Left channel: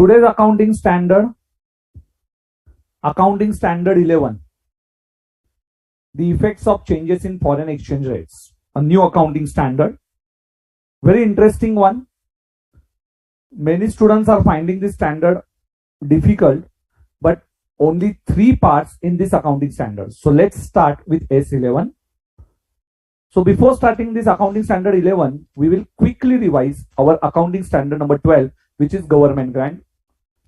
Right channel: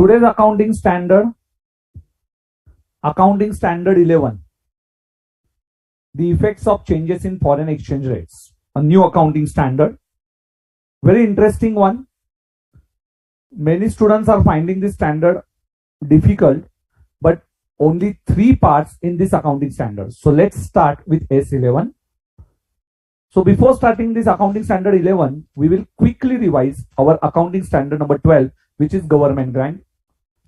Today's accounting standard 11. The effects of changes in foreign exchange rates. A new accounting standard. Very interesting one. Many students are finding this standard difficult, but only 3 parts in this accounting standard. So let's start with S11. So before starting this accounting standard 11, we will quickly revise our accounting standard number 12, which is government grant,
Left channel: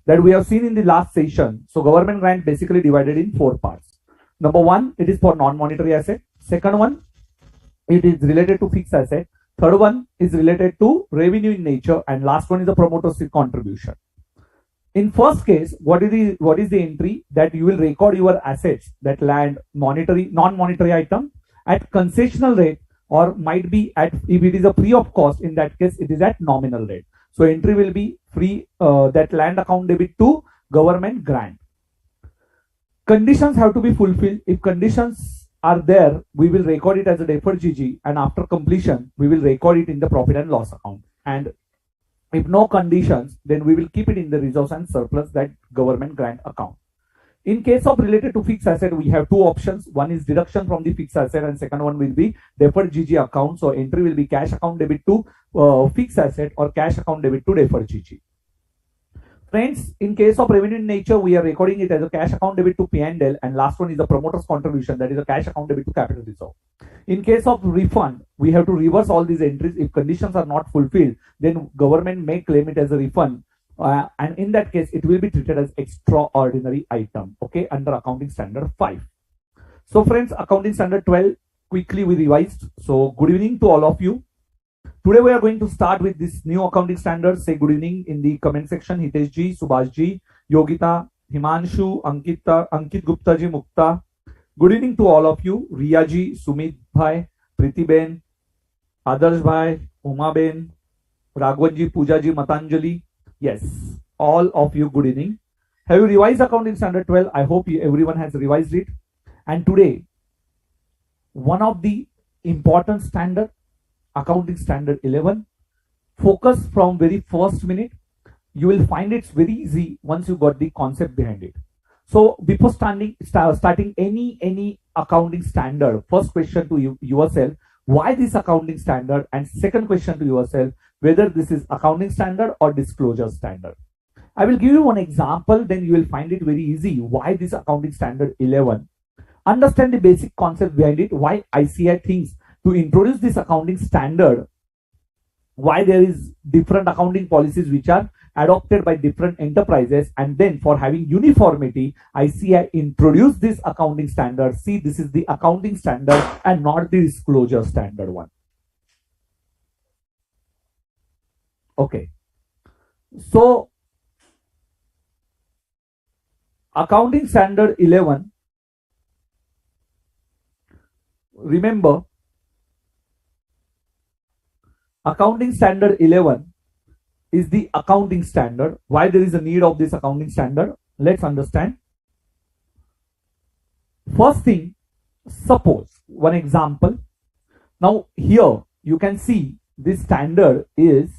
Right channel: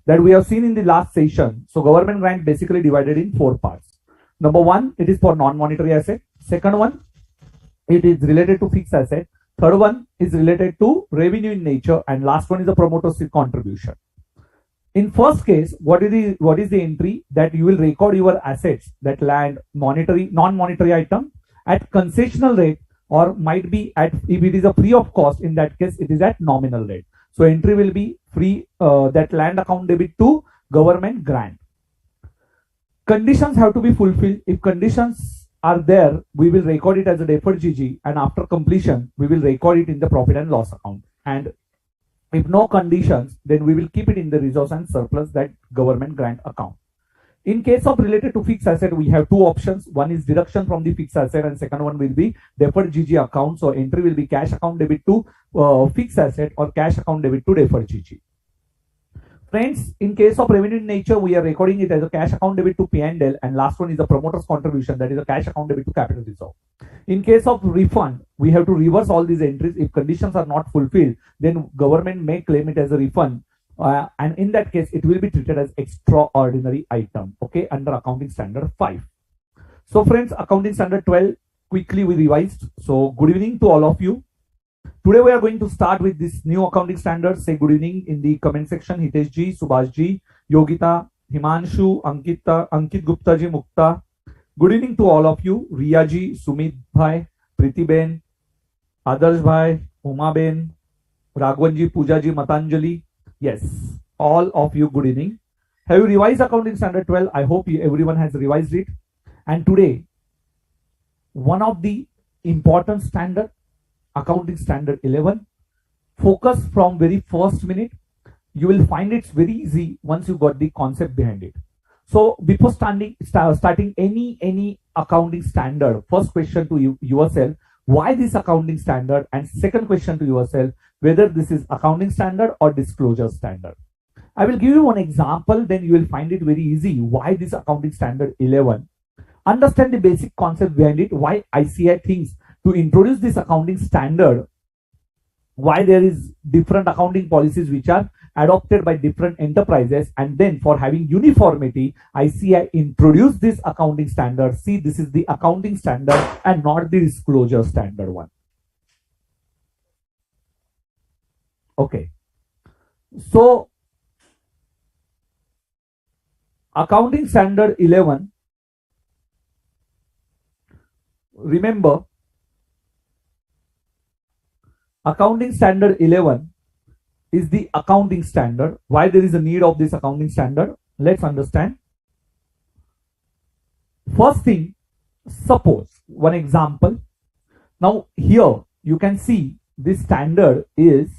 that we have seen in the last session. So government grant basically divided in 4 parts. Number 1, it is for non-monetary asset. Second one, it is related to fixed asset. Third one is related to revenue in nature, and last one is the promoter's contribution. In first case, what is the entry that you will record your assets, that land, monetary, non-monetary item at concessional rate, or might be at, if it is a free of cost, in that case it is at nominal rate. So entry will be free, that land account debit to government grant. Conditions have to be fulfilled. If conditions are there, we will record it as a deferred GG, and after completion we will record it in the profit and loss account. And if no conditions, then we will keep it in the reserves and surplus, that government grant account. In case of related to fixed asset, we have 2 options. One is deduction from the fixed asset, and second one will be deferred GG account. So entry will be cash account debit to fixed asset, or cash account debit to deferred GG. Friends, in case of revenue in nature, we are recording it as a cash account debit to P&L, and last one is the promoter's contribution, that is a cash account debit to capital reserve. In case of refund, we have to reverse all these entries. If conditions are not fulfilled, then government may claim it as a refund, and in that case it will be treated as extraordinary item, okay, under accounting standard 5. So friends, accounting standard 12 quickly we revised. So good evening to all of you. Today we are going to start with this new accounting standard. Say good evening in the comment section. Hitesh ji, Subhash ji, Yogita, Himanshu, Ankit Gupta ji, Mukta. Good evening to all of you. Riya ji, Sumit bhai, Priti ben, Adarsh bhai, Uma ben, Raghavan ji, Pooja ji, Matanjali. Yes, all of you, good evening. Have you revised accounting standard 12? I hope everyone has revised it. And today, one of the important standard, accounting standard 11, focus from very first minute. You will find it's very easy once you got the concept behind it. So before starting any accounting standard, first question to yourself, why this accounting standard? And second question to yourself, whether this is accounting standard or disclosure standard. I will give you one example, then you will find it very easy. Why this accounting standard 11? Understand the basic concept behind it, why ICI thinks to introduce this accounting standard, why there is different accounting policies which are adopted by different enterprises, and then for having uniformity, ICI introduced this accounting standard. See, this is the accounting standard and not the disclosure standard one. Okay, so accounting standard 11, remember, accounting standard 11 is the accounting standard. Why there is a need of this accounting standard? Let's understand. First thing, suppose one example. Now here you can see this standard is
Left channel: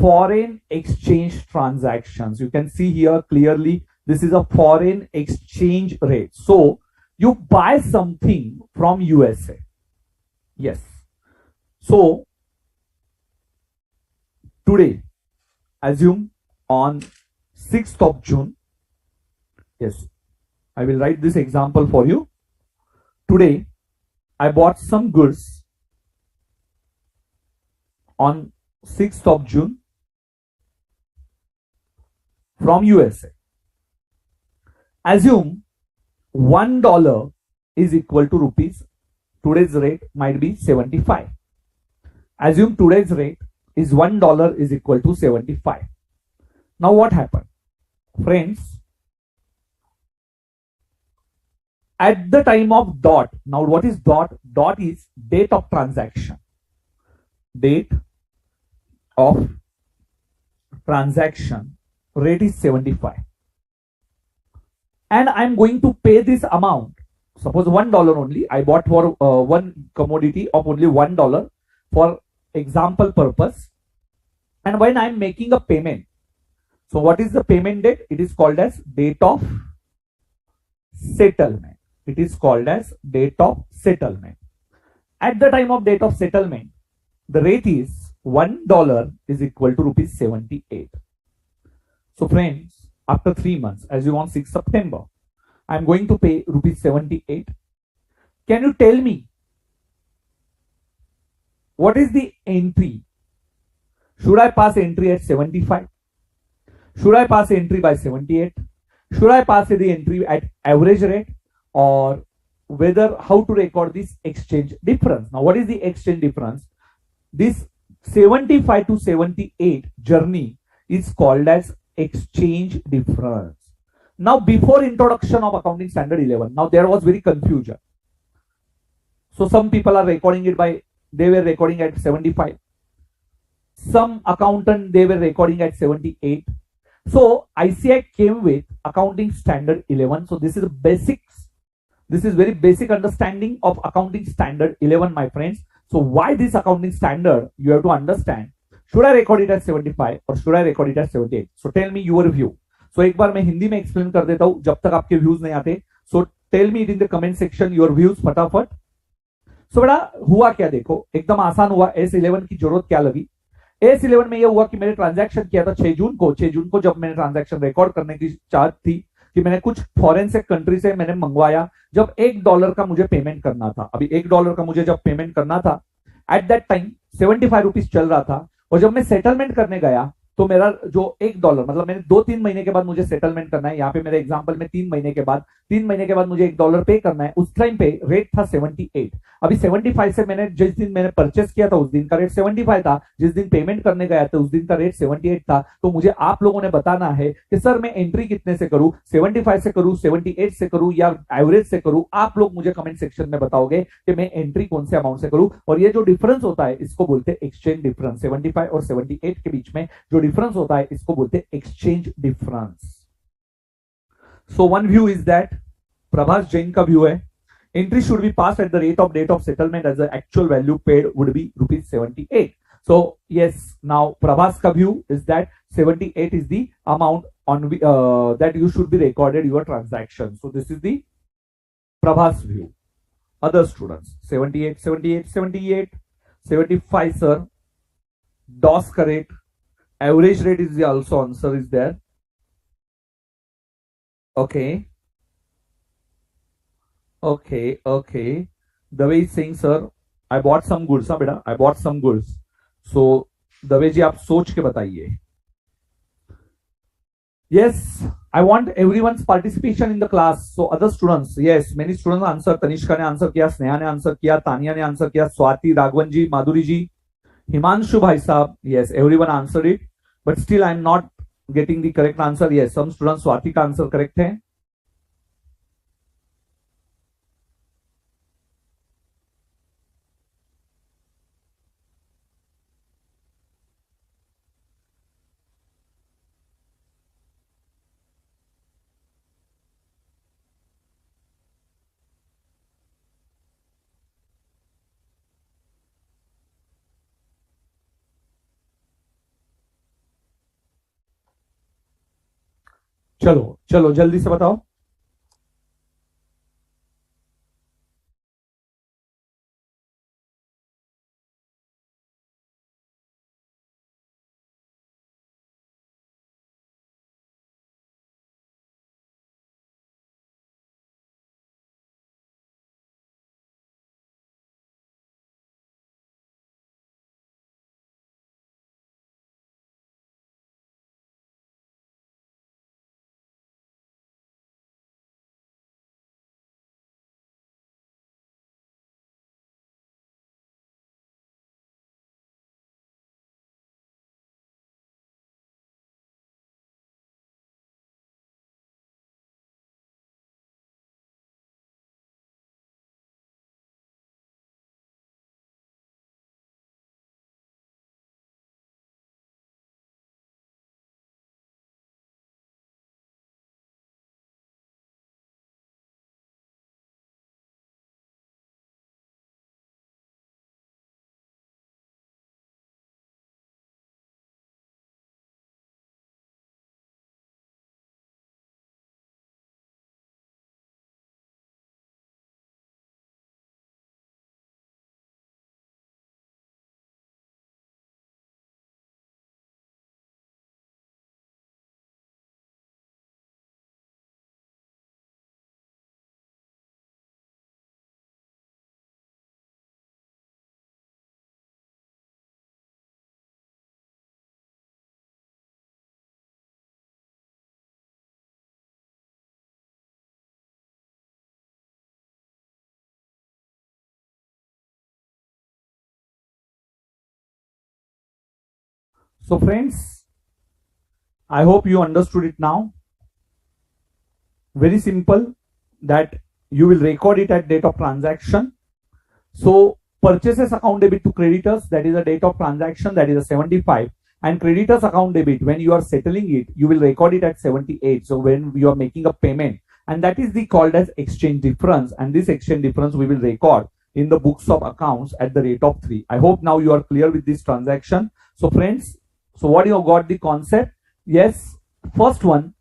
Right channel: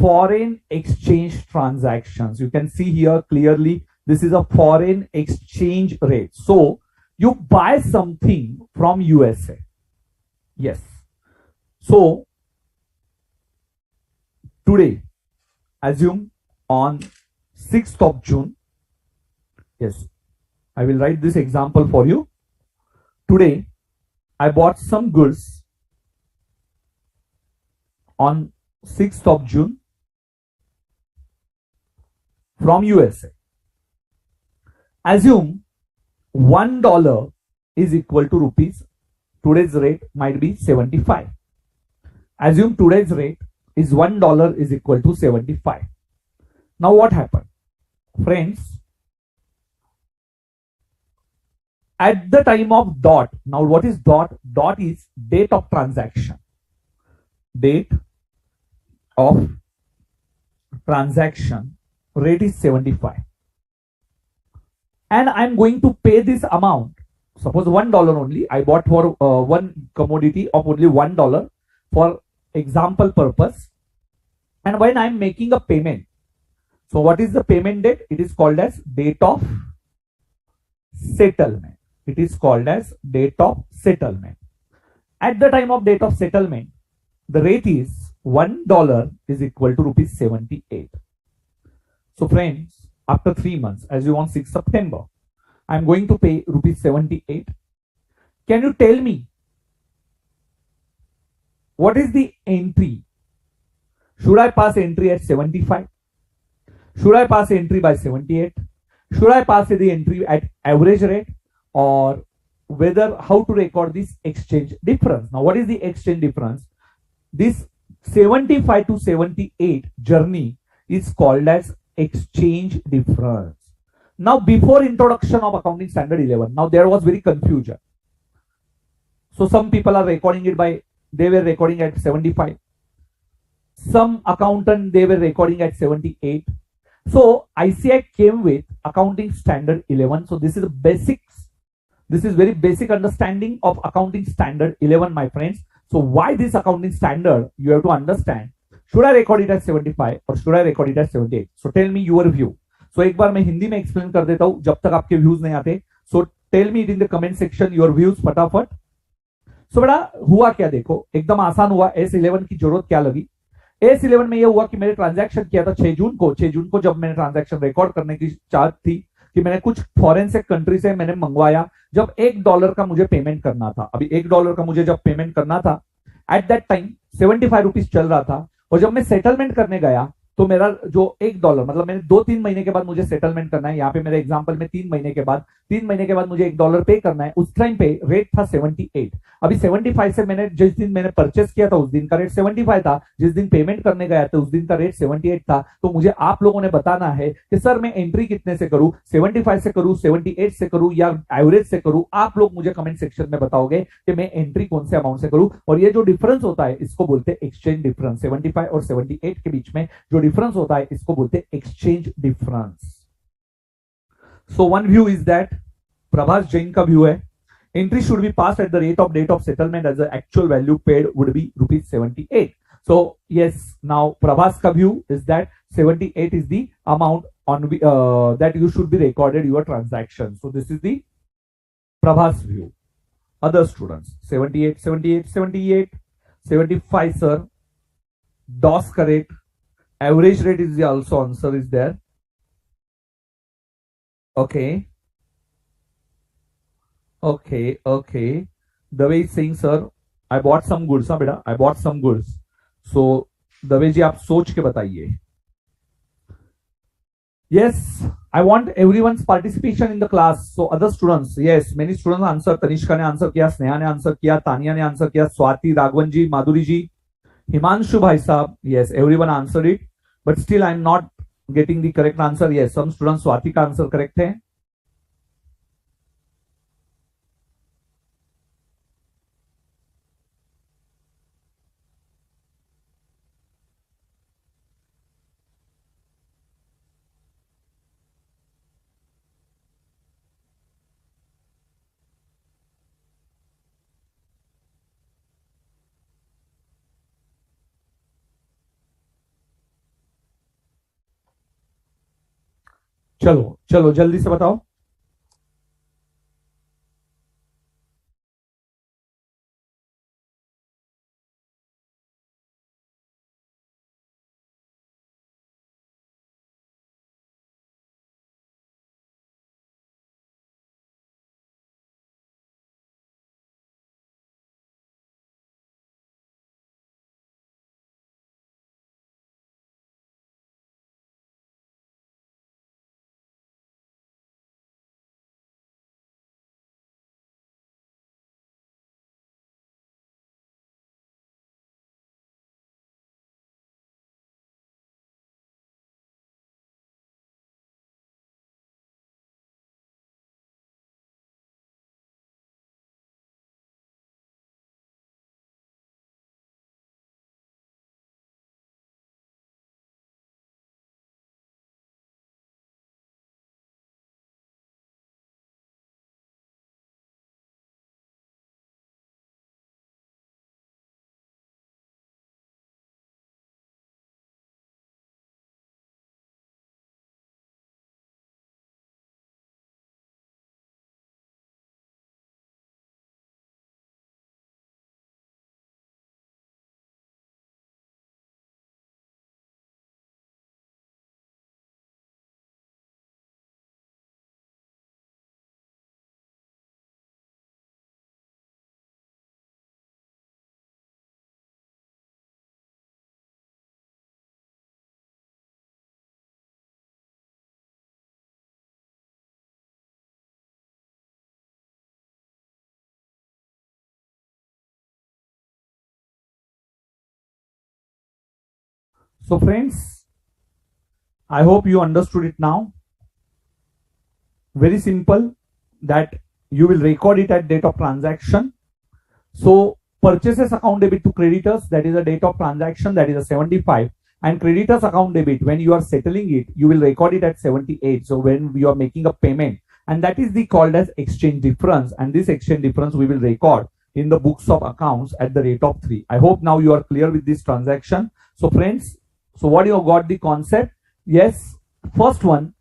foreign exchange transactions. You can see here clearly this is a foreign exchange rate. So you buy something from USA. Yes. So today, assume on 6th of June, yes, I will write this example for you. Today, I bought some goods on 6th of June from USA. Assume $1 is equal to rupees. Today's rate might be 75. Assume today's rate is $1 is equal to 75. Now what happened? Friends, at the time of dot, now what is dot? Dot is date of transaction. Date of transaction, rate is 75. And I'm going to pay this amount. Suppose $1 only. I bought for one commodity of only $1 for example purpose. And when I'm making a payment, So what is the payment date? It is called as date of settlement. It is called as date of settlement. At the time of date of settlement, the rate is $1 is equal to rupees 78. So friends, after 3 months, as you want 6 September, I am going to pay rupees 78. Can you tell me what is the entry? Should I pass entry at 75? Should I pass entry by 78? Should I pass the entry at average rate, or whether how to record this exchange difference? Now, what is the exchange difference? This 75 to 78 journey is called as exchange difference. Now, before introduction of accounting standard 11, now there was very confusion. So some people are recording it by, they were recording at 75. Some accountant, they were recording at 78. So ICI came with accounting standard 11. So this is the basics. This is very basic understanding of accounting standard 11, my friends. So why this accounting standard? You have to understand. Should I record it as 75 or should I record it as 78? So tell me your view. So एक बार मैं हिंदी में explain कर देता हूं जब तक आपके views नहीं आते. So tell me it in the comment section your views फटाफट. So बेटा हुआ क्या, देखो एकदम आसान हुआ. S11 की जरूरत क्या लगी? S11 में यह हुआ कि मैंने ट्रांजैक्शन किया था 6 जून को. 6 जून को जब मैंने ट्रांजैक्शन रिकॉर्ड करने की चाहत थी कि मैंने कुछ फॉरेन से कंट्री से मैंने मंगवाया, जब $1 का मुझे पेमेंट करना था. अभी $1 का मुझे जब पेमेंट करना था, एट दैट टाइम 75 रुपीज चल रहा था. और जब मैं सेटलमेंट करने गया तो मेरा जो $1 मतलब मैंने 2-3 महीने के बाद मुझे सेटलमेंट करना है. यहाँ पे मेरे एग्जांपल में 3 महीने के बाद मुझे $1 पे करना है. उस टाइम पे रेट था 78. अभी 75 से मैंने जिस दिन मैंने परचेस किया था उस दिन का रेट 75 था. जिस दिन पेमेंट करने गया था उस दिन का रेट 78 था. तो मुझे आप लोगों ने बताना है कि सर मैं एंट्री कितने से करूं, 75 से करूं, 78 से करूं या एवरेज से करूं. आप लोग मुझे कमेंट सेक्शन में बताओगे कि मैं एंट्री कौन से अमाउंट से करूं. और ये जो डिफरेंस होता है इसको बोलते हैं एक्सचेंज डिफरेंस. 75 और 78 के बीच में जो डिफरेंस होता है इसको बोलते हैं exchange difference. So one view is that, Prabhas Jain का व्यू है, entry should be passed at the rate of date of settlement as the actual value paid would be rupees 78. So yes, now Prabhas ka view is that 78 is the amount on that you should be recorded your transaction. So this is the Prabhas view. Other students 78, 78, 78, 75 sir. DOS correct. Average rate is the also answer is there. Okay. Okay. The way is saying, sir, I bought some goods. हाँ बेटा, I bought some goods. So the way जी आप सोच के बताइए. Yes, I want everyone's participation in the class. So other students, yes, many students answer. Tanishka ने answer किया, स्नेहा ने answer किया, तानिया ने आंसर किया, स्वाति, राघवन जी, माधुरी जी, हिमांशु भाई साहब. Yes, everyone answered it, but still I am not getting the correct answer. Yes, some students Swati का answer correct है. चलो जल्दी से बताओ. So friends, I hope you understood it now. Very simple, that you will record it at date of transaction. So purchases account debit to creditors, that is the date of transaction, that is a 75, and creditors account debit, when you are settling it, you will record it at 78. So when you are making a payment, and that is the called as exchange difference, and this exchange difference we will record in the books of accounts at the rate of 3. I hope now you are clear with this transaction. So friends, so what you got the concept? Yes, first one,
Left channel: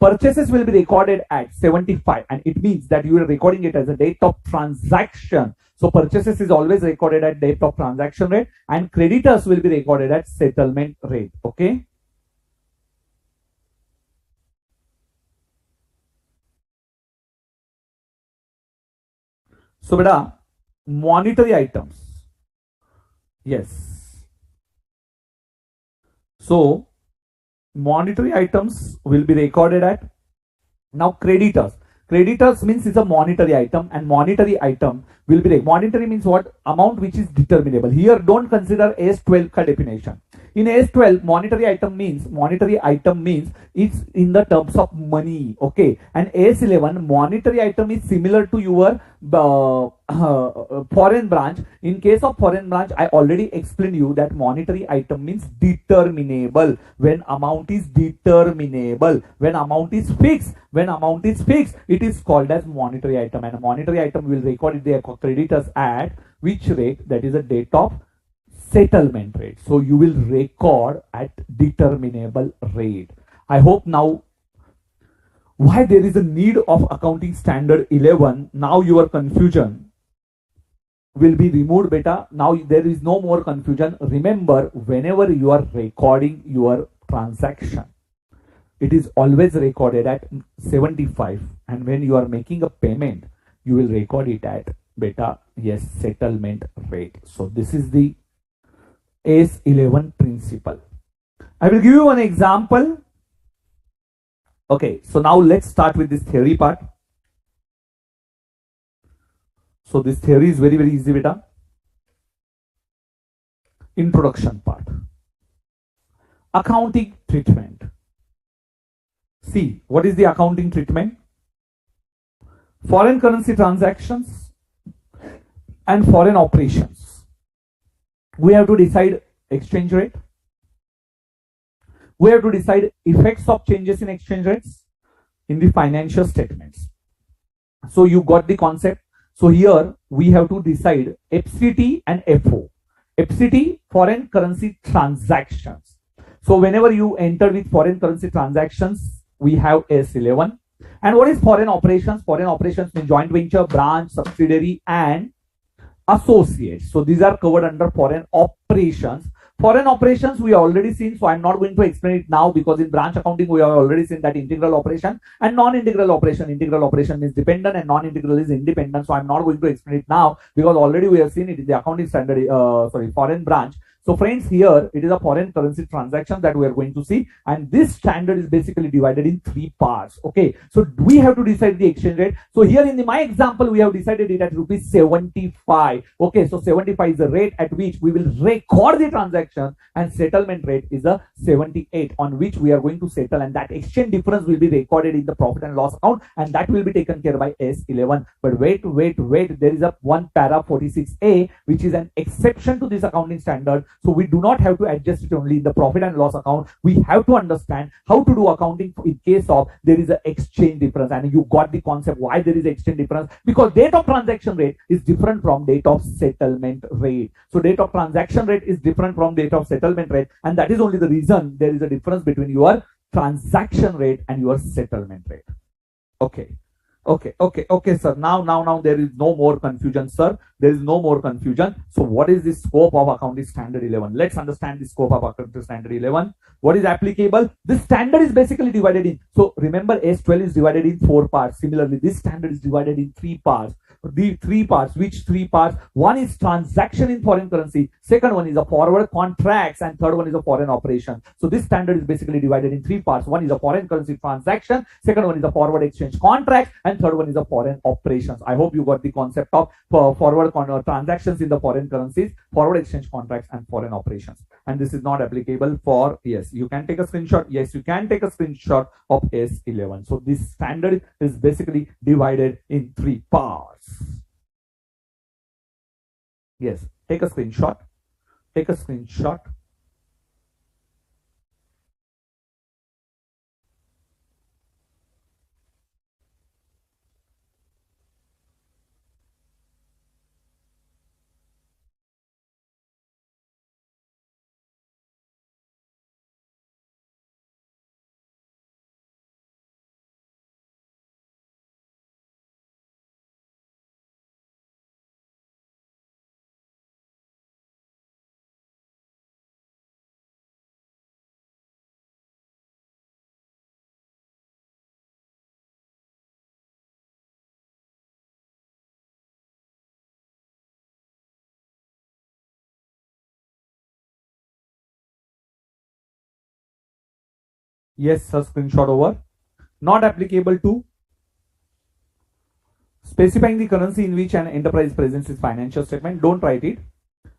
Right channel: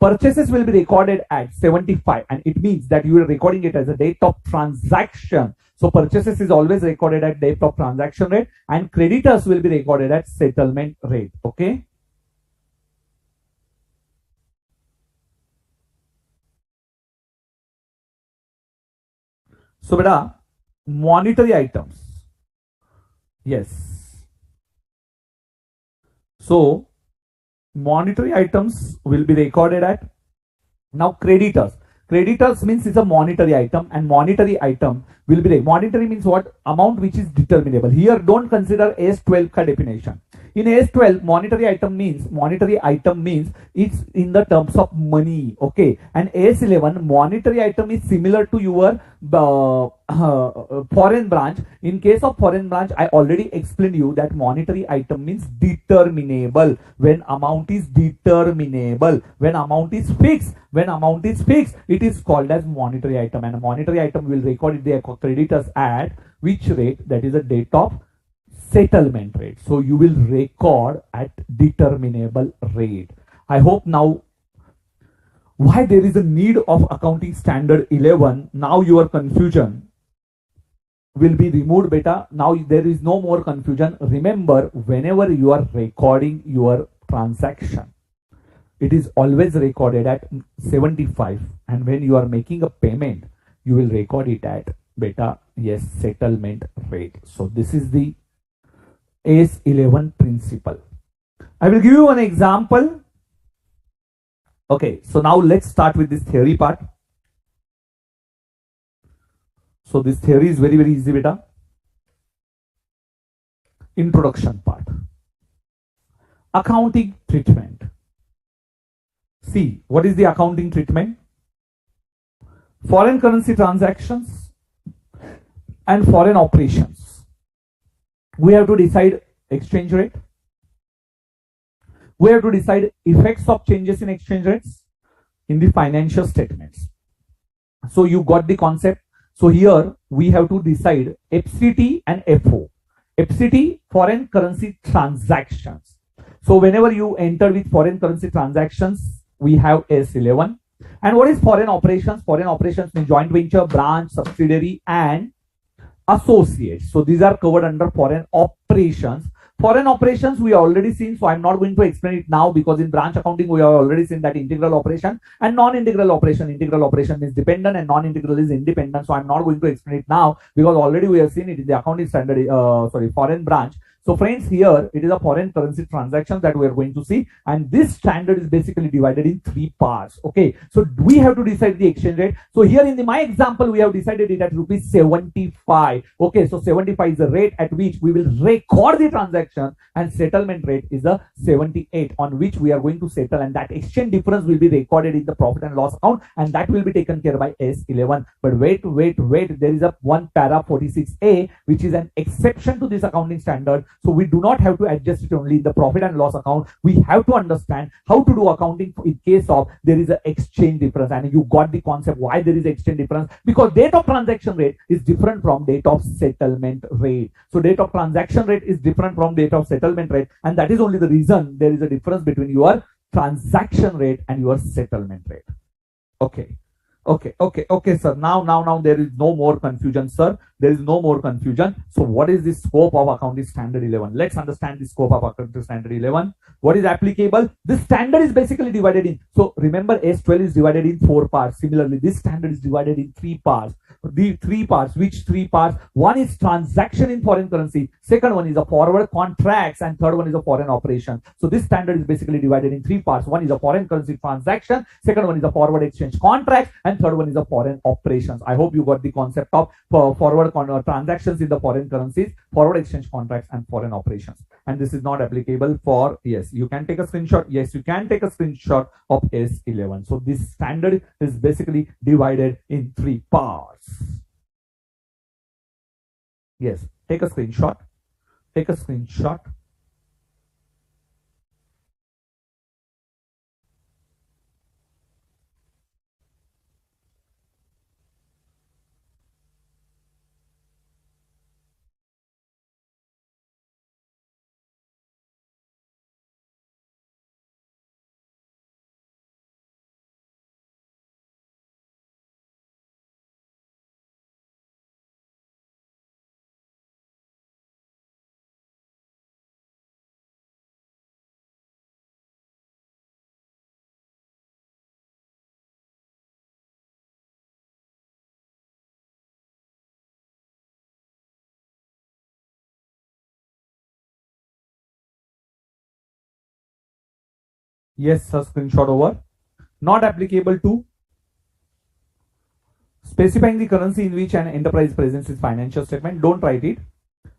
purchases will be recorded at 75, and it means that you are recording it as a date of transaction. So purchases is always recorded at date of transaction rate, and creditors will be recorded at settlement rate. Okay. So beta, monetary items. Yes. So monetary items will be recorded at, now creditors. Creditors means it's a monetary item, and monetary item will be, monetary means what? Amount which is determinable. Here don't consider AS12 ka definition. In AS12, monetary item means it's in the terms of money. Okay. And AS11, monetary item is similar to your foreign branch. In case of foreign branch, I already explained you that monetary item means determinable. When amount is determinable, when amount is fixed, it is called as monetary item, and a monetary item will record the creditors at which rate? That is a date of settlement rate. So you will record at determinable rate. I hope now why there is a need of accounting standard 11. Now your confusion will be removed beta. Now there is no more confusion. Remember, whenever you are recording your transaction, it is always recorded at 75, and when you are making a payment, you will record it at beta, yes, settlement rate. So this is the AS11 principle. I will give you an example. Okay, so now let's start with this theory part. So this theory is very, very easy beta. Introduction part. Accounting treatment. See, what is the accounting treatment? Foreign currency transactions and foreign operations. We have to decide exchange rate. We have to decide effects of changes in exchange rates in the financial statements. So you got the concept. So here we have to decide FCT and FO. FCT, foreign currency transactions. So whenever you enter with foreign currency transactions, we have S11. And what is foreign operations? Foreign operations means joint venture, branch, subsidiary, and associates. So these are covered under foreign operations. Foreign operations we already seen, so I'm not going to explain it now, because in branch accounting we have already seen that integral operation and non-integral operation. Integral operation is dependent and non-integral is independent. So I'm not going to explain it now, because already we have seen it in the accounting standard, foreign branch. So friends, here it is a foreign currency transaction that we are going to see, and this standard is basically divided in 3 parts. Okay, so we have to decide the exchange rate. So here in my example, we have decided it at rupees 75. Okay, so 75 is the rate at which we will record the transaction, and settlement rate is a 78 on which we are going to settle, and that exchange difference will be recorded in the profit and loss account, and that will be taken care by S11. But wait, there is a one para 46A which is an exception to this accounting standard. So we do not have to adjust it only in the profit and loss account. We have to understand how to do accounting in case of there is an exchange difference. And you got the concept why there is exchange difference, because date of transaction rate is different from date of settlement rate. So date of transaction rate is different from date of settlement rate, and that is only the reason there is a difference between your transaction rate and your settlement rate. Okay, sir. Now there is no more confusion, sir. There is no more confusion. So what is the scope of accounting standard 11? Let's understand the scope of accounting standard 11. What is applicable? This standard is basically divided in, so remember S12 is divided in 4 parts. Similarly, this standard is divided in 3 parts. the three parts. Which three parts? One is transaction in foreign currency, second one is a forward contracts, and third one is a foreign operation. So this standard is basically divided in three parts. One is a foreign currency transaction, second one is a forward exchange contract, and third one is a foreign operations. I hope you got the concept of forward transactions in the foreign currencies, forward exchange contracts, and foreign operations. And this is not applicable for, yes, you can take a screenshot. Yes, you can take a screenshot of S11. So this standard is basically divided in three parts. Yes, take a screenshot. Take a screenshot. Yes, a screenshot over. Not applicable to specifying the currency in which an enterprise presents its financial statement. Don't write it.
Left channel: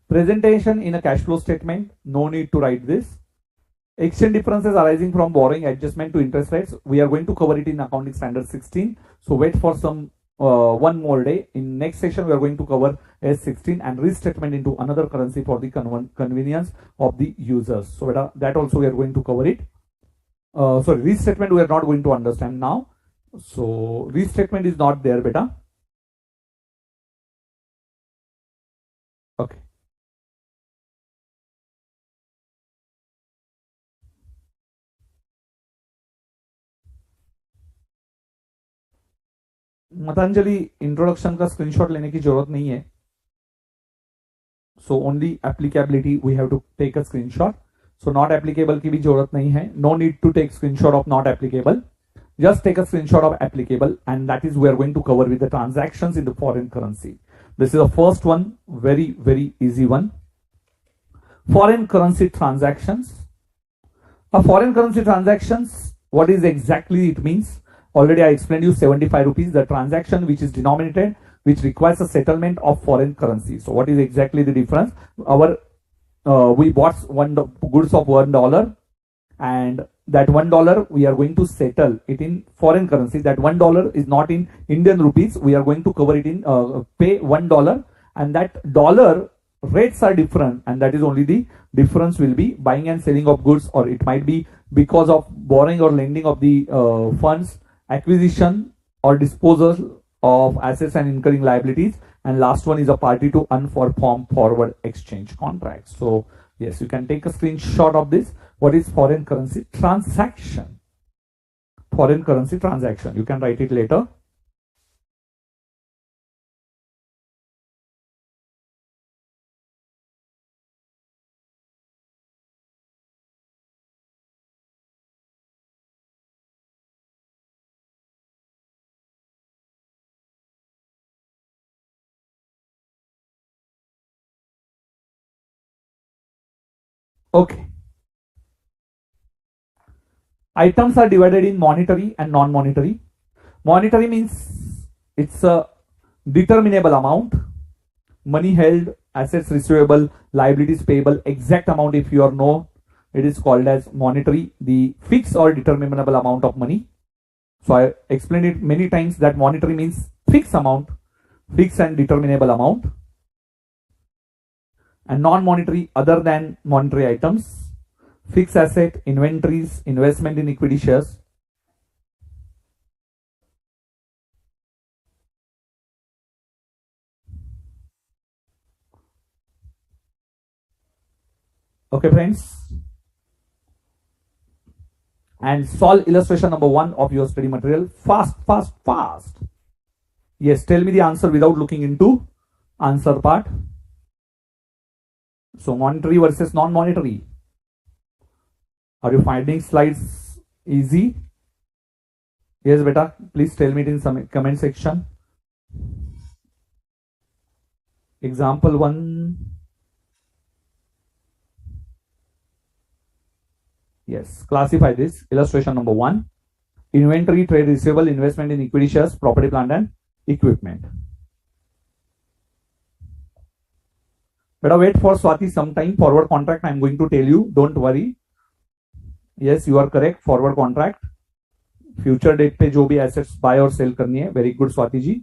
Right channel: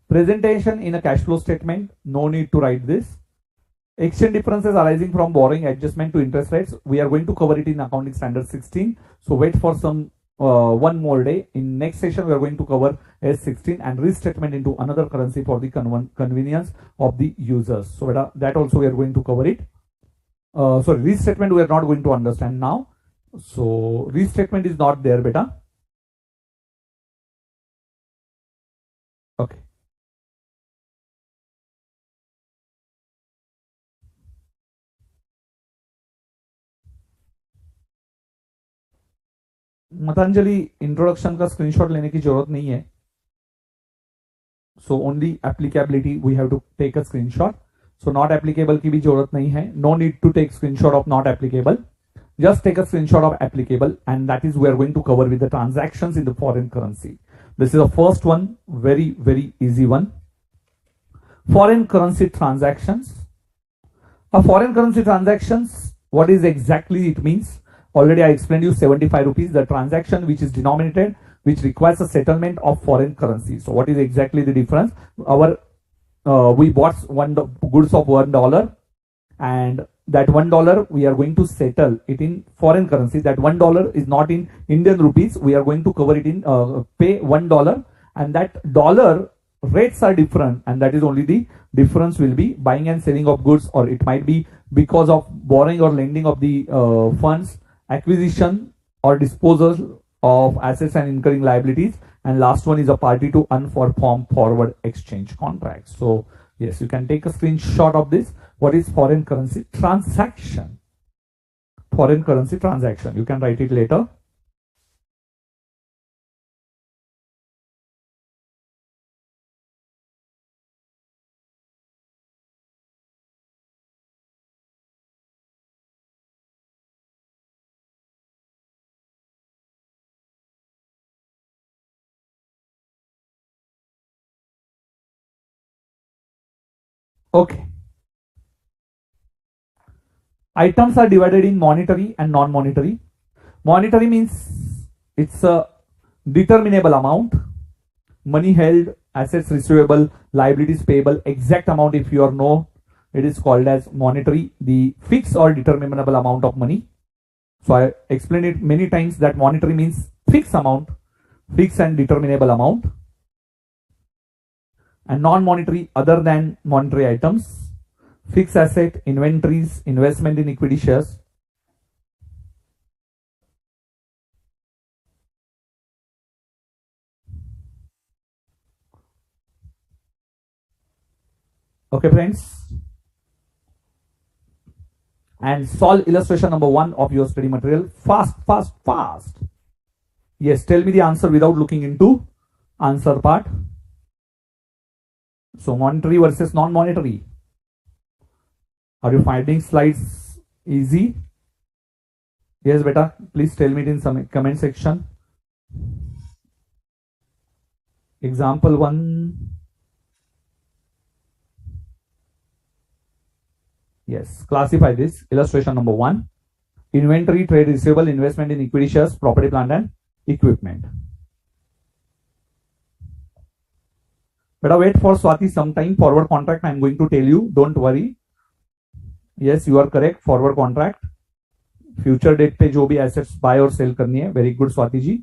Presentation in a cash flow statement. No need to write this. Exchange differences arising from borrowing adjustment to interest rates. We are going to cover it in accounting standard 16. So wait for some one more day. In next session, we are going to cover S16 and restatement into another currency for the convenience of the users. So that also we are going to cover it. Sorry, restatement we are not going to understand now. So restatement is not there, beta. Okay. मतांजलि introduction का screenshot लेने की जरूरत नहीं है. So only applicability we have to take a screenshot. So not applicable की भी जरूरत नहीं है. No need to take screenshot of not applicable. Just take a screenshot of applicable, and that is we are going to cover with the transactions in the foreign currency. This is the first one, very easy one. Foreign currency transactions. A foreign currency transactions, what is exactly it means? Already I explained you 75 rupees, the transaction which is denominated, which requires a settlement of foreign currency. So what is exactly the difference? We bought goods of $1, and that $1 we are going to settle it in foreign currency. That $1 is not in Indian rupees. We are going to cover it in pay $1, and that dollar rates are different, and that is only the difference will be buying and selling of goods, or it might be because of borrowing or lending of the funds, acquisition or disposal of assets and incurring liabilities, and last one is a party to unperformed forward exchange contract. So yes, you can take a screenshot of this. What is foreign currency transaction? Foreign currency transaction, you can write it later. Okay. Items are divided in monetary and non-monetary. Monetary means it's a determinable amount. Money held, assets receivable, liabilities payable, exact amount if you are know, it is called as monetary. The fixed or determinable amount of money. So I explained it many times that monetary means fixed amount, fixed and determinable amount. And non-monetary, other than monetary items, fixed asset, inventories, investment in equity shares. Okay, friends. And solve illustration number 1 of your study material. Fast. Yes, tell me the answer without looking into answer part. So monetary versus non-monetary. Are you finding slides easy? Yes, beta. Please tell me it in some comment section. Example 1. Yes, classify this. Illustration number 1. Inventory, trade receivable, investment in equity shares, property, plant and equipment. Better wait for Swati some time. Forward contract I am going to tell you. Don't worry. Yes, you are correct. Forward contract. Future date पे जो भी assets buy और sell करनी है. Very good Swati ji.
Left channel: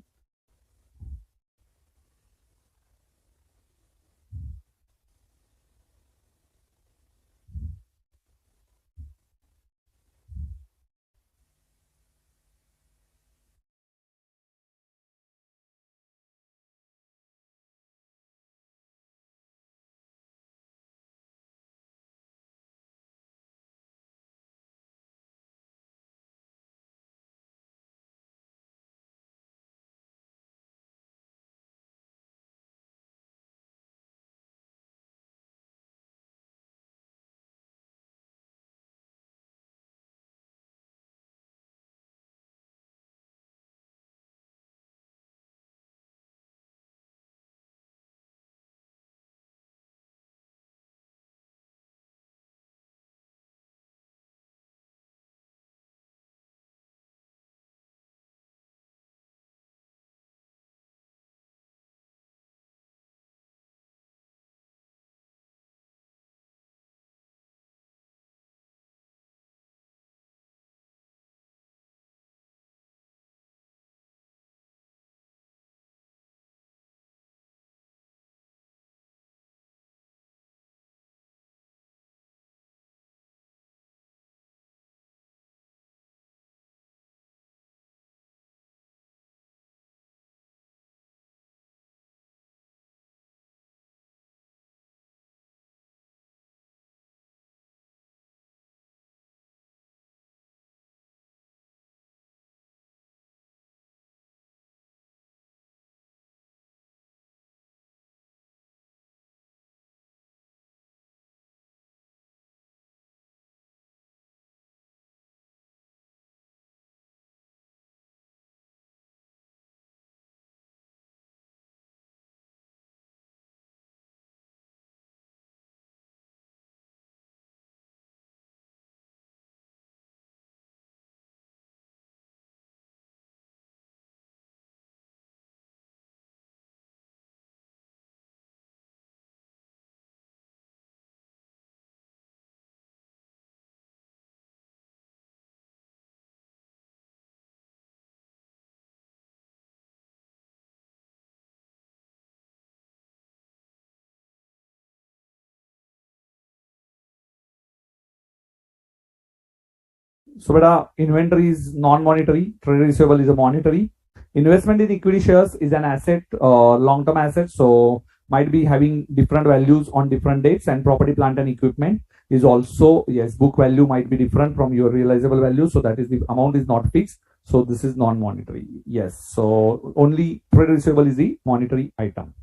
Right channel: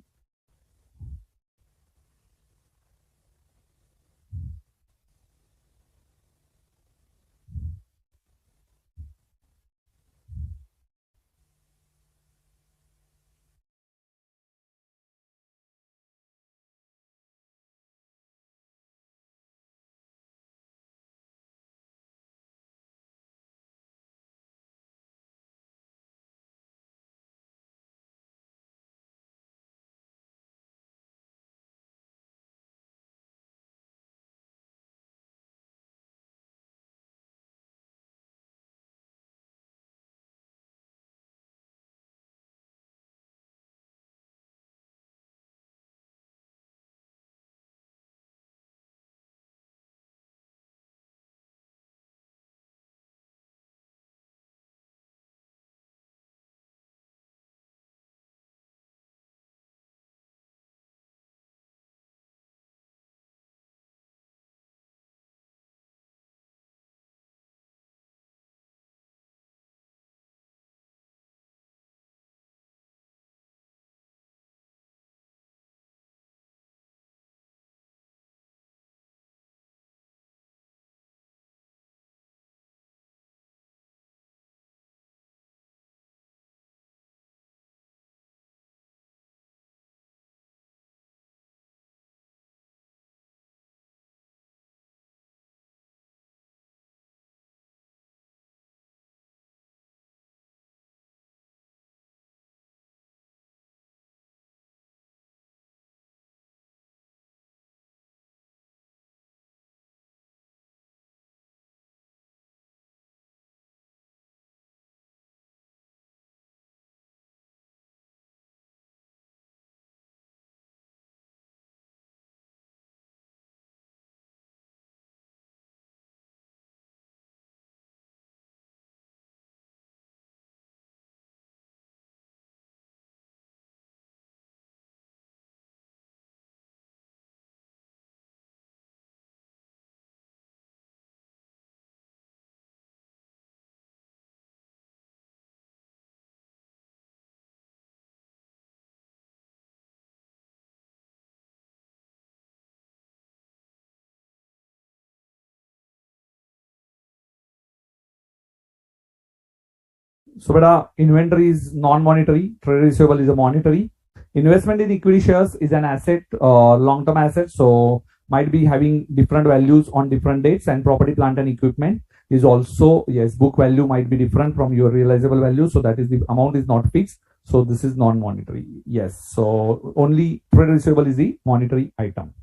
So beta, inventory is non-monetary, trade receivable is a monetary. Investment in equity shares is an asset, long-term asset, so might be having different values on different dates. And property, plant and equipment is also, yes, book value might be different from your realizable value, so that is the amount is not fixed. So this is non-monetary. Yes, so only trade receivable is the monetary item.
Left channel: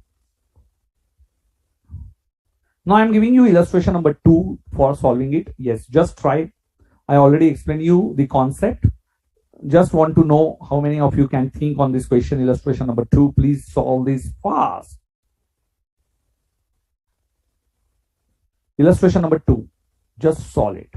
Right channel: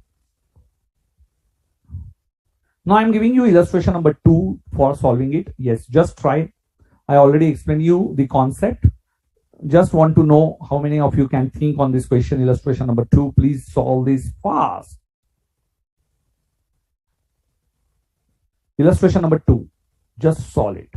Now I am giving you illustration number 2 for solving it. Yes, just try. I already explained you the concept. Just want to know how many of you can think on this question. Illustration number 2. Please solve this fast. Illustration number 2. Just solve it.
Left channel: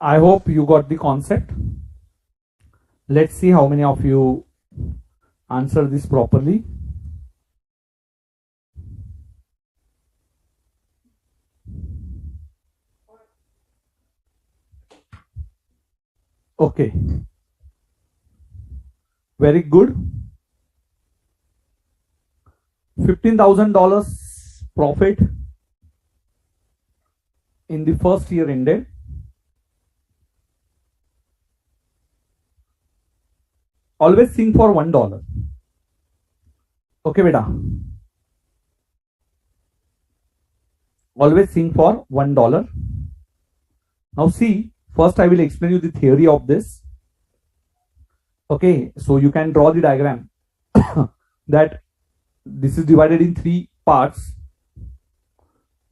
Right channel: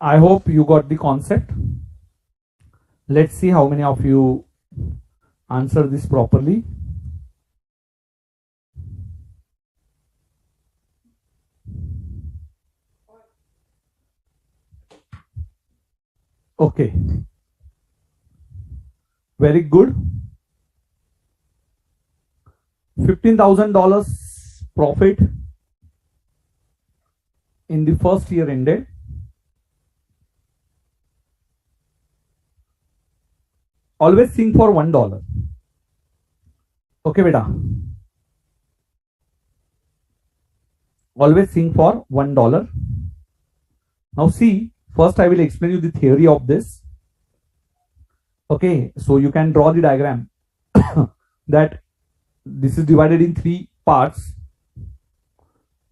I hope you got the concept. Let's see how many of you answer this properly. Okay. Very good. $15,000 profit in the first year ended. Always think for $1. Okay, beta. Always think for $1. Now see, first I will explain you the theory of this. Okay, so you can draw the diagram that this is divided in 3 parts.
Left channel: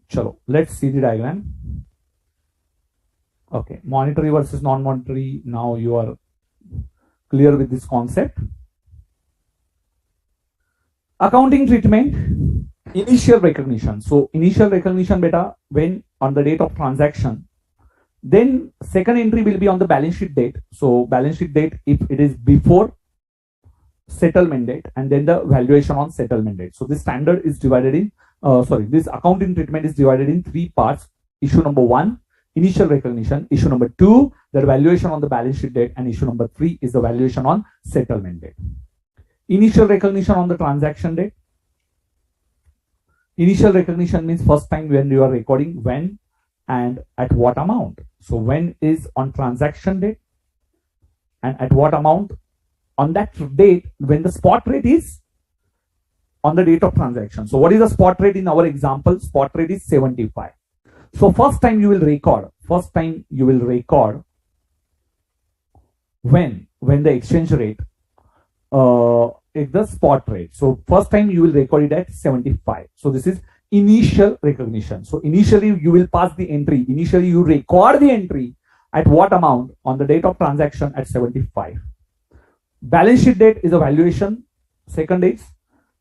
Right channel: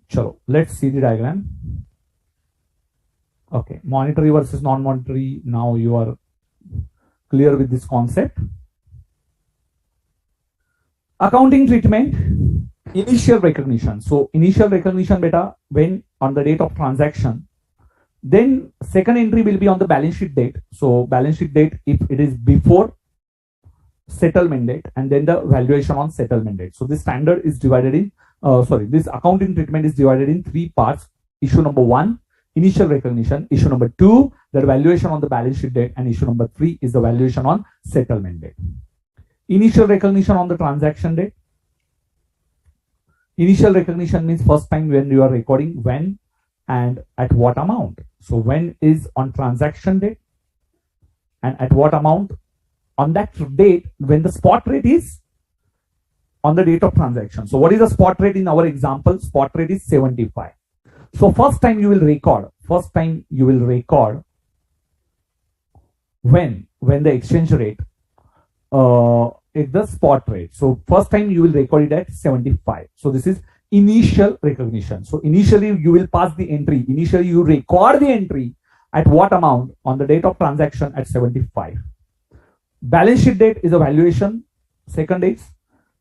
Chalo, let's see the diagram. Okay, monetary versus non-monetary. Now you are clear with this concept. Accounting treatment, initial recognition. So initial recognition beta when on the date of transaction. Then second entry will be on the balance sheet date. So balance sheet date if it is before settlement date, and then the valuation on settlement date. So this standard is divided in this accounting treatment is divided in 3 parts. Issue number 1, initial recognition. Issue number 2, the valuation on the balance sheet date, and issue number 3 is the valuation on settlement date. Initial recognition on the transaction date. Initial recognition means first time when you are recording, when and at what amount. So when is on transaction date and at what amount on that date when the spot rate is on the date of transaction. So what is the spot rate in our example? Spot rate is 75. So first time you will record when the exchange rate is the spot rate. So first time you will record it at 75. So this is initial recognition. So initially you will pass the entry. Initially you record the entry at what amount on the date of transaction at 75. Balance sheet date is a valuation. Second is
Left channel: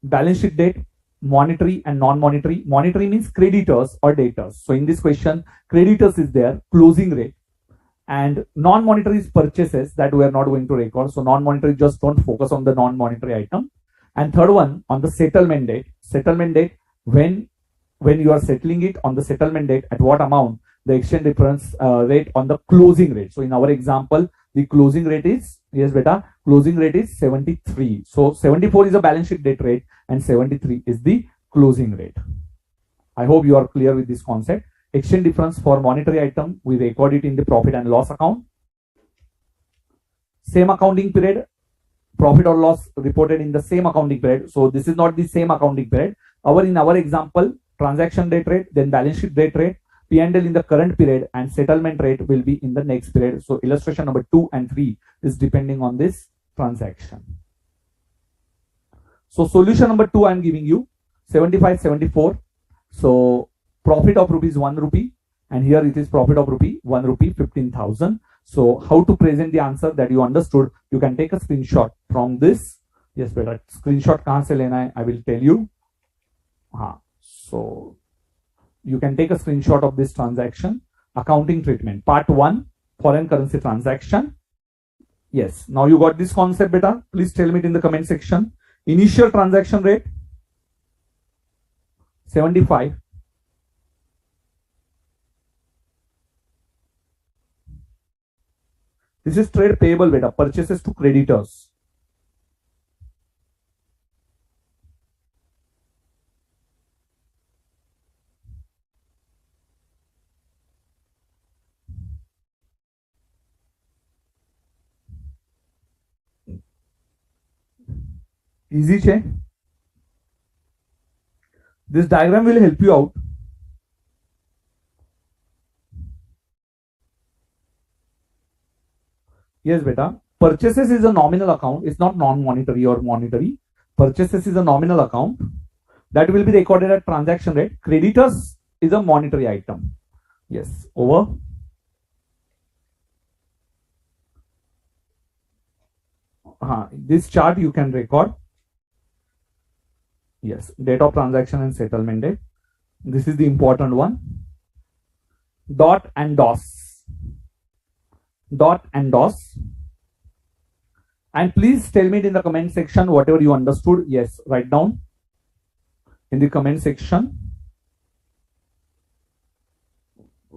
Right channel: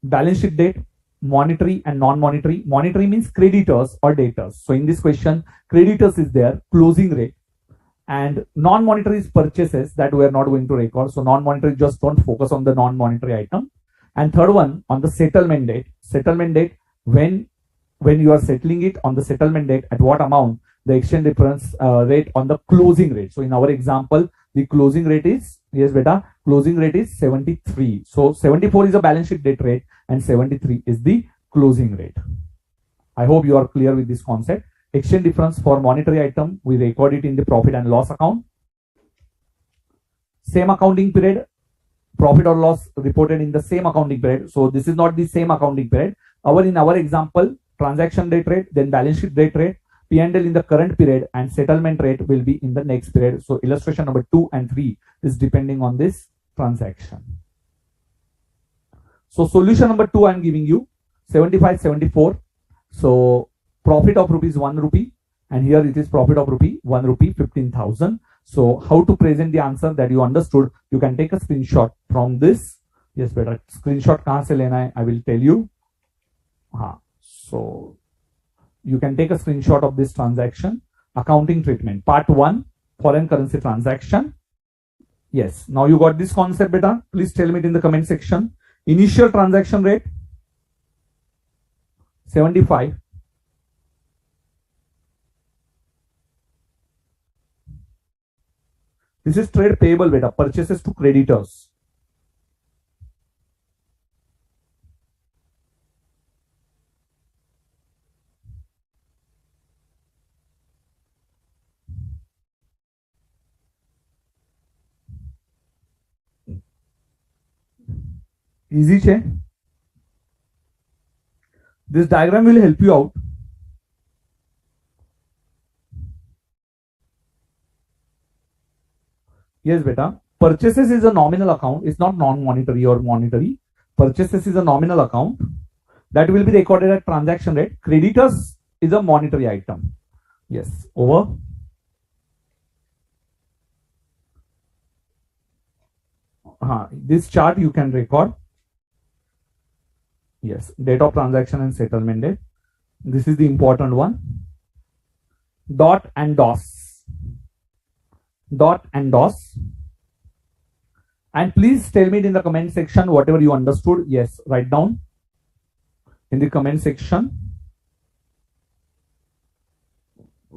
balance sheet date, monetary and non-monetary. Monetary means creditors or debtors. So in this question, creditors is there, closing rate, and non-monetary is purchases that we are not going to record. So non-monetary, just don't focus on the non-monetary item. And third one on the settlement date. Settlement date when you are settling it on the settlement date at what amount the exchange difference rate on the closing rate. So in our example, the closing rate is, yes beta, closing rate is 73. So 74 is the balance sheet date rate and 73 is the closing rate. I hope you are clear with this concept. Exchange difference for monetary item, we record it in the profit and loss account. Same accounting period, profit or loss reported in the same accounting period. So this is not the same accounting period. In our example, transaction date rate, then balance sheet date rate, P&L in the current period, and settlement rate will be in the next period. So illustration number 2 and 3 is depending on this transaction. So solution number 2 I am giving you 75, 74. So profit of rupees 1 rupee, and here it is profit of rupee 1 rupee 15,000. So how to present the answer that you understood, you can take a screenshot from this. Yes, better screenshot kahan se lena hai, I will tell you. So you can take a screenshot of this transaction. Accounting treatment, part 1, foreign currency transaction. Yes, now you got this concept beta. Please tell me it in the comment section. Initial transaction rate 75. This is trade payable beta, purchases to creditors. Easy che? This diagram will help you out. Yes beta, purchases is a nominal account. It's not non-monetary or monetary. Purchases is a nominal account that will be recorded at transaction rate. Creditors is a monetary item. Yes, over. This chart you can record. Yes, date of transaction and settlement date. This is the important one. Dot and DOS. dot and DOS. And please tell me it in the comment section whatever you understood. Yes, write down in the comment section.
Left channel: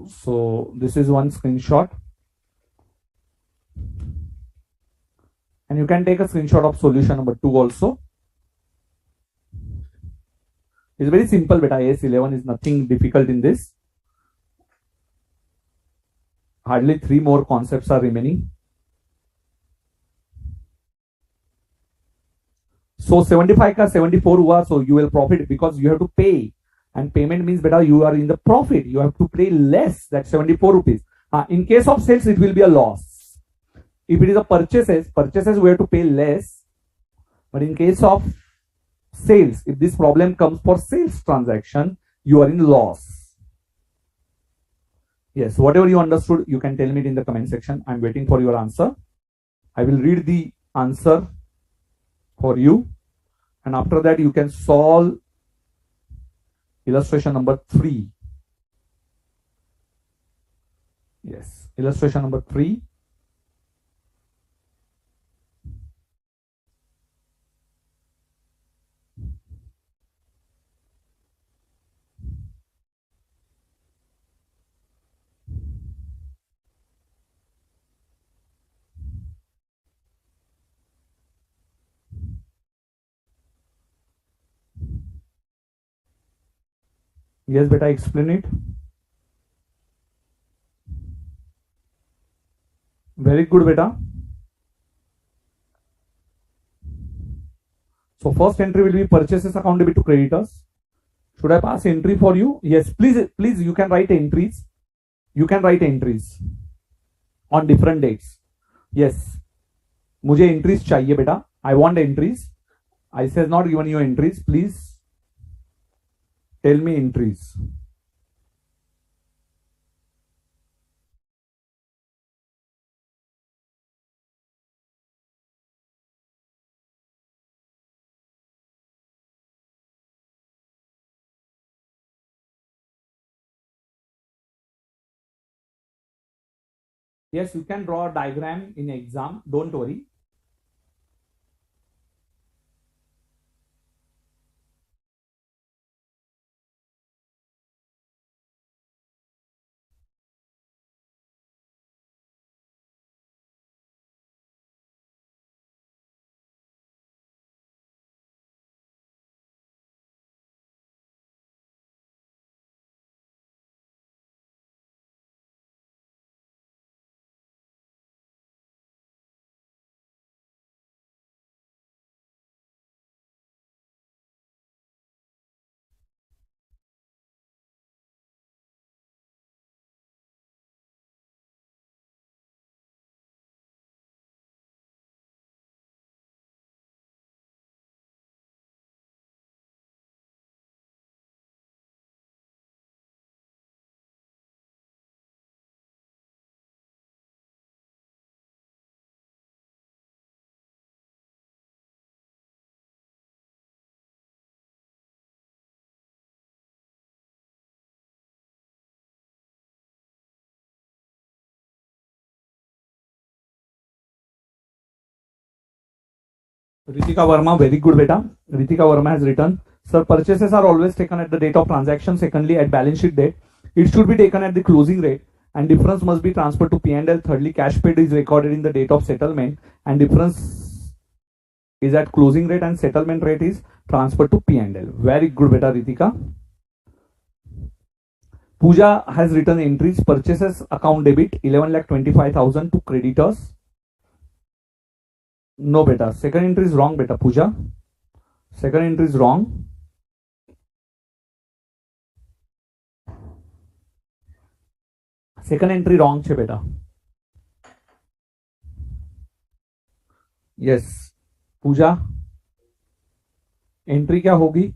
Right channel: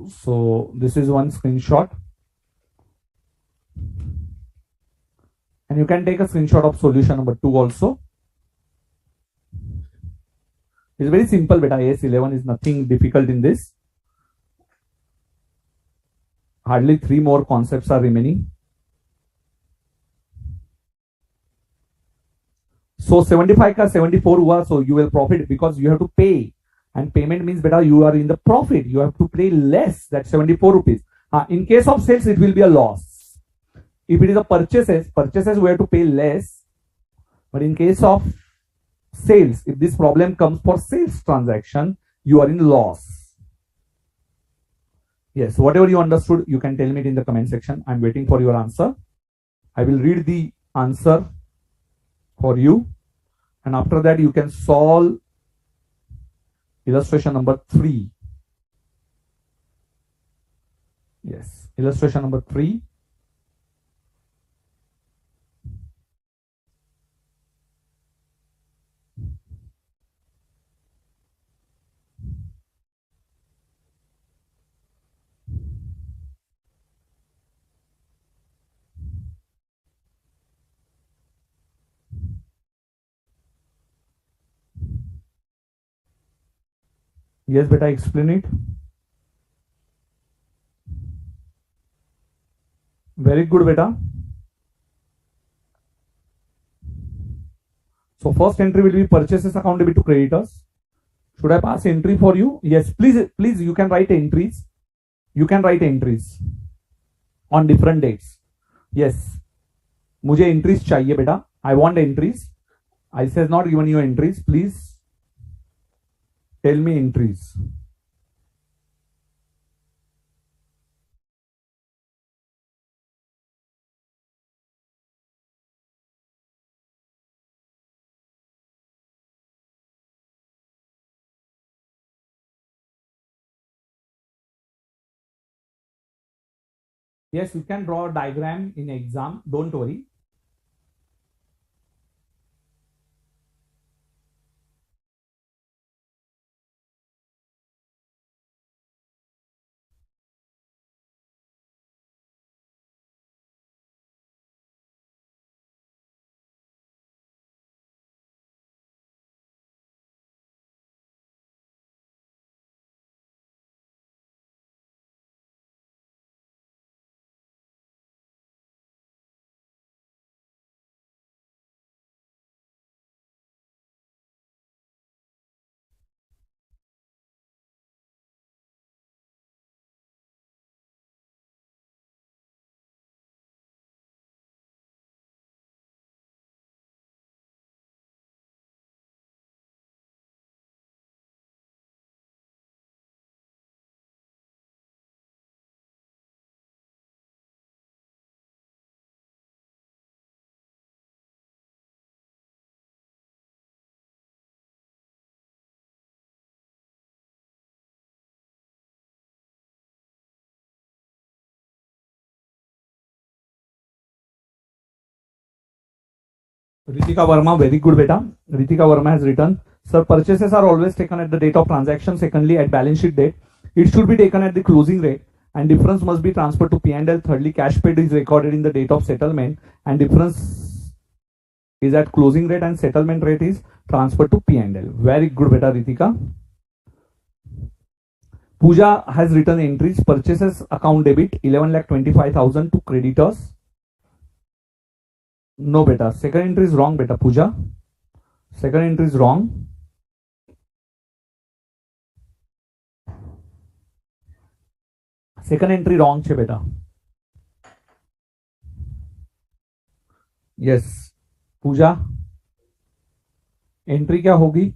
So this is one screenshot. And you can take a screenshot of solution number 2 also. It's very simple, beta. AS11 is nothing difficult in this. Hardly 3 more concepts are remaining. So 75 ka 74 hua, so you will profit because you have to pay. And payment means beta you are in the profit. You have to pay less, that's 74 rupees. In case of sales, it will be a loss. If it is a purchases we have to pay less. But in case of sales, if this problem comes for sales transaction, you are in loss. Yes, whatever you understood, you can tell me it in the comment section. I'm waiting for your answer. I will read the answer for you. And after that, you can solve illustration number 3. Yes, illustration number 3. Yes, beta, explain it. Very good, beta. So first entry will be purchases account debit to creditors. Should I pass entry for you? Yes, please, you can write entries. You can write entries on different dates. Yes, मुझे entries चाहिए बेटा. I want entries. I says not given you entries. Please tell me entries. Yes, you can draw a diagram in exam. Don't worry. Ritika Verma, very good beta. Ritika Verma has written, sir, purchases are always taken at the date of transaction. Secondly, at balance sheet date, it should be taken at the closing rate, and difference must be transferred to P&L. Thirdly, cash paid is recorded in the date of settlement, and difference is at closing rate and settlement rate is transferred to P&L. Very good beta, Ritika. Pooja has written entries. Purchases account debit 11,25,000 to creditors. No beta. Second entry is wrong beta, Pooja. Second entry is wrong. Second entry wrong છે beta. Yes. Pooja. Entry क्या होगी?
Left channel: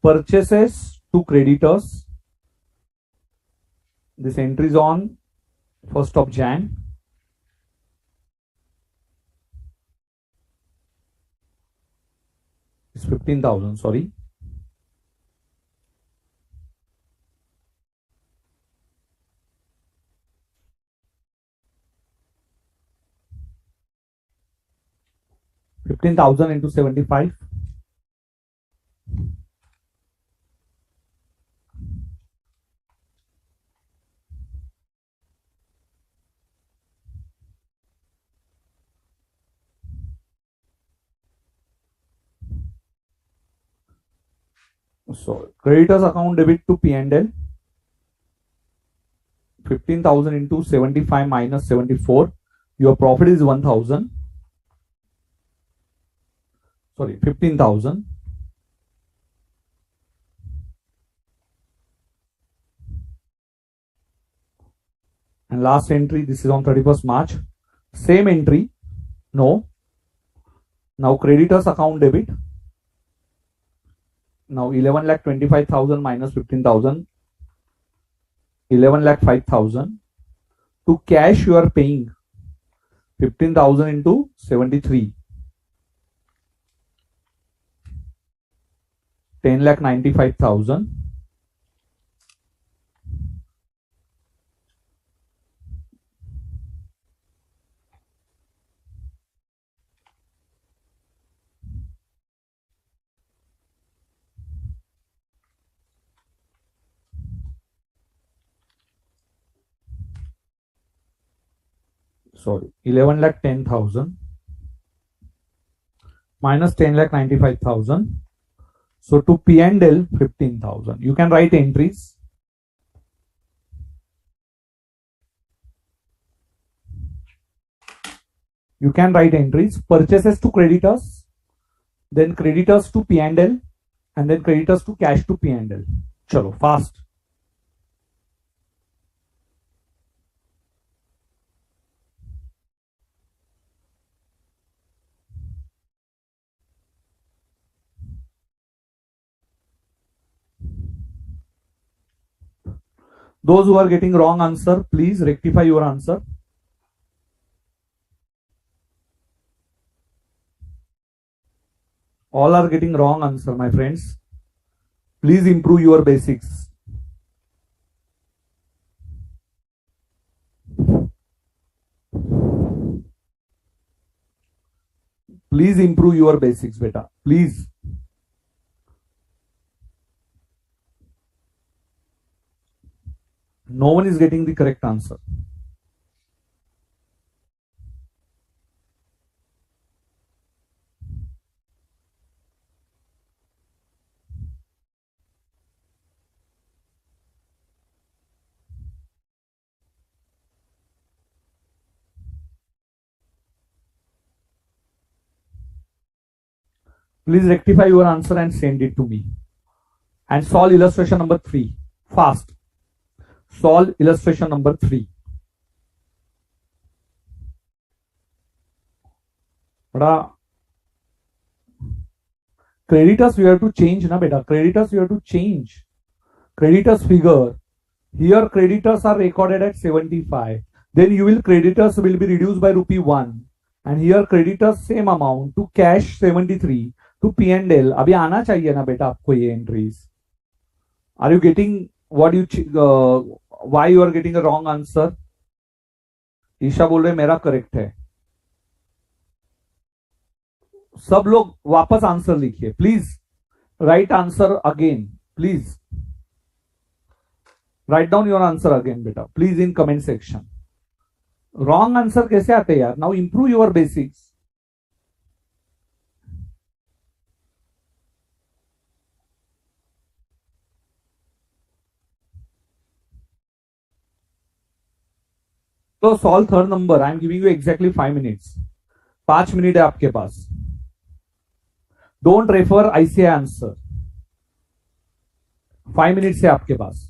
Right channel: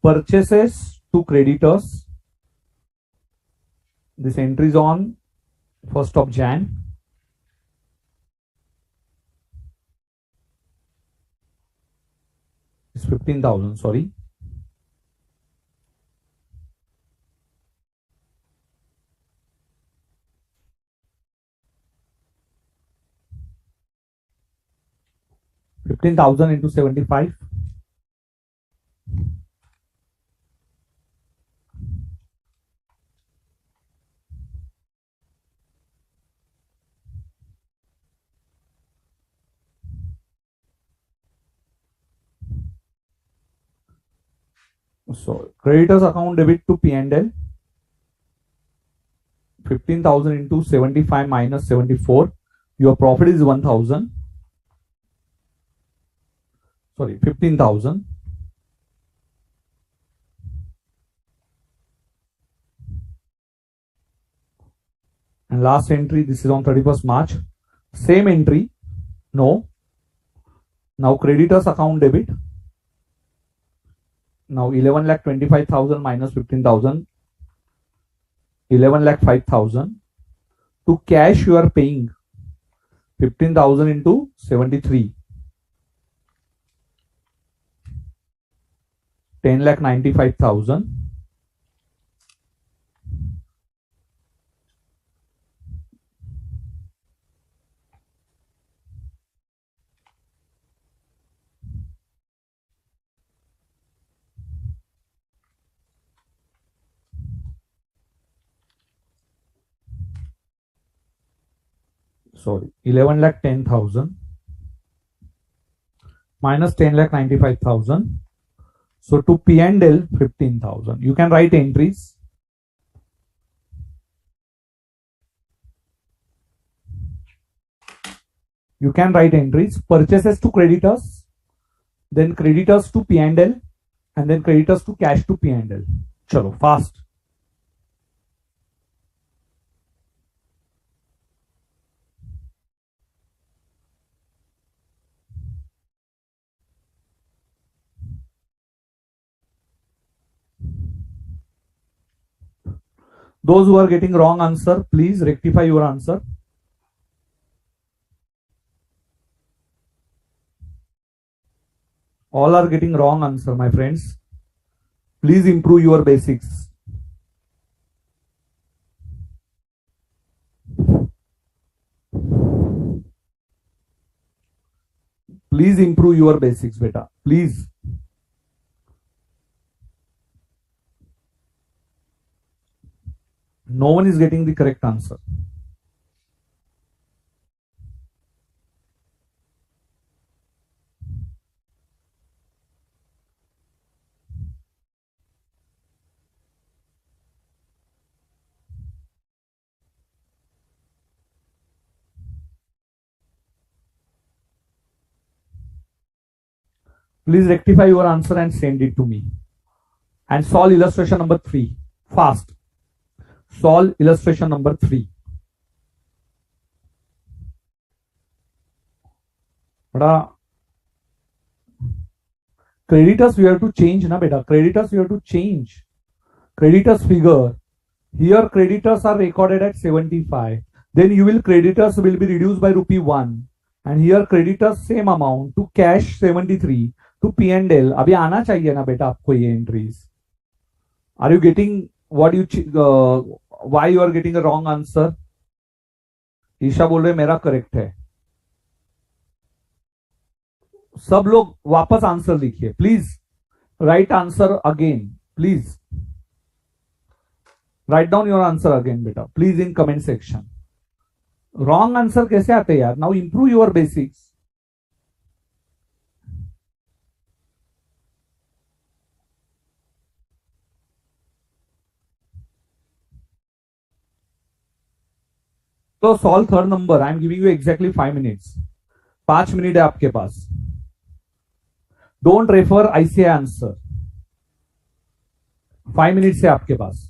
Purchases to creditors. This entry is on 1st of Jan. It's 15,000, sorry. 15,000 into 75. So creditors account debit to P&L. 15,000 into 75 minus 74. Your profit is 1,000. Sorry, 15,000. And last entry, this is on 31st March. Same entry. No. Now creditors account debit. Now 11,25,000 minus 15,000. 11,05,000. To cash you are paying 15,000 into 73. 10,95,000. Sorry, 11,10,000 minus 10,95,000. So to P&L 15,000. You can write entries. You can write entries. Purchases to creditors, then creditors to P&L, and then creditors to cash to P&L. Chalo, fast. Those who are getting wrong answer, please rectify your answer. All are getting wrong answer, my friends. Please improve your basics. Please improve your basics, beta. Please. No one is getting the correct answer. Please rectify your answer and send it to me. And solve illustration number 3. Fast. Solve illustration number 3. Creditors we have to change na beta. Creditors we have to change. Creditors figure. Here creditors are recorded at 75. Then you will creditors will be reduced by rupee 1. And here creditors same amount to cash 73 to P&L. अभी आना चाहिए ना बेटा आपको ये entries. Are you getting what you why you are getting a wrong answer? Isha बोल रहे मेरा करेक्ट है. सब लोग वापस आंसर लिखिए please. Write answer again please. Write down your answer again बेटा please in comment section. Wrong answer कैसे आते हैं यार. Now improve your basics. तो solve third number. I am giving you exactly 5 minutes. 5 minute है आपके पास. Don't refer ICI answer. 5 minutes है आपके पास.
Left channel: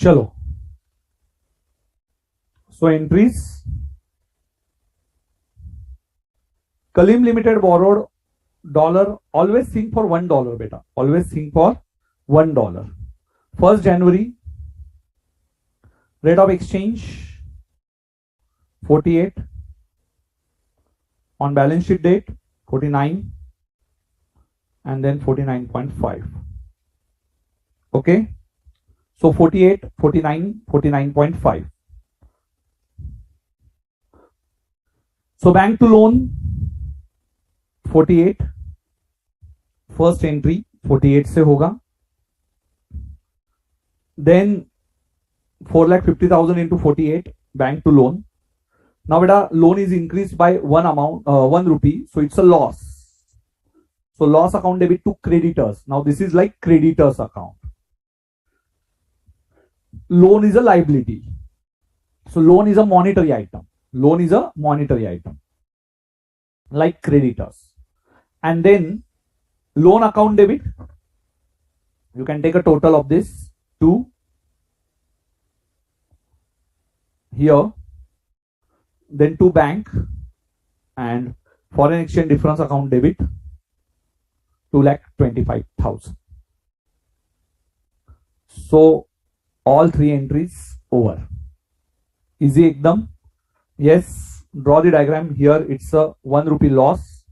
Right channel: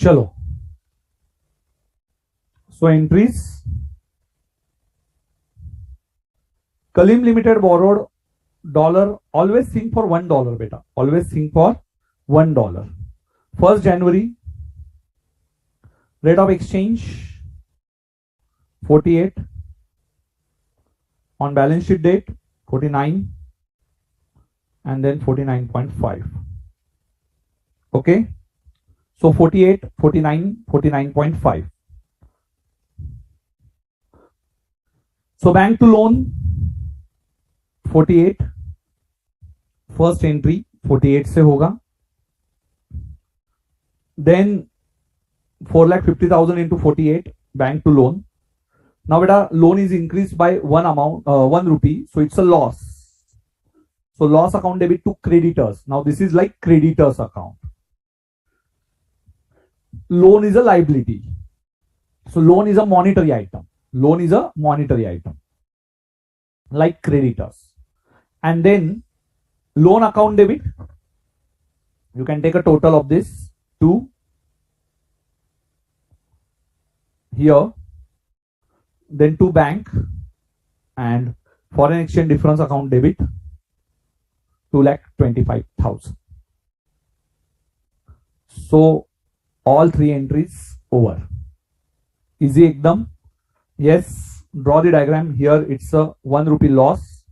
चलो, so entries. Kalim Limited borrowed dollar. Always think for $1, beta. Always think for $1. 1st January, rate of exchange 48. On balance sheet date 49, and then 49.5. Okay, so 48, 49, 49.5. So bank to loan 48, first entry 48 से होगा. Then 4,50,000 into 48 bank to loan. Now beta, loan is increased by one amount, 1 rupee, so it's a loss. So loss account debit to creditors. Now this is like creditors account. Loan is a liability. So loan is a monetary item. Loan is a monetary item, like creditors. And then loan account debit, you can take a total of this to here, then to bank, and foreign exchange difference account debit 2,25,000. So all three entries over. Easy ekdam. Yes, draw the diagram. Here it's a 1 rupee loss,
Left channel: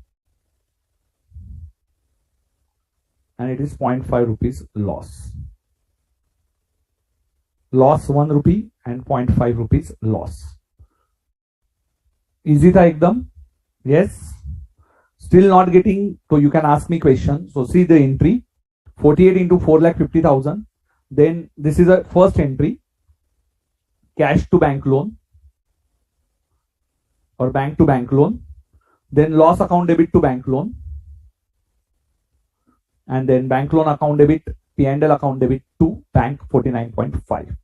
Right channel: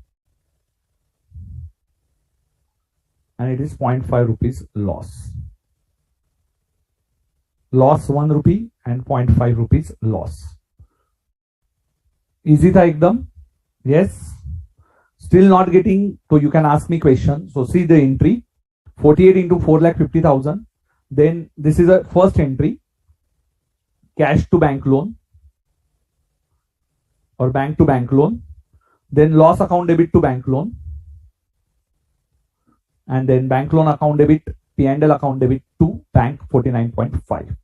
and it is 0.5 rupees loss. Loss 1 rupee and 0.5 rupees loss. Easy tha ekdam. Yes. Still not getting, so you can ask me question. So see the entry 48 into 4,50,000. Then this is a first entry, cash to bank loan or bank to bank loan. Then loss account debit to bank loan, and then bank loan account debit, P&L account debit to bank 49.5.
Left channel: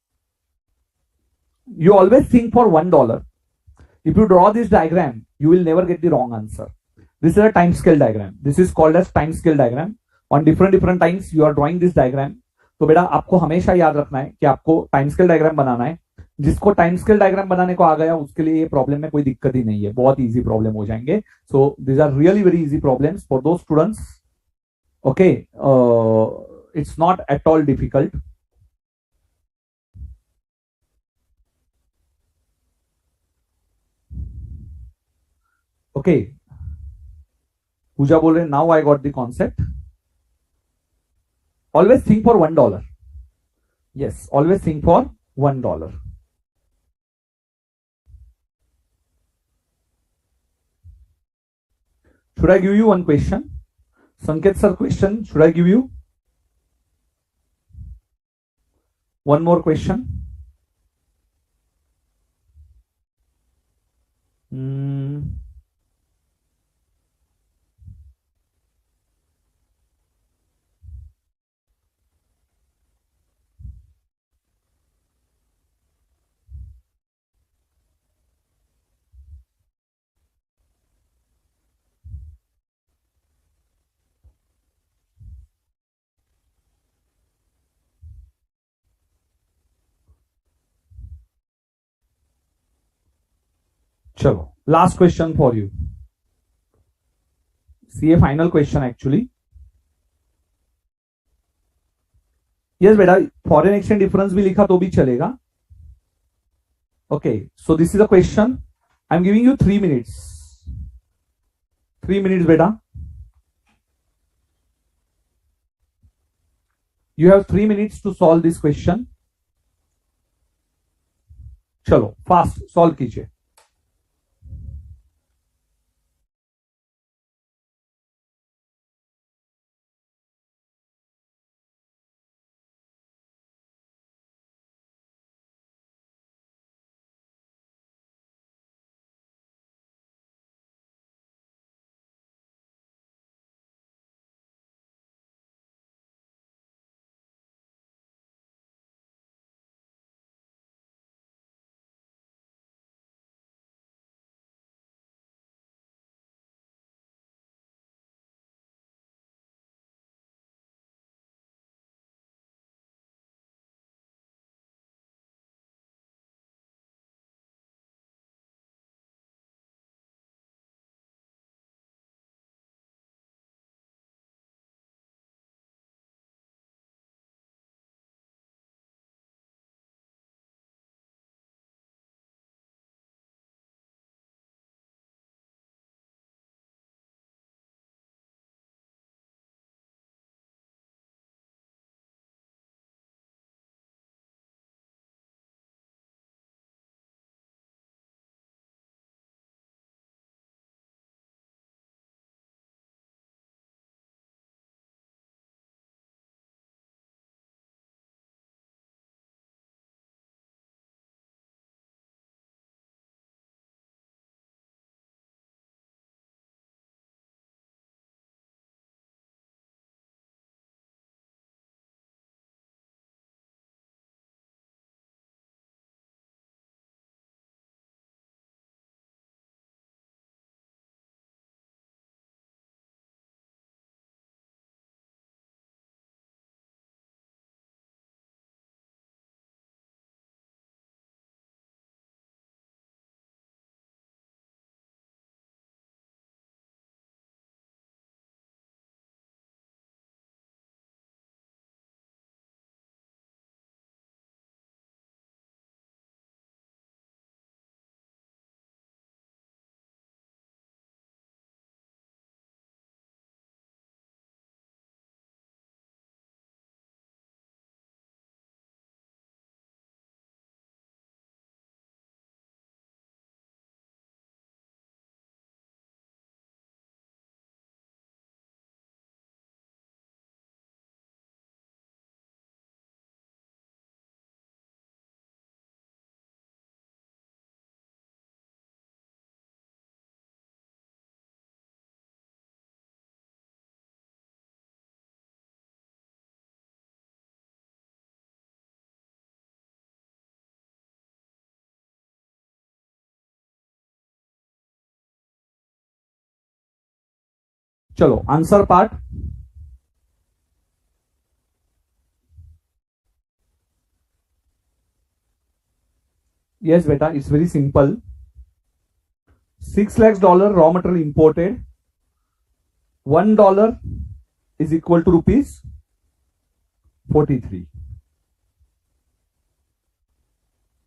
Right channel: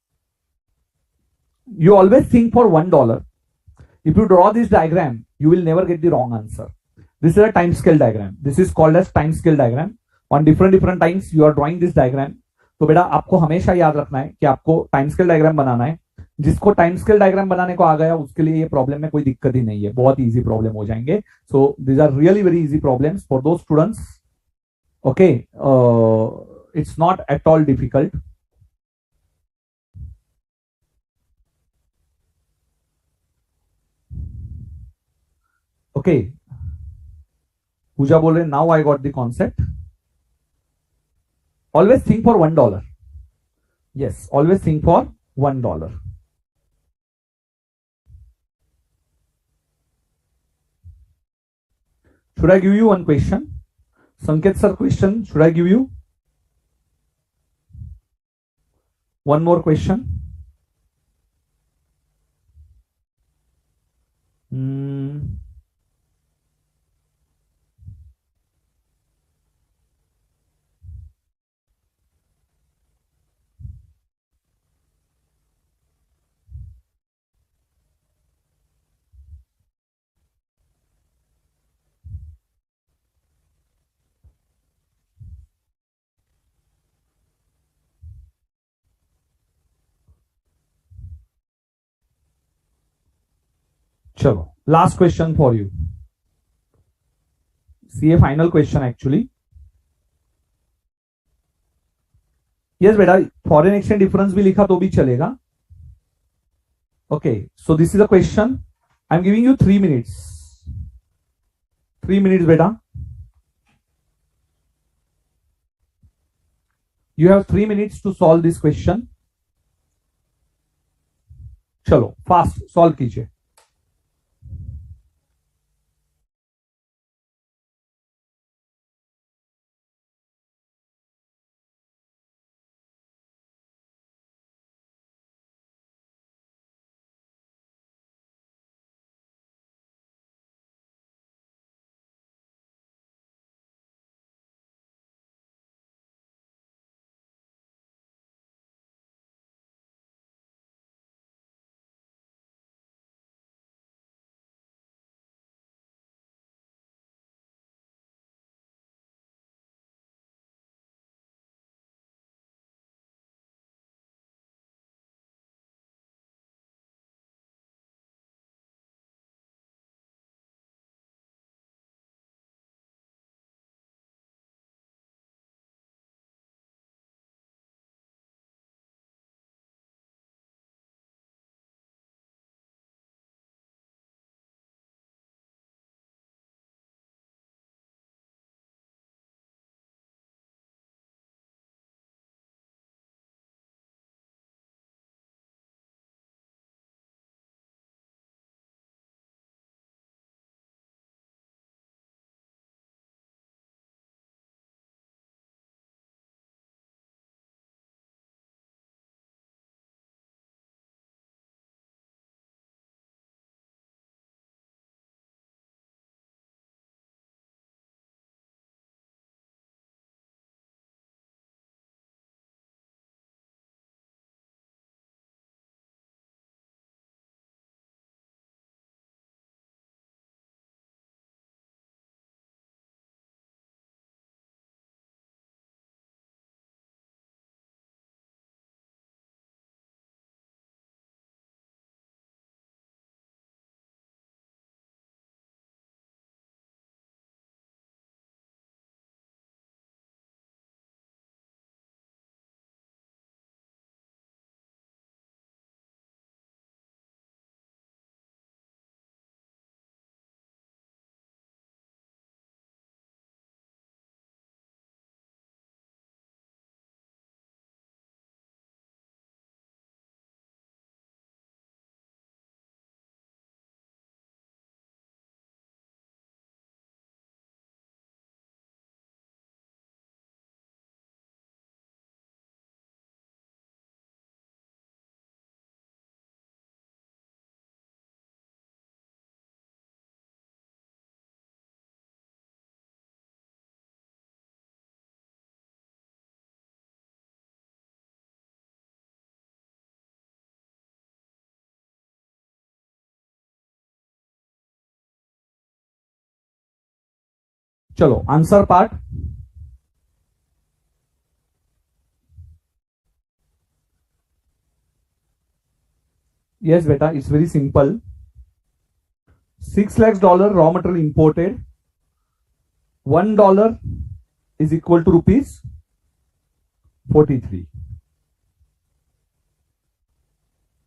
You always think for $1. If you draw this diagram, you will never get the wrong answer. This is a time scale diagram. This is called as time scale diagram. On different times you are drawing this diagram. तो बेटा आपको हमेशा याद रखना है कि आपको time scale diagram बनाना है. जिसको टाइम स्केल डायग्राम बनाने को आ गया उसके लिए ये प्रॉब्लम में कोई दिक्कत ही नहीं है, बहुत इजी प्रॉब्लम हो जाएंगे. So these are really very easy problems for those students. Okay, it's not at all difficult. Okay, Pooja बोल रहे now I got the concept. Always think for $1. Yes, always think for $1. Should I give you one question? Sanket sir, question. Should I give you one more question? चलो, last question for you. See a final question actually. Yes बेटा, foreign exchange difference भी लिखा तो भी चलेगा. Okay, so this is a question. I am giving you 3 minutes. 3 minutes बेटा. You have 3 minutes to solve this question. चलो fast solve कीजिए. चलो answer part. Yes, beta, it's very simple. $6 lakhs raw material imported. $1 is equal to rupees 43.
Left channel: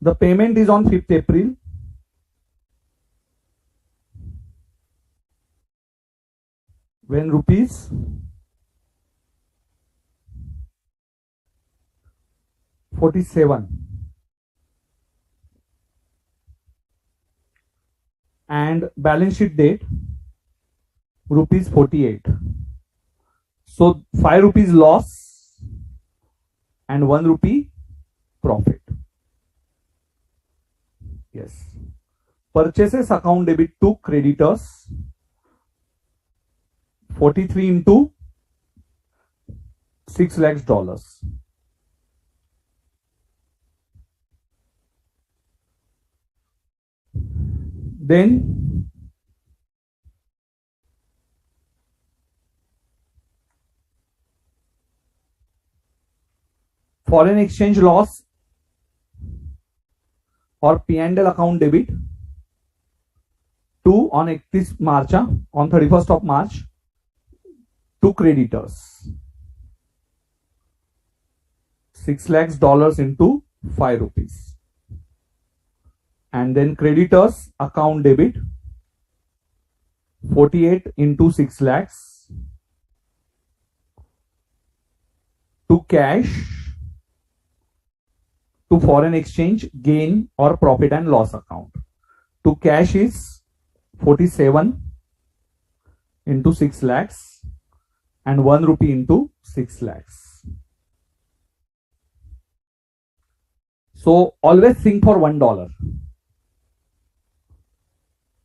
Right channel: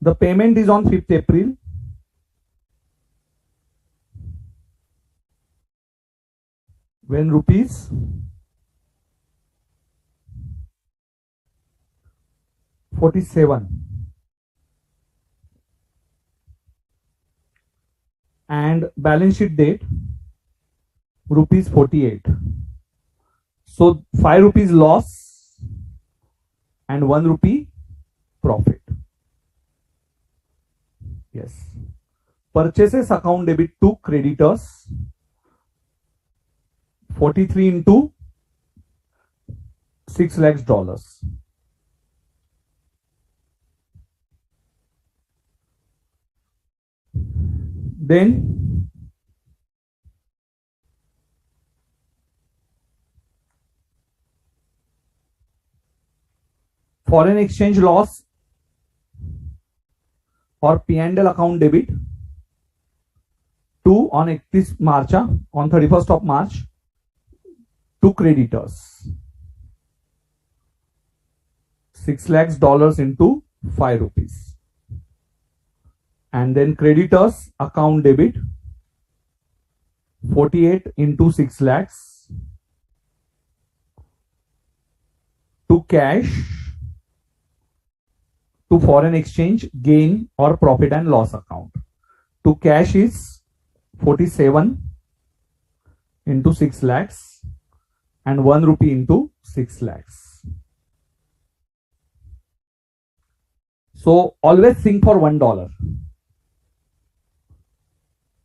The payment is on 5th April. When rupees 47 and balance sheet date rupees 48. So 5 rupees loss and 1 rupee profit. Yes. Purchases account debit to creditors 43 into $6 lakhs. Then foreign exchange loss or P&L account debit to on 31st March, on 31st of March to creditors. $6 lakhs into 5 rupees. And then creditors account debit 48 into 6 lakhs to cash to foreign exchange gain or profit and loss account. To cash is 47 into 6 lakhs and 1 rupee into 6 lakhs. So always think for $1.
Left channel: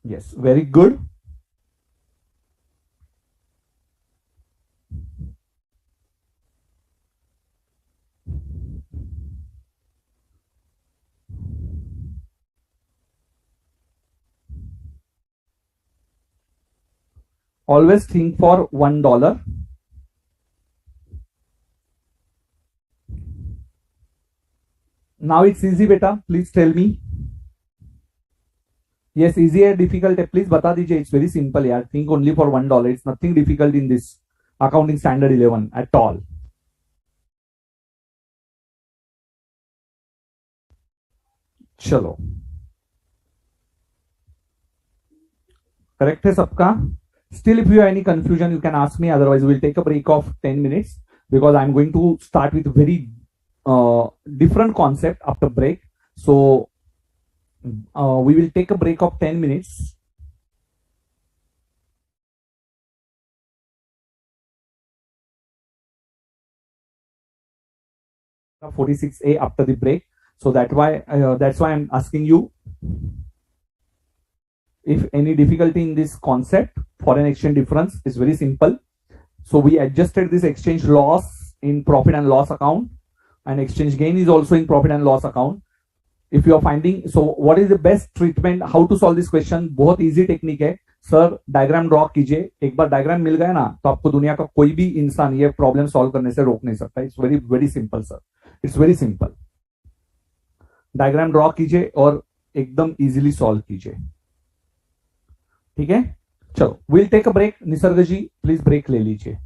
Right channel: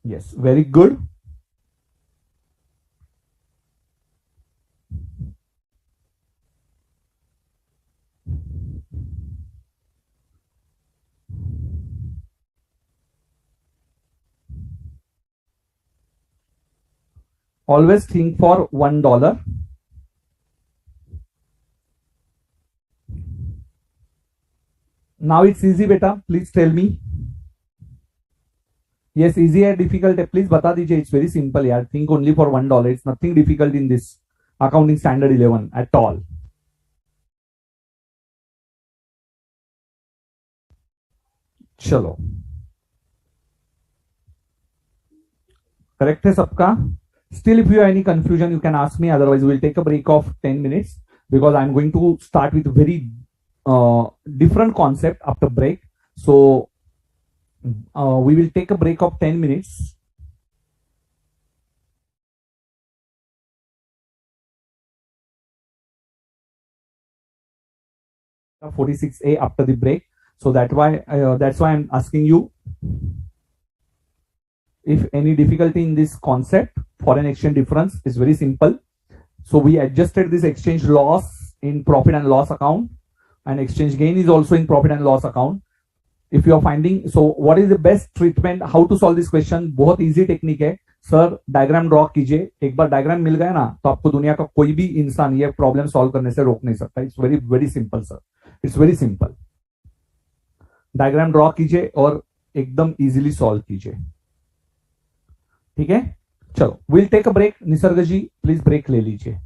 Yes, very good. Always think for $1. Now it's easy, beta. Please tell me. Yes, easy or difficult? Please bata dijiye. It's very simple. Yeah, think only for $1. It's nothing difficult in this accounting standard 11 at all. चलो correct है सबका. Still, if you have any confusion, you can ask me. Otherwise, we'll take a break of 10 minutes because I'm going to start with very different concept after break. So we will take a break of 10 minutes. Of 46A after the break. So that's why I'm asking you if any difficulty in this concept. Foreign exchange difference is very simple. So we adjusted this exchange loss in profit and loss account, and exchange gain is also in profit and loss account. If you are finding, so what is the best treatment, how to solve this question? बहुत easy technique है sir. Diagram draw कीजिए. एक बार diagram मिल गया ना तो आपको दुनिया का कोई भी इंसान ये प्रॉब्लम सॉल्व करने से रोक नहीं सकता. It's very very simple sir. It's very simple. Diagram draw कीजिए और एकदम इजीली सॉल्व कीजिए. ठीक है, चलो will take a break. Nisarg ji please break ले लीजिए.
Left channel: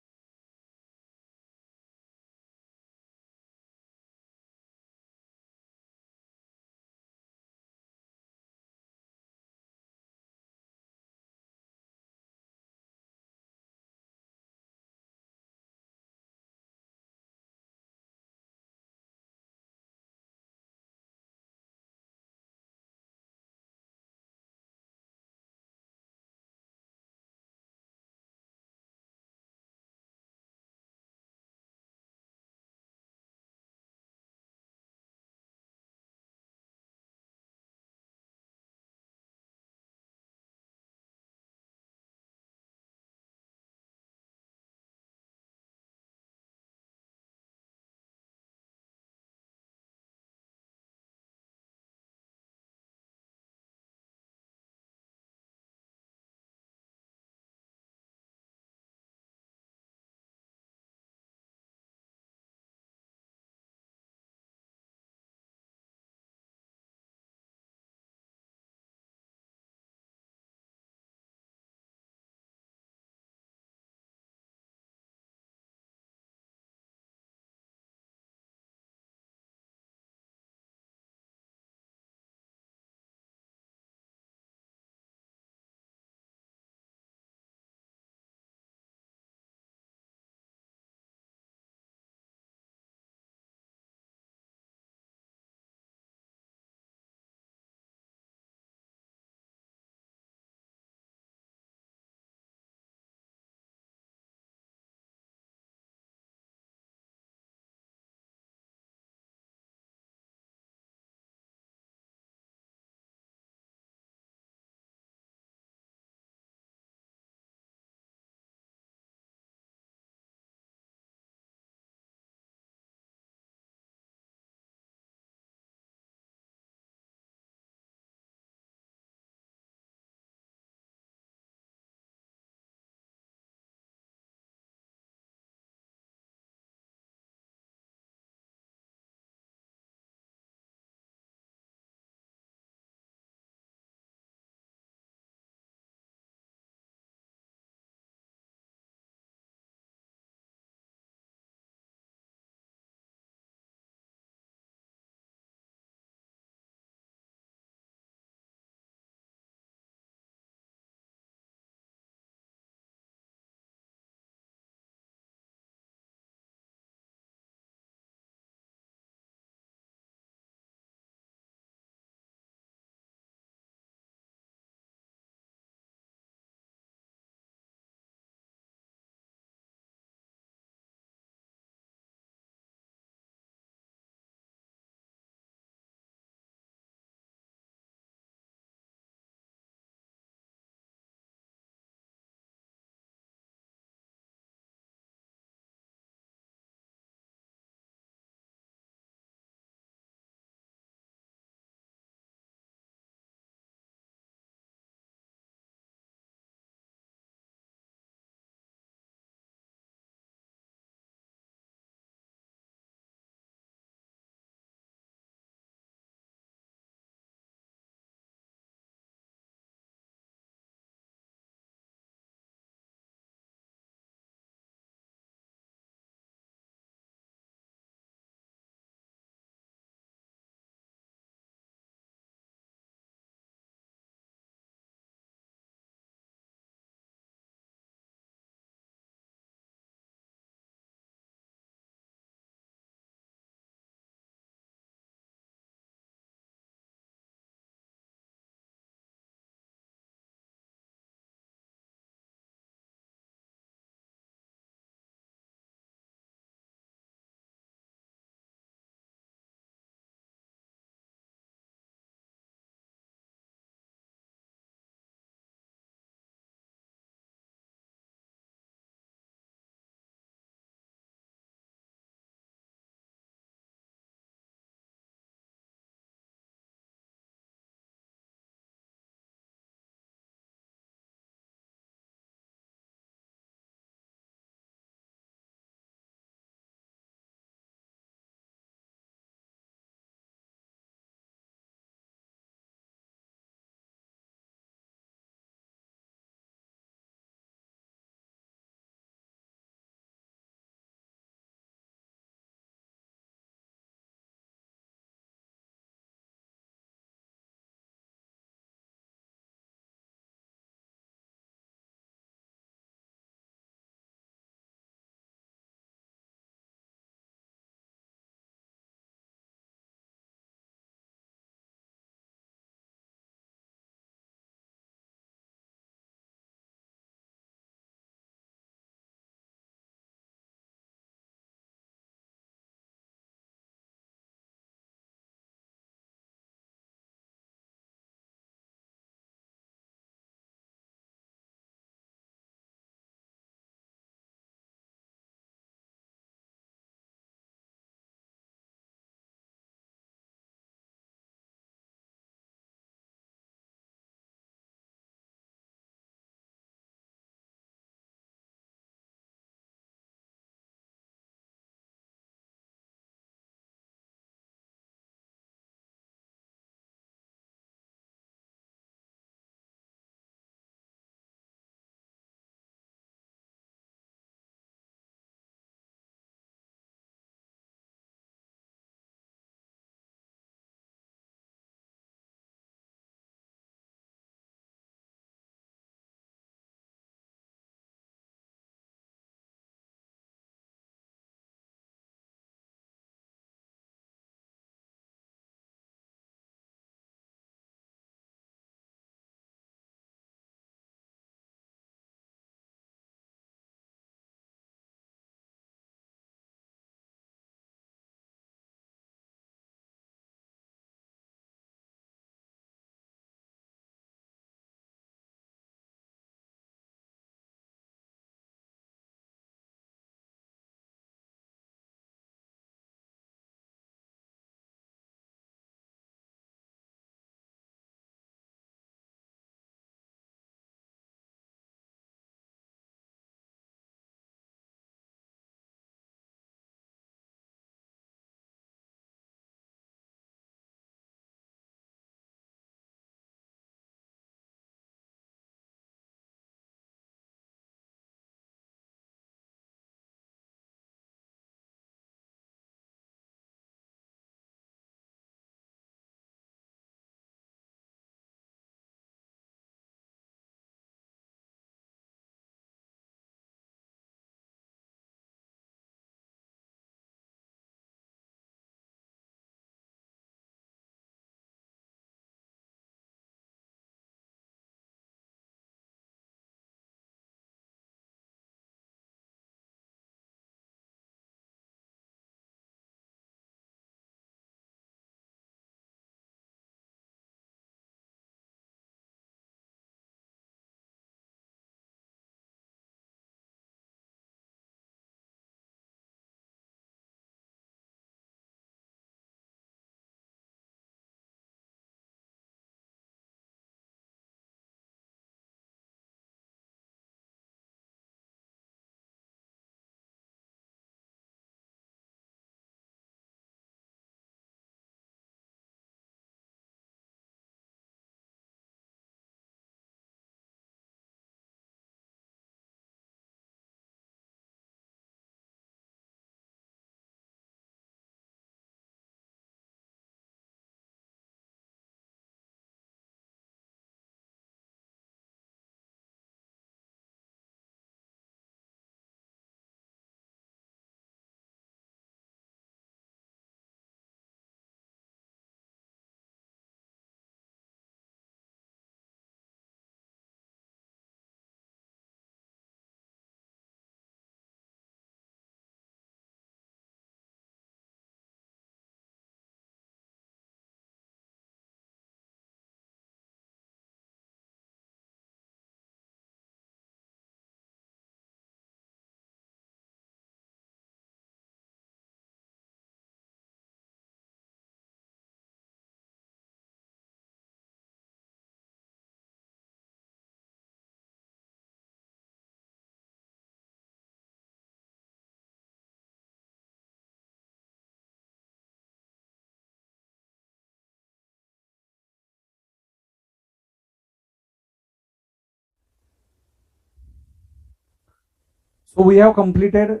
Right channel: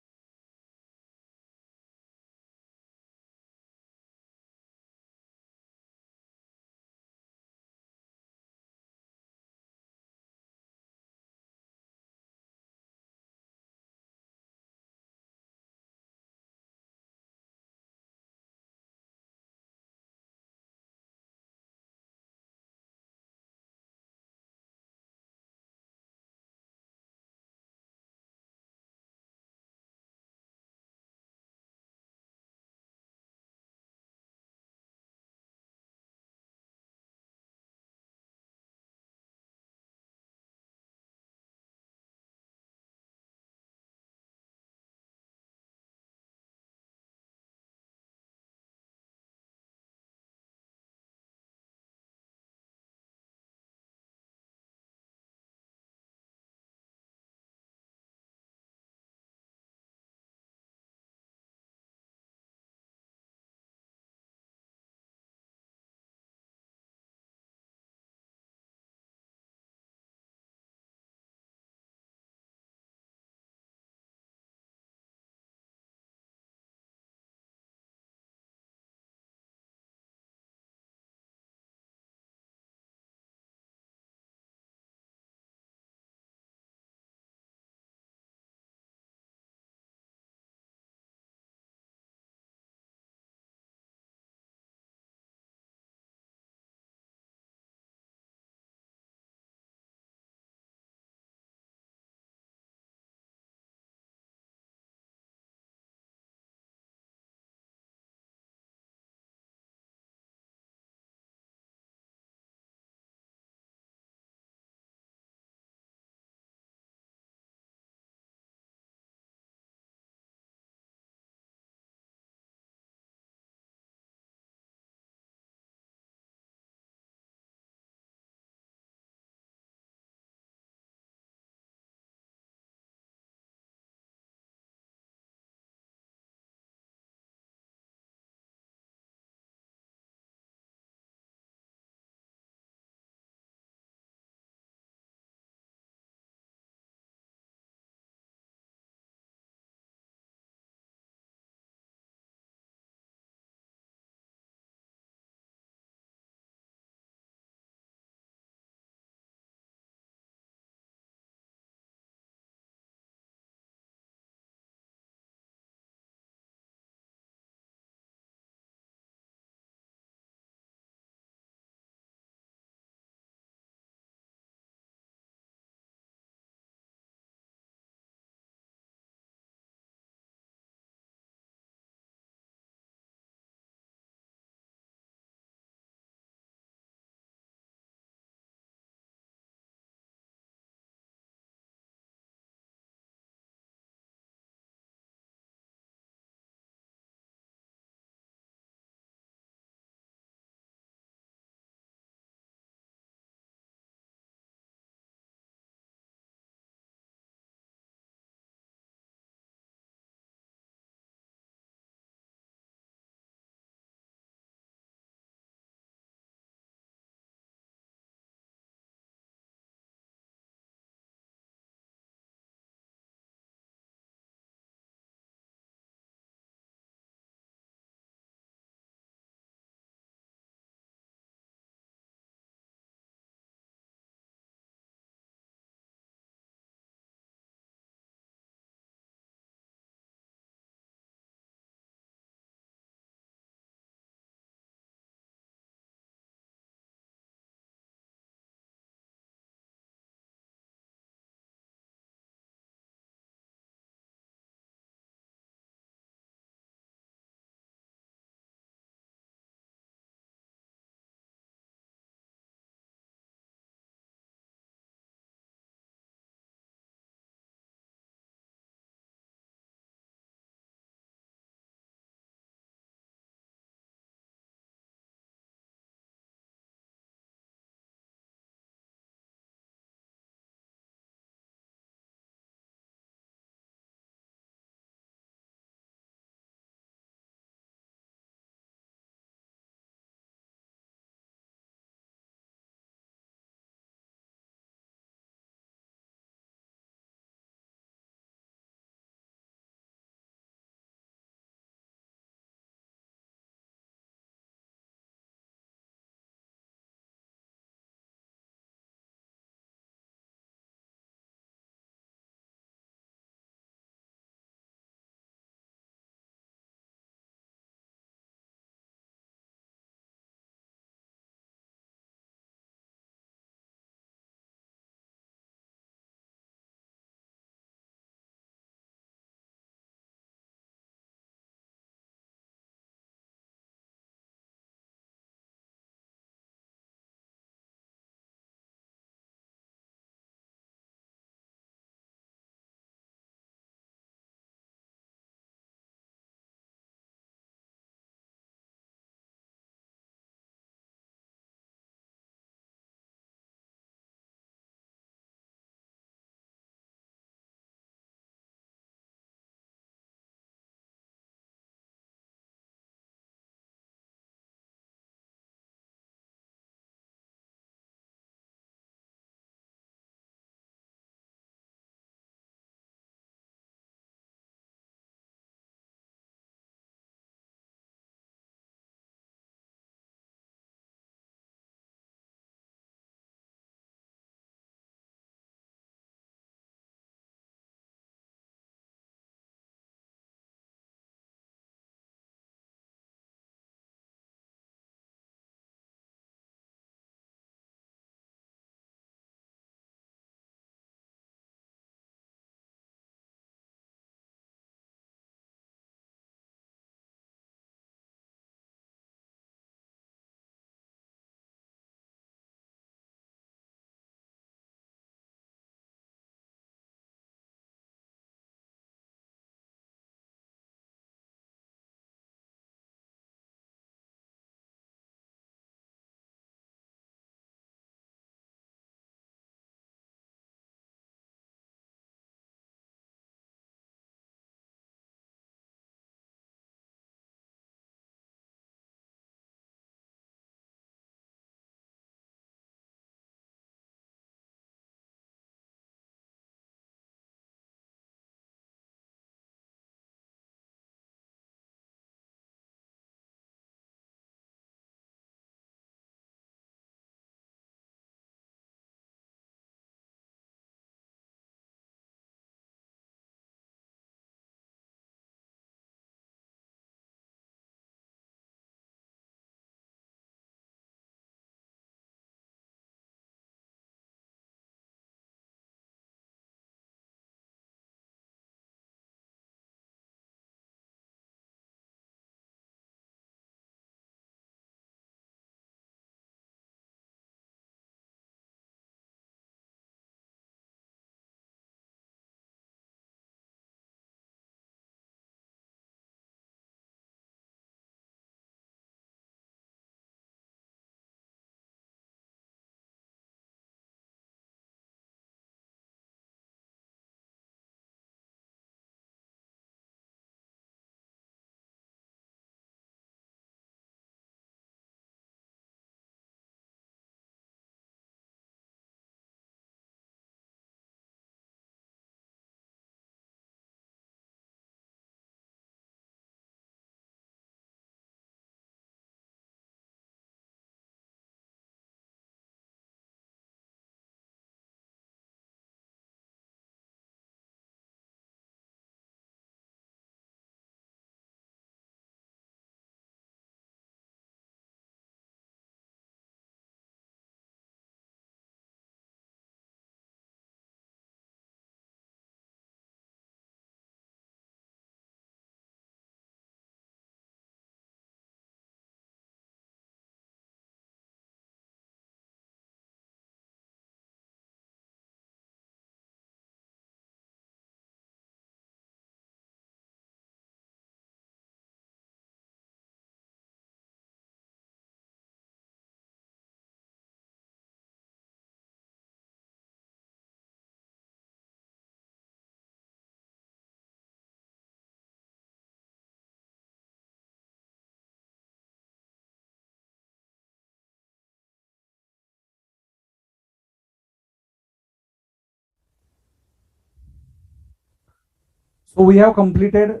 So we have completed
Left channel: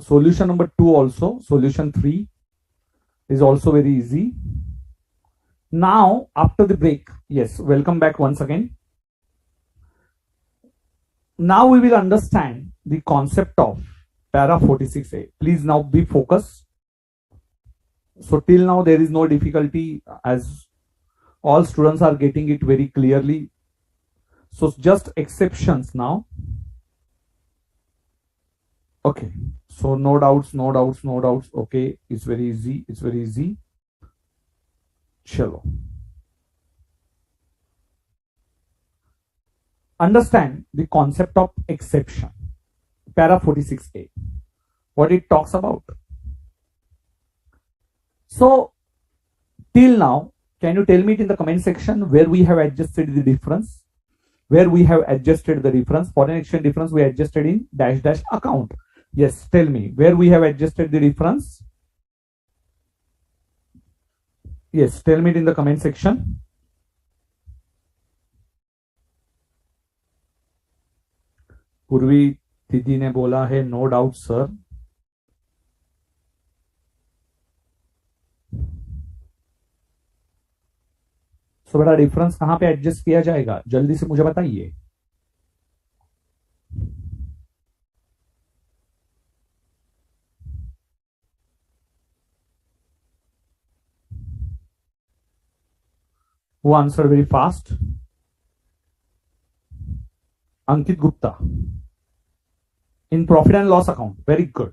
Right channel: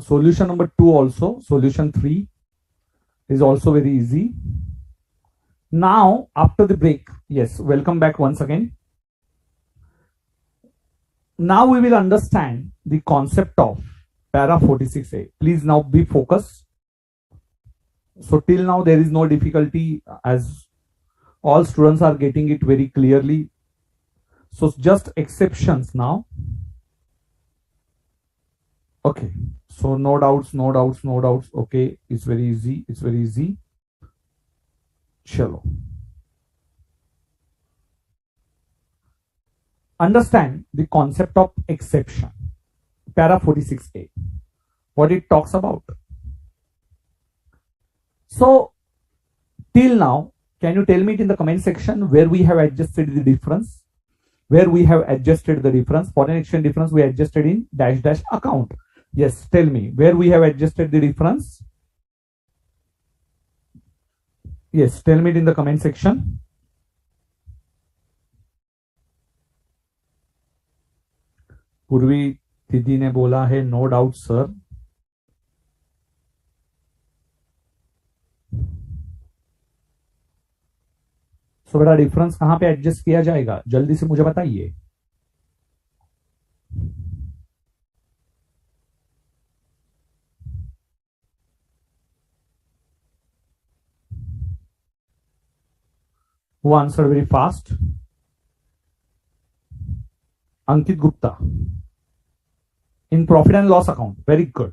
solution number 2 also. Solution 3 is also very easy. Now after the break, yes, welcome back once again. Now we will understand the concept of para 46A. Please now be focused. So till now there is no difficulty, as all students are getting it very clearly. So just exceptions now. Okay, so no doubts. Okay, it's very easy. Chalo. Understand the concept of exception. Para 46A. What it talks about. So till now, can you tell me it in the comment section where we have adjusted the difference? Where we have adjusted the difference? Foreign exchange difference we adjusted in dash account. Yes, tell me where we have adjusted the difference. Yes, tell me it in the comment section. पूर्वी दीदी ने बोला है no doubt sir. सो बेटा difference कहां पे adjust किया जाएगा, जल्दी से मुझे बताइए. Who answered very fast? Ankit Gupta. In profit and loss account. Very good.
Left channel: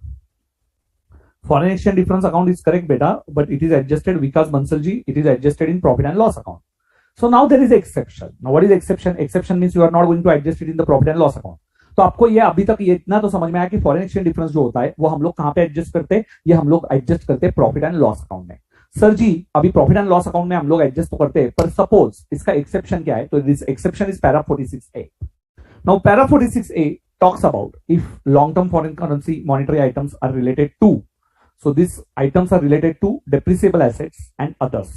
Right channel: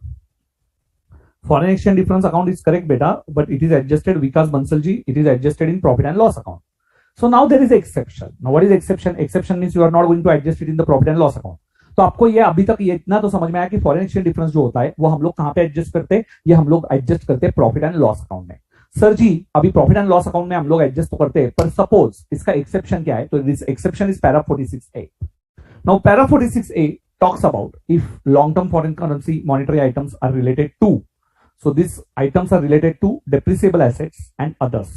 Foreign exchange difference account is correct, beta, but it is adjusted. Vikas Bansalji, it is adjusted in profit and loss account. So now there is exception. Now what is exception? Exception means you are not going to adjust it in the profit and loss account. तो आपको ये अभी तक ये इतना तो समझ में आया कि फॉरेन एक्सचेंज डिफरेंस जो होता है वो हम लोग कहां पे एडजस्ट करते हैं, ये हम लोग एडजस्ट करते हैं प्रॉफिट एंड लॉस अकाउंट में. सर जी अभी प्रॉफिट एंड लॉस अकाउंट में हम लोग एडजस्ट तो करते हैं, पर सपोज इसका एक्सेप्शन क्या है, तो this exception is para 46A. Now para 46A talks about if long-term foreign currency monetary items are related to, so these items are related to depreciable assets and others.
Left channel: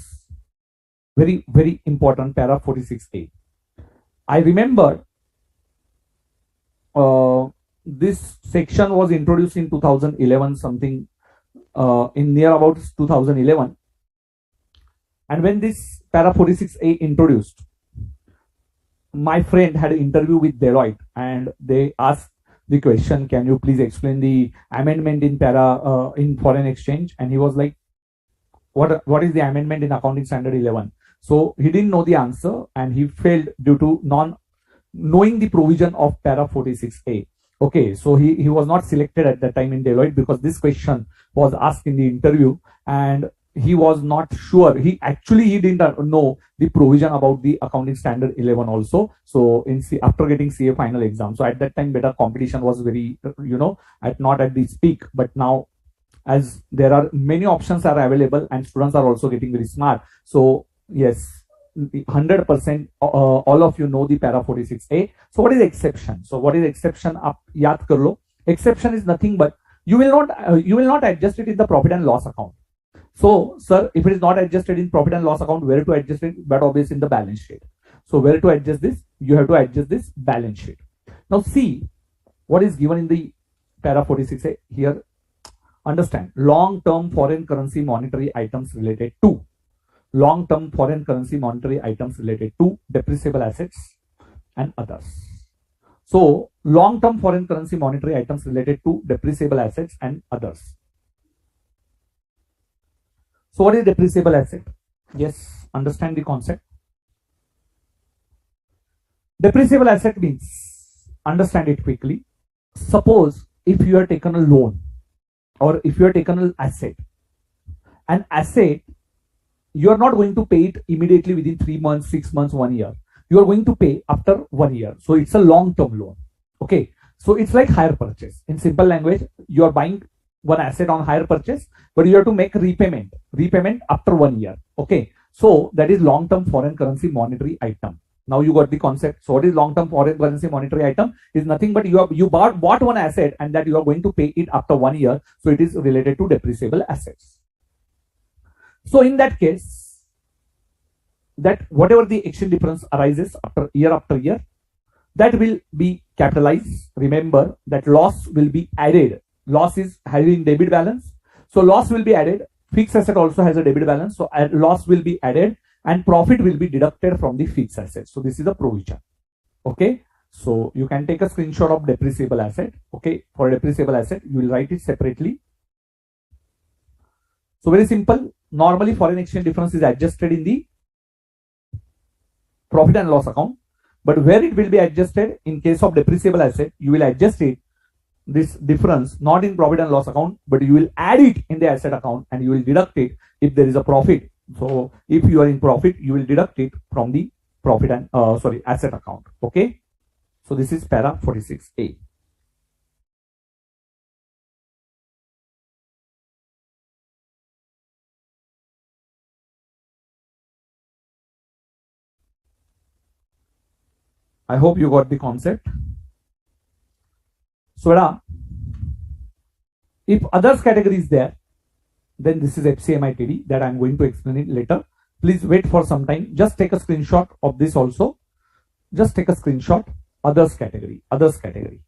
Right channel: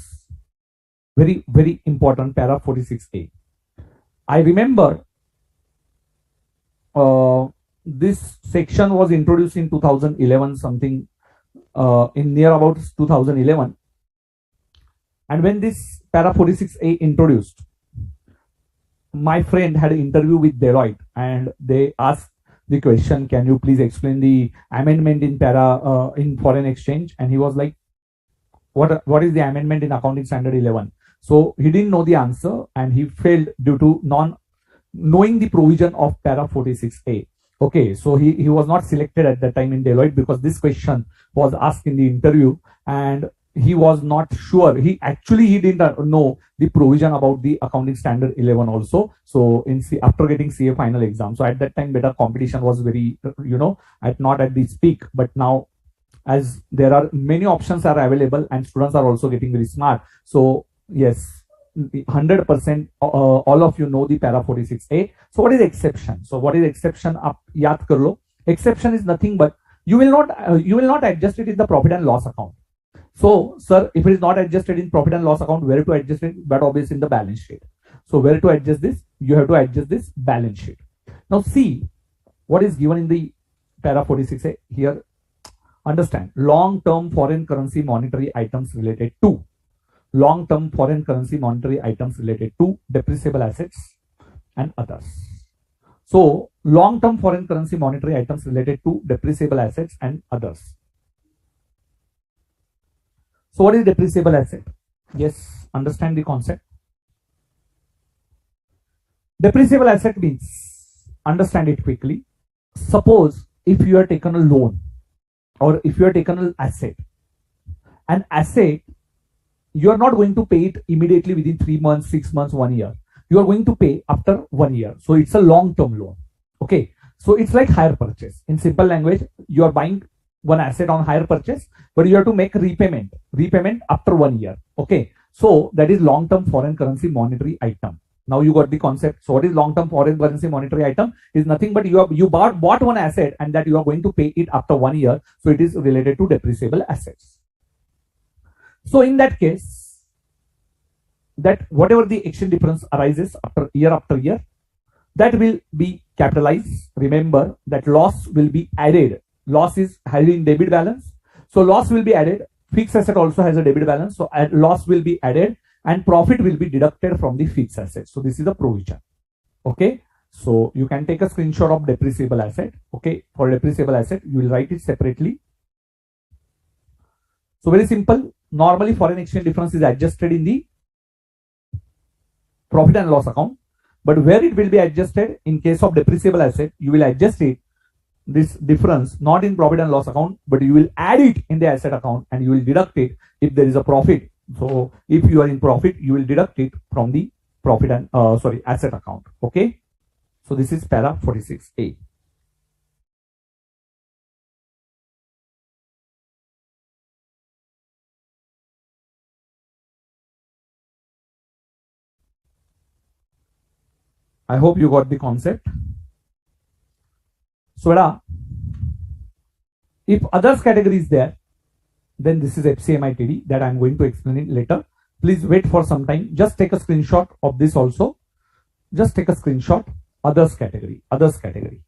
Very important, para 46A. I remember this section was introduced in 2011 something, in near about 2011, and when this para 46A introduced, my friend had an interview with Deloitte and they asked the question, can you please explain the amendment in para in foreign exchange? And he was like, what is the amendment in accounting standard 11? So he didn't know the answer and he failed due to non knowing the provision of para 46A. Okay, so he was not selected at that time in Deloitte because this question was asked in the interview and he was not sure. He didn't know the provision about the accounting standard 11 also. So in after getting CA final exam, so at that time better competition was very, not at the peak, but now as there are many options are available and students are also getting very smart. So yes, 100% all of you know the para 46A. So what is exception? So what is exception? Aap yaad kar lo. Exception is nothing but you will not adjust it in the profit and loss account. So, sir, if it is not adjusted in profit and loss account, where to adjust it? But obviously in the balance sheet. So, where to adjust this? You have to adjust this balance sheet. Now, see what is given in the para 46A here. Understand, long-term foreign currency monetary items related to. Long-term foreign currency monetary items related to depreciable assets and others. So, long-term foreign currency monetary items related to depreciable assets and others. So what is depreciable asset? Yes, understand the concept. Depreciable asset means, understand it quickly. Suppose if you are taken a loan or if you are taken an asset, you are not going to pay it immediately within 3 months, 6 months, 1 year. You are going to pay after 1 year. So it's a long-term loan. Okay. So it's like hire purchase. In simple language, you are buying one asset on hire purchase, but you have to make repayment after 1 year. Okay, so that is long-term foreign currency monetary item. Now you got the concept. So what is long-term foreign currency monetary item? Is nothing but you bought one asset and that you are going to pay it after 1 year. So it is related to depreciable assets. So in that case, that whatever the exchange difference arises after year, that will be capitalized. Remember that loss will be added. Loss is having debit balance, so loss will be added. Fixed asset also has a debit balance, so loss will be added and profit will be deducted from the fixed asset. So this is a provision. Okay, so you can take a screenshot of depreciable asset. Okay, for depreciable asset you will write it separately. So very simple. Normally foreign exchange difference is adjusted in the profit and loss account, but where it will be adjusted in case of depreciable asset, you will adjust it, this difference, not in profit and loss account, but you will add it in the asset account and you will deduct it if there is a profit. So if you are in profit, you will deduct it from the profit and asset account. Okay, so this is para 46A. I hope you got the concept. So if others category is there, then this is FCIMTD that I'm going to explain it later. Please wait for some time. Just take a screenshot of this also. Just take a screenshot. Others category. Others category.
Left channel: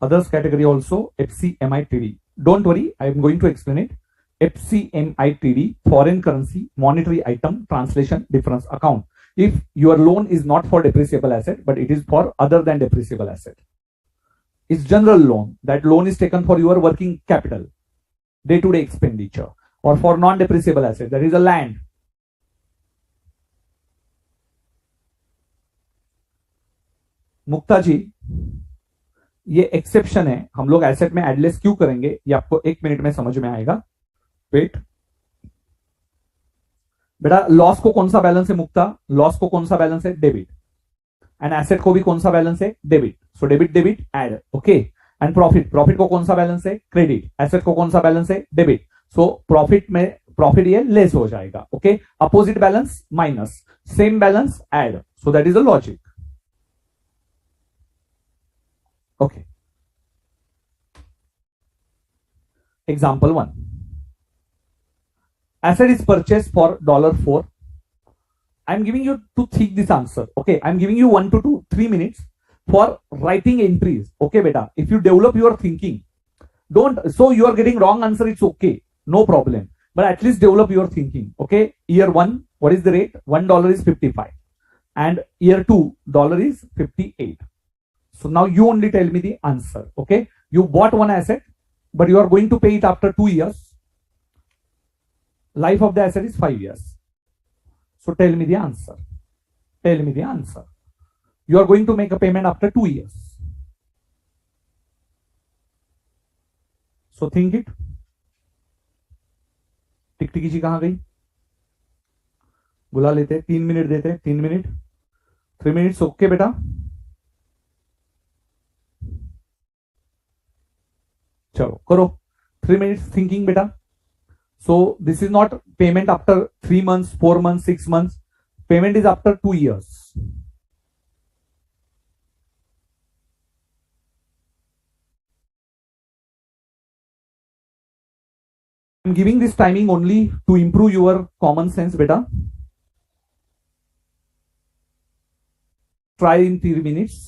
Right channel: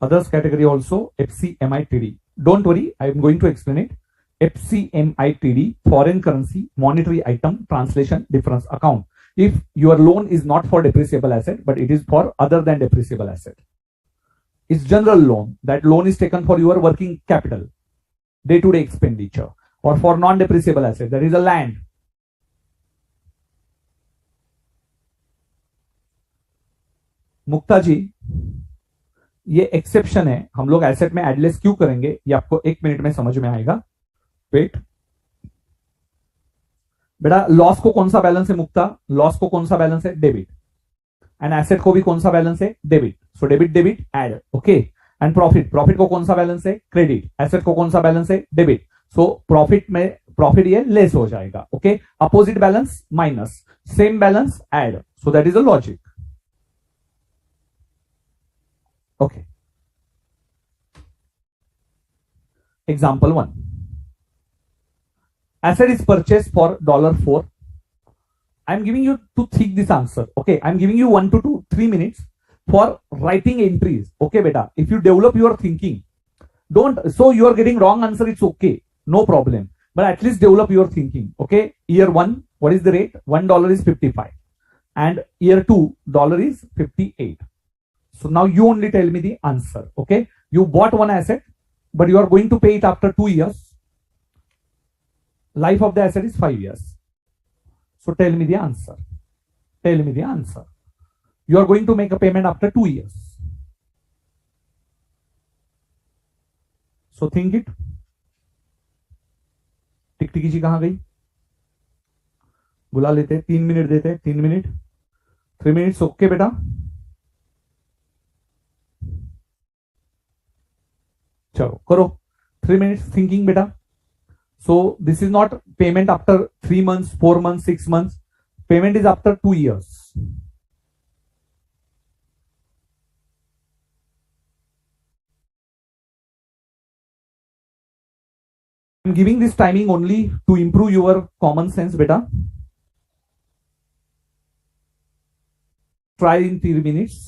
Others category also FCIMTD. Don't worry, I am going to explain it. FCIMTD, foreign currency, monetary item, translation, difference account. If your loan is not for depreciable asset, but it is for other than depreciable asset. It's general loan. That loan is taken for your working capital, day-to-day expenditure, or for non-depreciable asset, that is a land. मुक्ता जी, ये exception है, हम लोग asset में एडलेस क्यों करेंगे ये आपको 1 minute में समझ में आएगा. वेट बेटा, लॉस को कौन सा बैलेंस है मुक्ता? लॉस को कौन सा बैलेंस है? डेबिट. एंड एसेट को भी कौन सा बैलेंस है? Debit. So debit debit add. Okay. And profit, profit को कौन सा बैलेंस है? क्रेडिट. एसेट को कौन सा बैलेंस है? डेबिट. सो प्रॉफिट में प्रॉफिट ये लेस हो जाएगा. Okay, opposite balance minus, same balance add. So that is the logic. Okay. Example 1. Asset is purchased for $4. I'm giving you to think this answer. Okay. I'm giving you 1 to 3 minutes for writing entries. Okay, beta. If you develop your thinking, don't, so you are getting wrong answer, it's okay. No problem. But at least develop your thinking. Okay. Year 1, what is the rate? $1 is 55. And year 2, dollar is 58. So now you only tell me the answer. Okay. You bought one asset, but you are going to pay it after 2 years. Life of the asset is 5 years. So tell me the answer. Tell me the answer. You are going to make a payment after 2 years. So think it. टिकटिकी जी कहां गई? बुला लेते, 3 minute देते, 3 minute, 3 minutes. Okay बेटा, चलो करो. 3 minutes thinking beta. So this is not payment after 3 months, 4 months, 6 months. Payment is after 2 years. I'm giving this timing only to improve your common sense beta. Try in 3 minutes.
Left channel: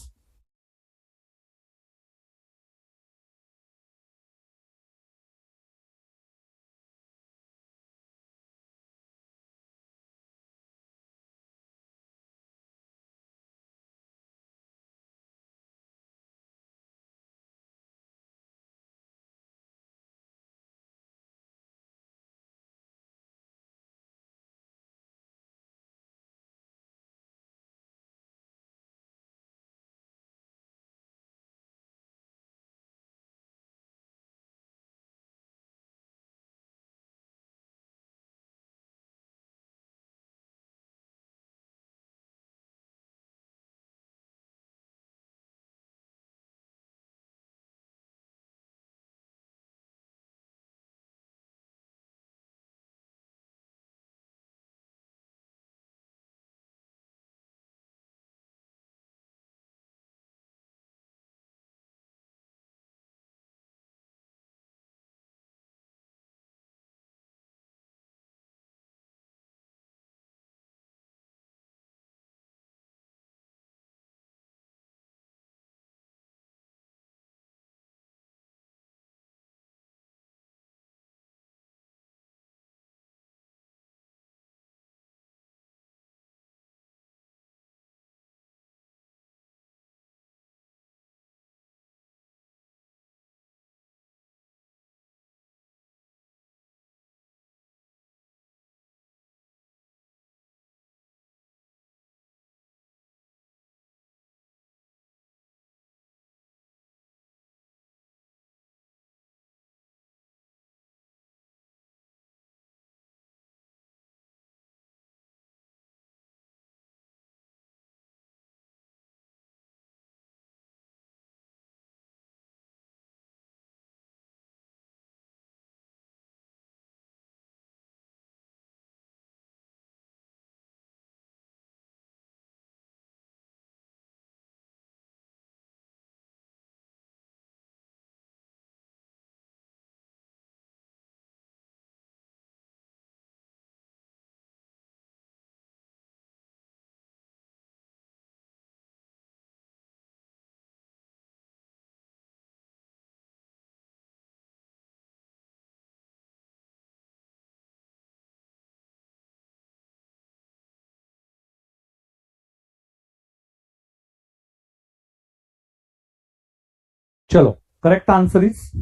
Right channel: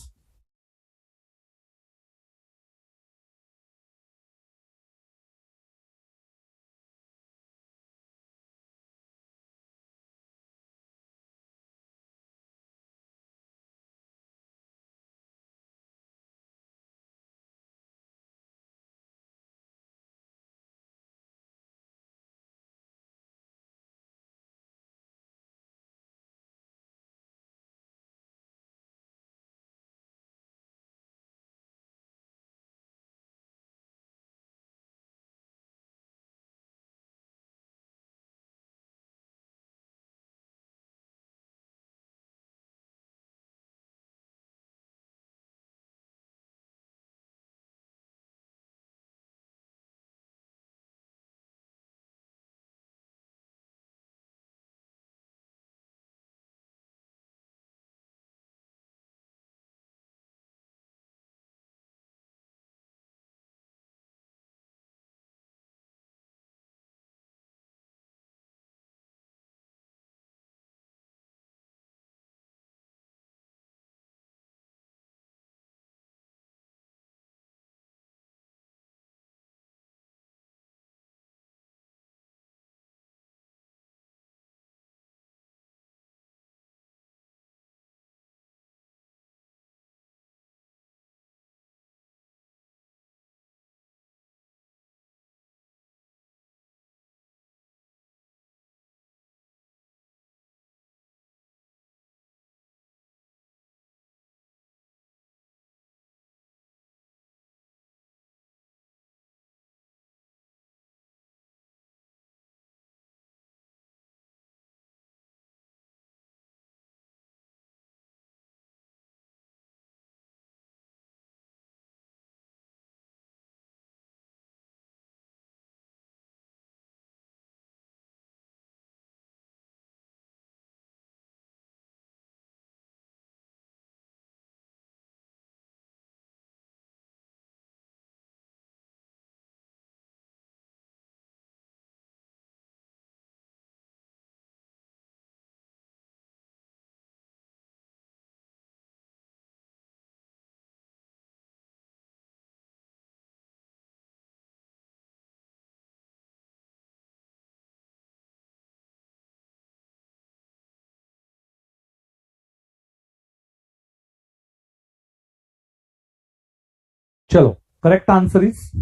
Chalo, correct answer is,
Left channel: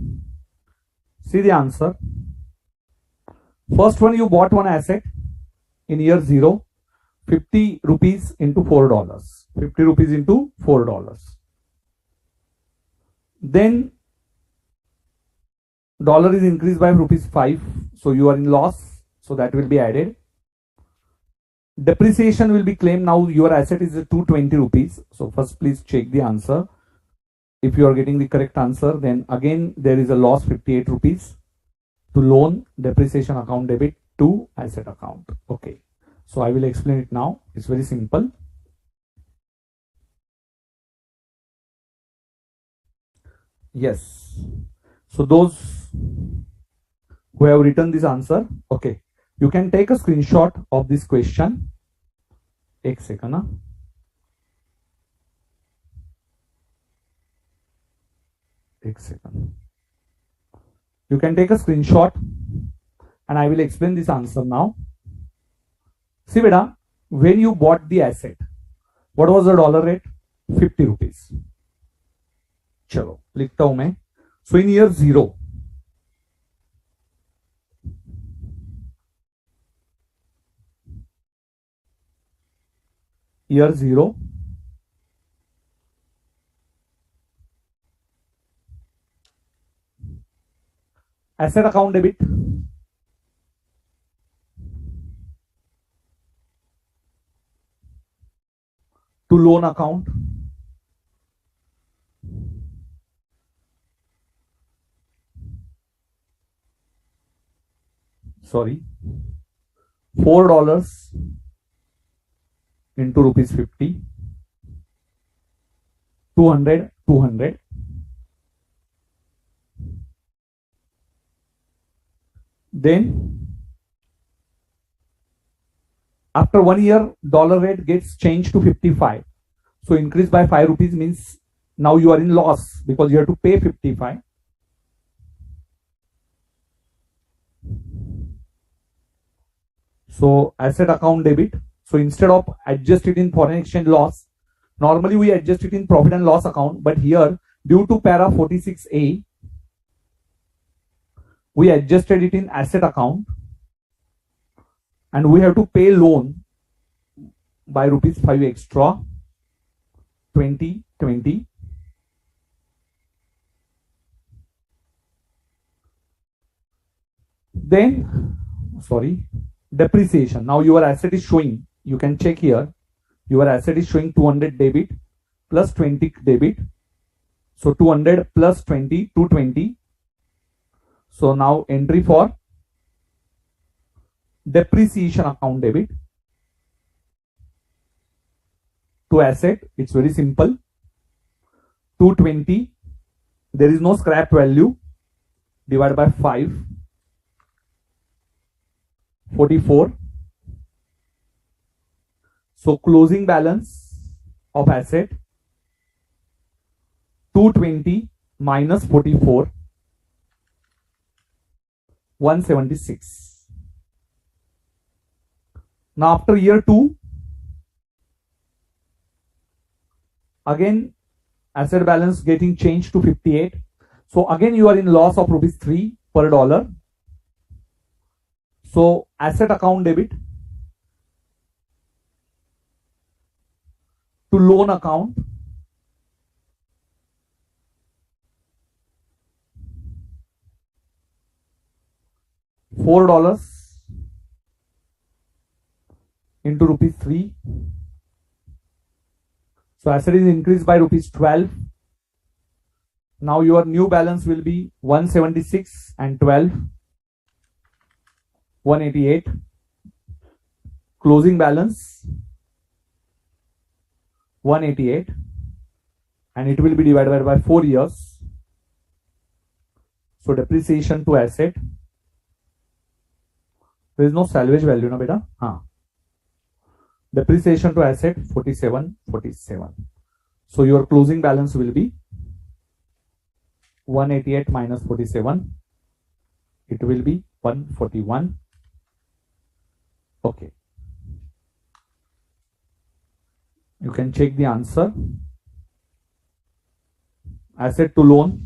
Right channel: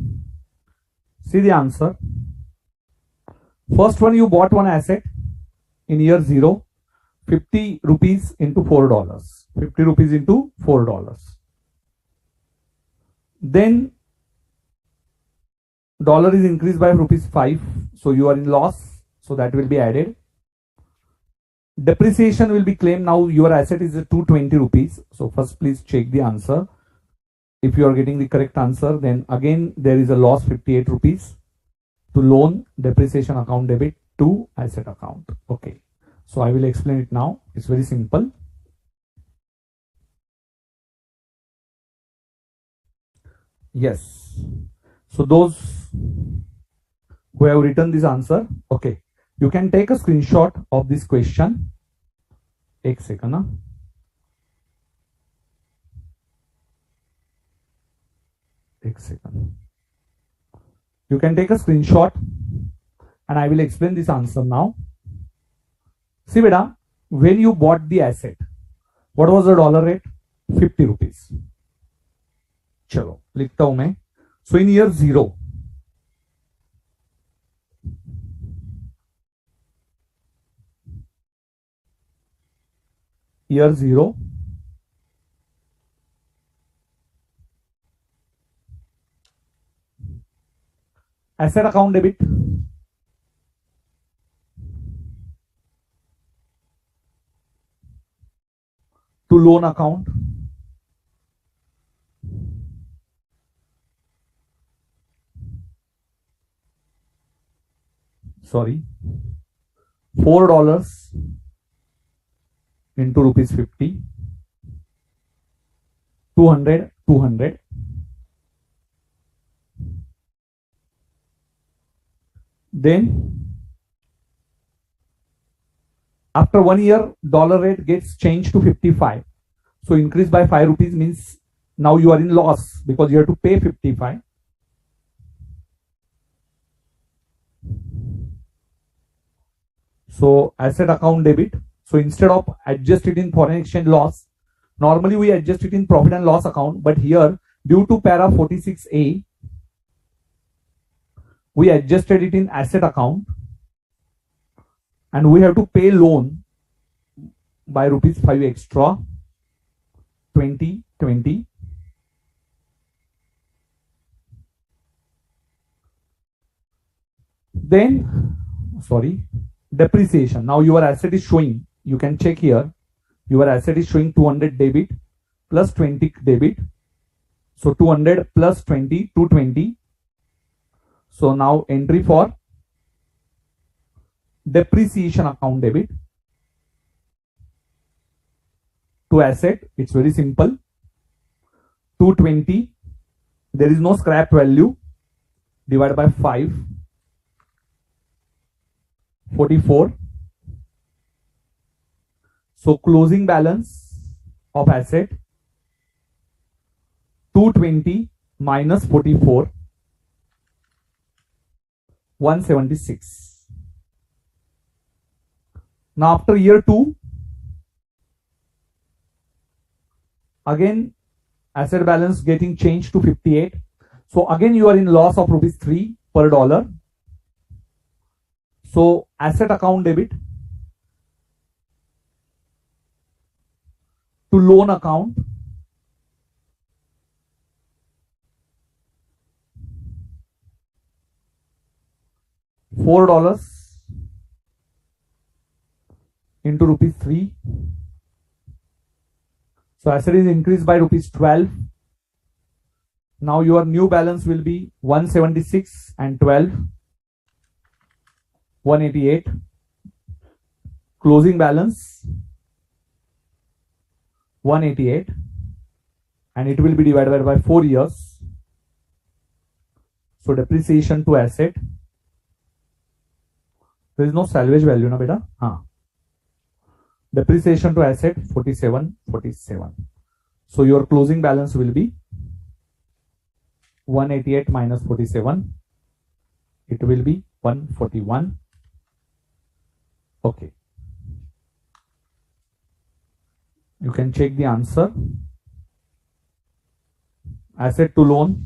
see the answer. First one, you bought one asset in year 0, 50 rupees into $4. 50 rupees into $4. Then dollar is increased by rupees 5, so you are in loss, so that will be added. Depreciation will be claimed. Now your asset is 220 rupees. So first please check the answer. If you are getting the correct answer, then again there is a loss 58 rupees to loan depreciation account debit to asset account. Okay, so I will explain it now. It's very simple. Yes, so those who have written this answer, okay, you can take a screenshot of this question. एक second, huh? एक second. You can take a screenshot and I will explain this answer now. See beta, when you bought the asset, what was the dollar rate? 50 rupees. चलो लिखता हूं मैं. So in year 0, year 0, asset account debit, to loan account, sorry, $4 into rupees 50, 200, 200. Then after 1 year, dollar rate gets changed to 55. So increase by 5 rupees means now you are in loss because you have to pay 55. So asset account debit. So instead of adjust it in foreign exchange loss, normally we adjust it in profit and loss account, but here due to para 46A, we adjusted it in asset account and we have to pay loan by rupees 5 extra, 20, 20. Then, sorry, depreciation. Now your asset is showing, you can check here, your asset is showing 200 debit plus 20 debit. So 200 plus 20, 220. So now entry for depreciation account debit to asset. It's very simple. 220. There is no scrap value. Divided by 5. 44. So closing balance of asset 220 minus 44, 176. Now after year 2, again asset balance getting changed to 58. So again you are in loss of rupees 3 per dollar. So asset account debit to loan account, $4 into rupees 3. So asset is increased by rupees 12. Now your new balance will be 176 and 12, 188. Closing balance 188 and it will be divided by 4 years. So depreciation to asset. There is no salvage value, na beta? Haan. Depreciation to asset 47, 47. So your closing balance will be 188 minus 47. It will be 141. Okay. You can check the answer. asset to loan,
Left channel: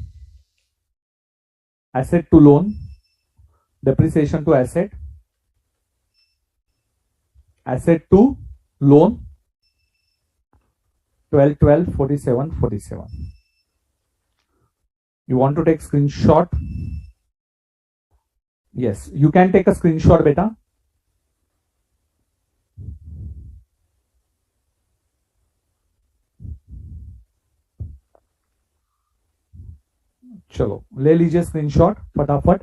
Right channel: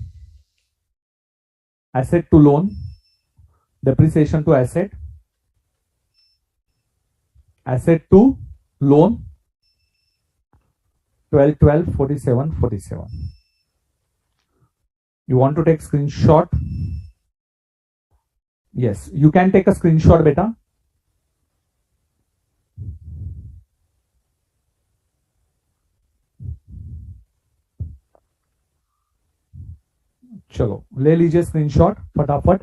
asset to loan, depreciation to asset, asset to loan, 12, 12, 47, 47. You want to take screenshot? Yes, you can take a screenshot, beta. चलो ले लीजिए screenshot फटाफट.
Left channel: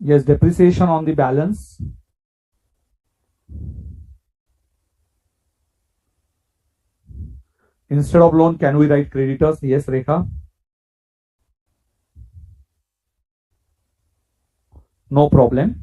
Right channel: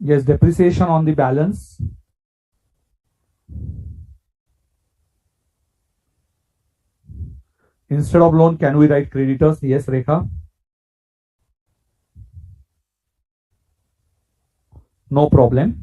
Yes, depreciation on the balance. Instead of loan, can we write creditors? Yes, Rekha. No problem.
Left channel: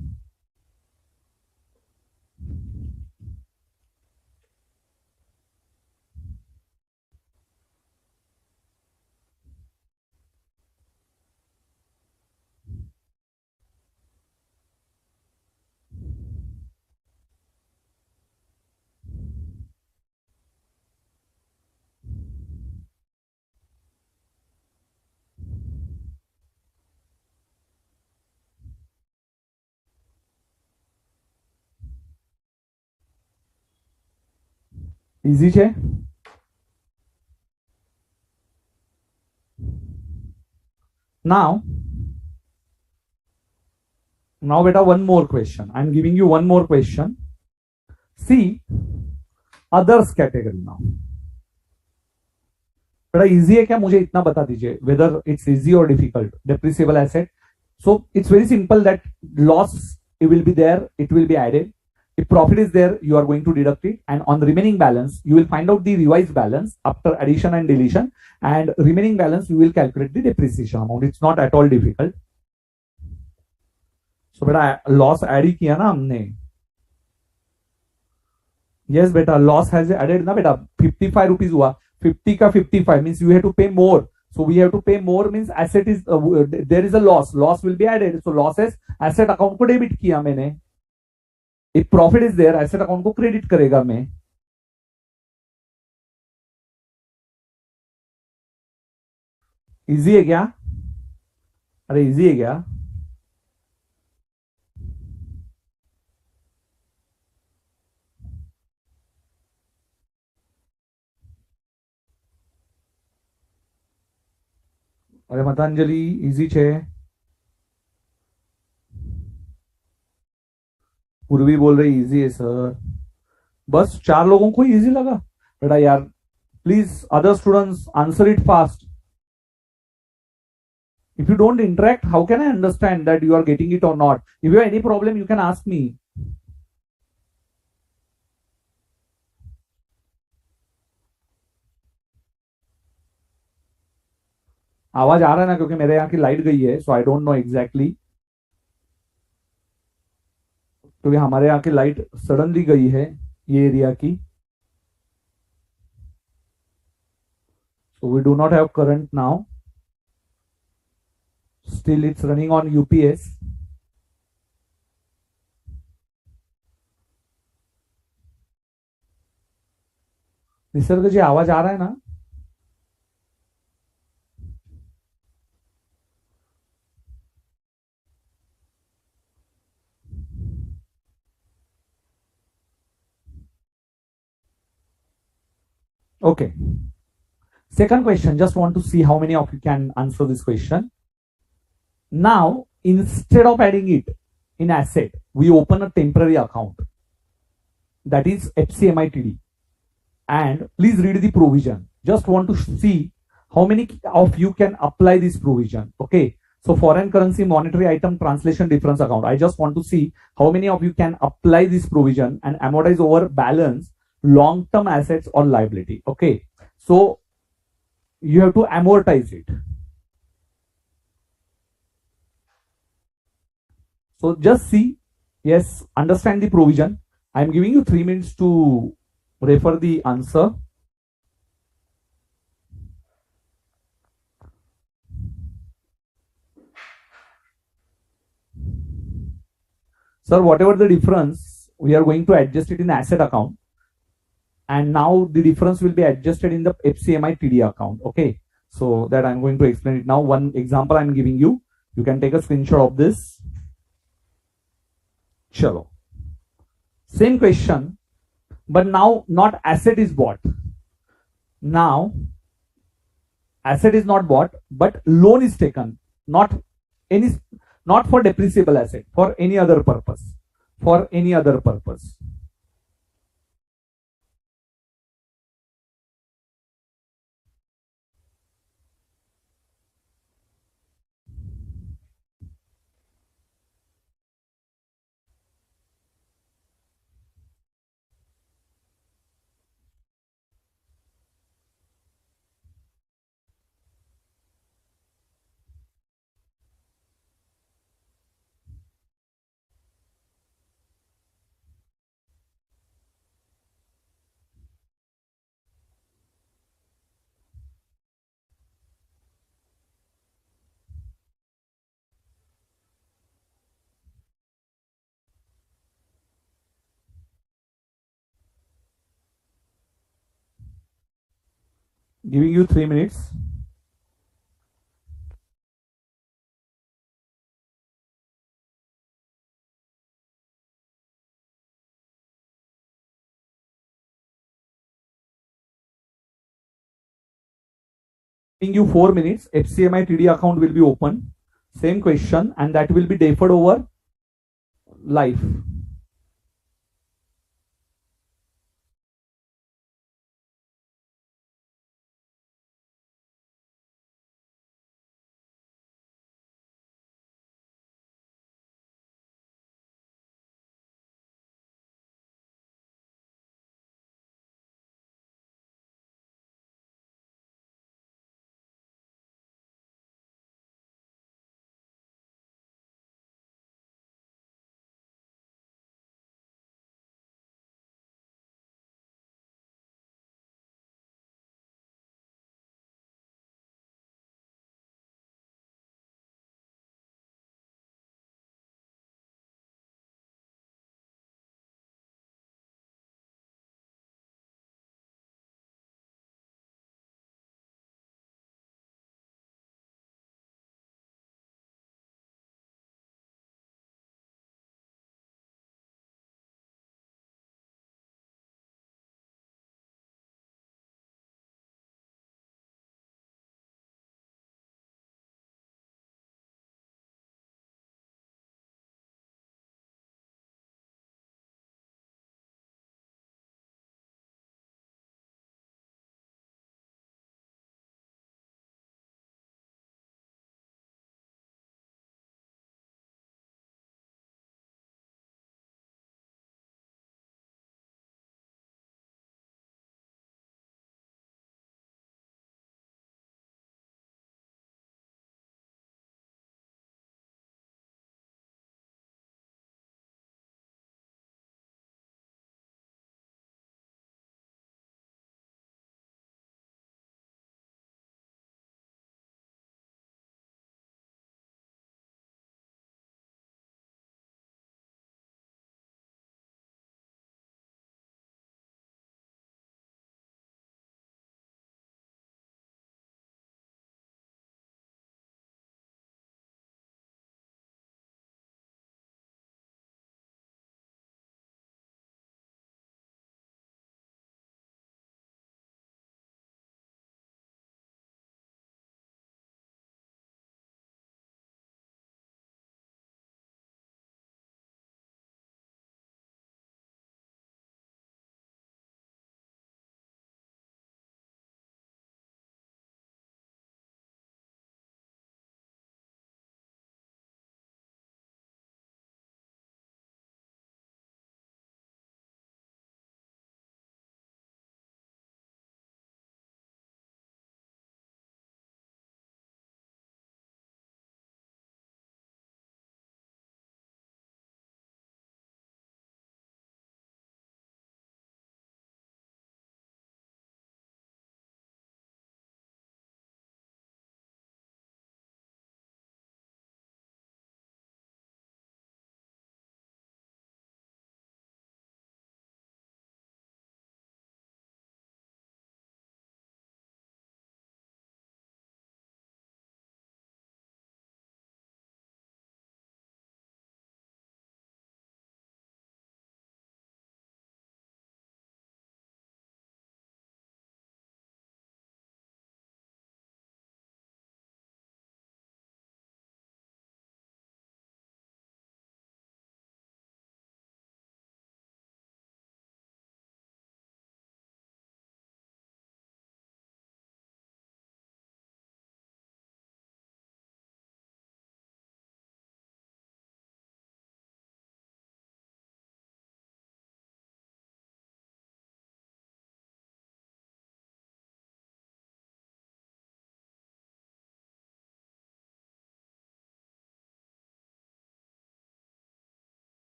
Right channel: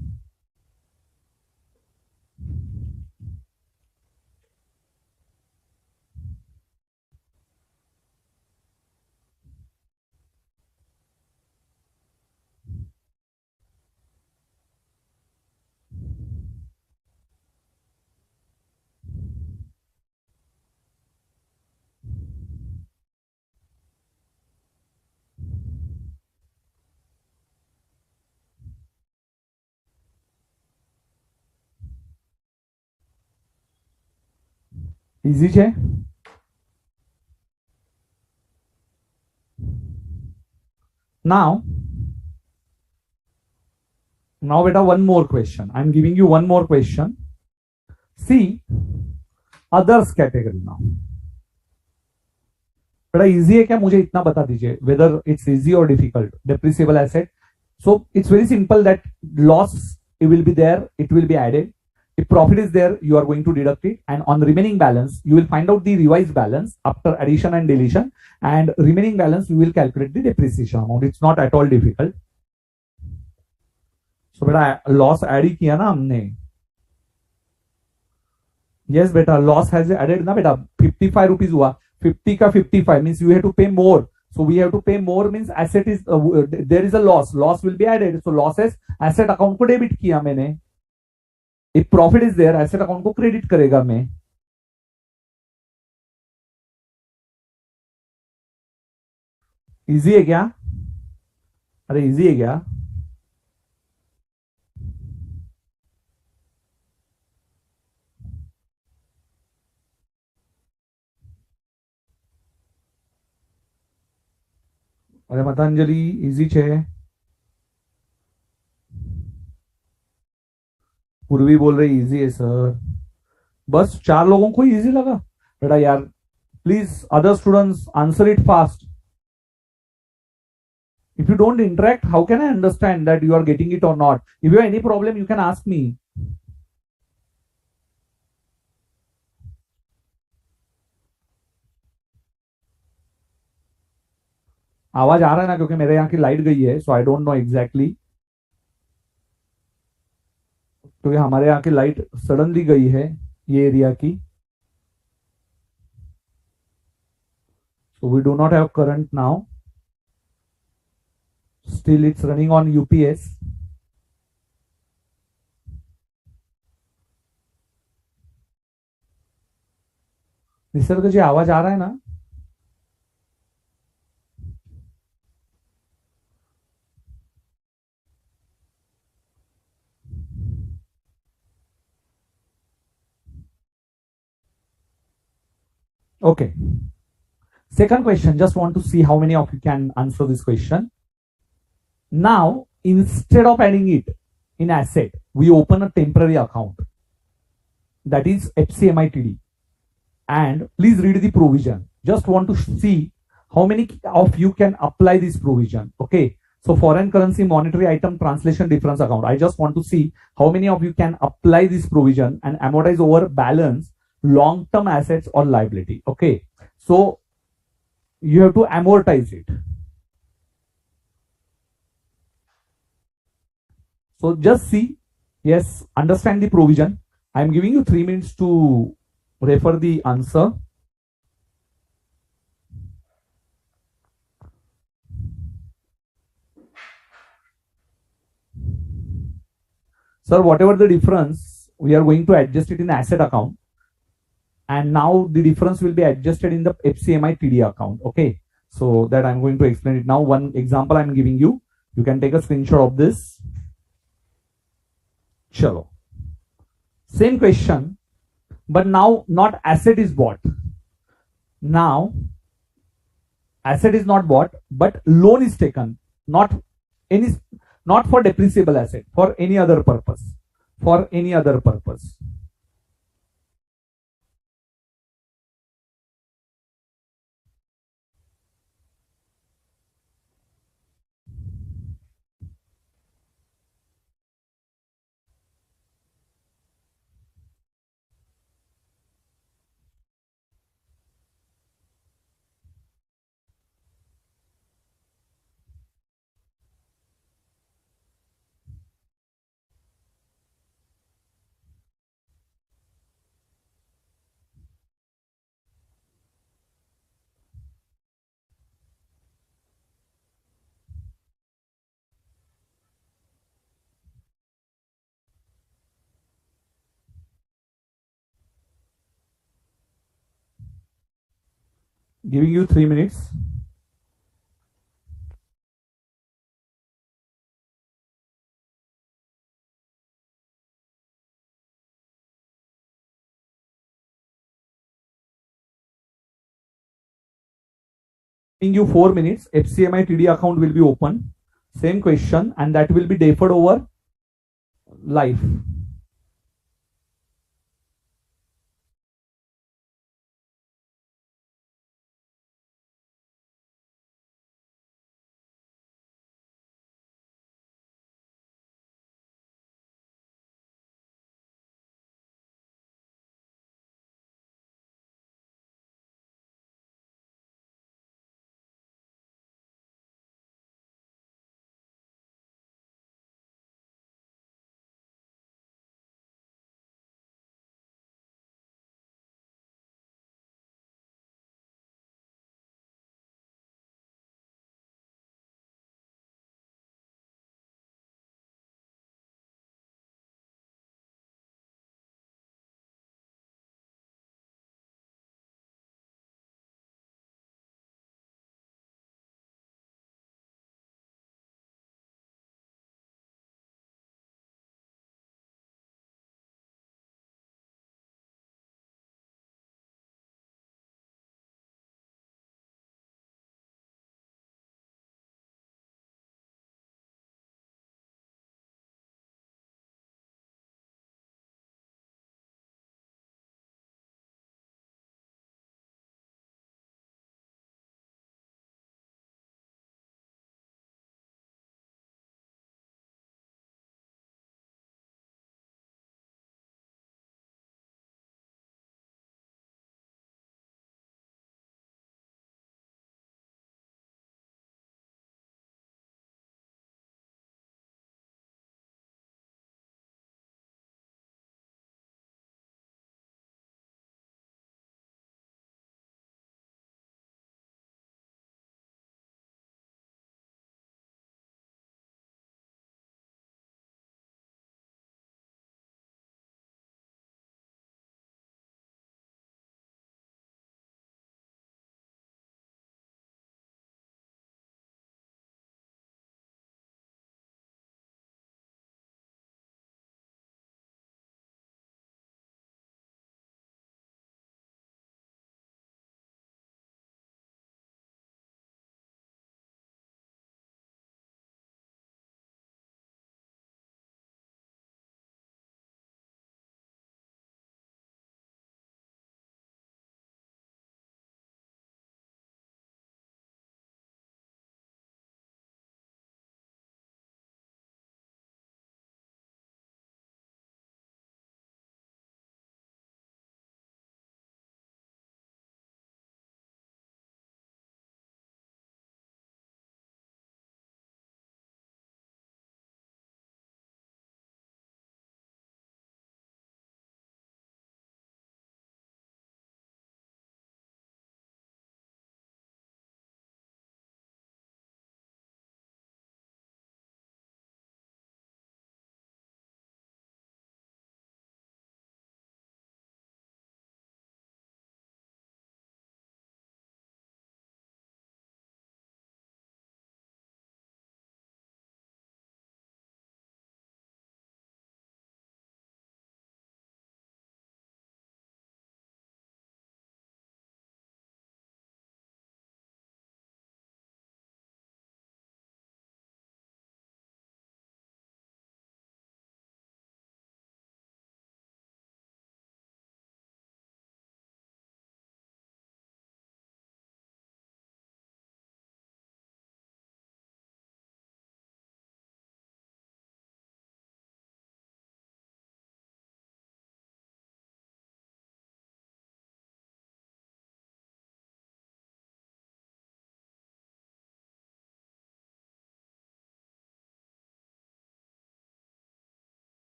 Easy છે. Now beta, one more question. I'm giving you one more question. See others category now. बड़ा easy है क्या? मुझे इतना बता दीजिए whether it's easy or difficult. Depreciable asset. So it's very simple that loss, it will be there, it will be added. If profit is there, you are going to deduct it, and on the remaining balance, you will find out the revised balance after addition and deletion, and remaining balance you will calculate the depreciation amount. It's not at all difficult. So बेटा loss add ही किया ना हमने. Yes बेटा, loss has added ना बेटा. 55 rupees हुआ. 50 का 55 means you have to pay more. So we have to pay more means asset is there is a loss. Loss will be added. So losses asset account को debit किया मैंने. If profit is there, asset account को credit करेगा मैं. Easy है क्या? अरे easy है क्या? अरे मतांजलि इजी छे. पूर्वी बोल रही इजी है सर. बस 4 लोगों को इजी लगा बेटा यार. Please other students answer it fast. If you don't interact, how can I understand that you are getting it or not? If you have any problem, you can ask me. आवाज आ रहा है ना? क्योंकि मेरे यहाँ की लाइट गई है, सो आई डोंट नो एग्जैक्टली. क्योंकि हमारे यहाँ की लाइट सडनली गई है ये एरिया की. So we do not have current now. Still it's running on UPS. Nisarga जी आवाज आ रहा है ना? Okay. Second question, just want to see how many of you can answer this question. Now, instead of adding it in asset, we open a temporary account. That is FCIMTD. And please read the provision. Just want to see how many of you can apply this provision. Okay. So foreign currency monetary item translation difference account. I just want to see how many of you can apply this provision and amortize over balance long-term assets or liability. Okay. So you have to amortize it. So just see, yes, understand the provision. I am giving you 3 minutes to refer the answer. Sir, whatever the difference, we are going to adjust it in asset account, and now the difference will be adjusted in the FCIMTD account. Okay, so that I'm going to explain it now. One example I'm giving you. You can take a screenshot of this. Chalo. Same question, but now not asset is bought. Now asset is not bought, but loan is taken. Not any, not for depreciable asset, for any other purpose. For any other purpose. Giving you 3 minutes. Giving you 4 minutes. FCIMTD account will be open. Same question, and that will be deferred over life.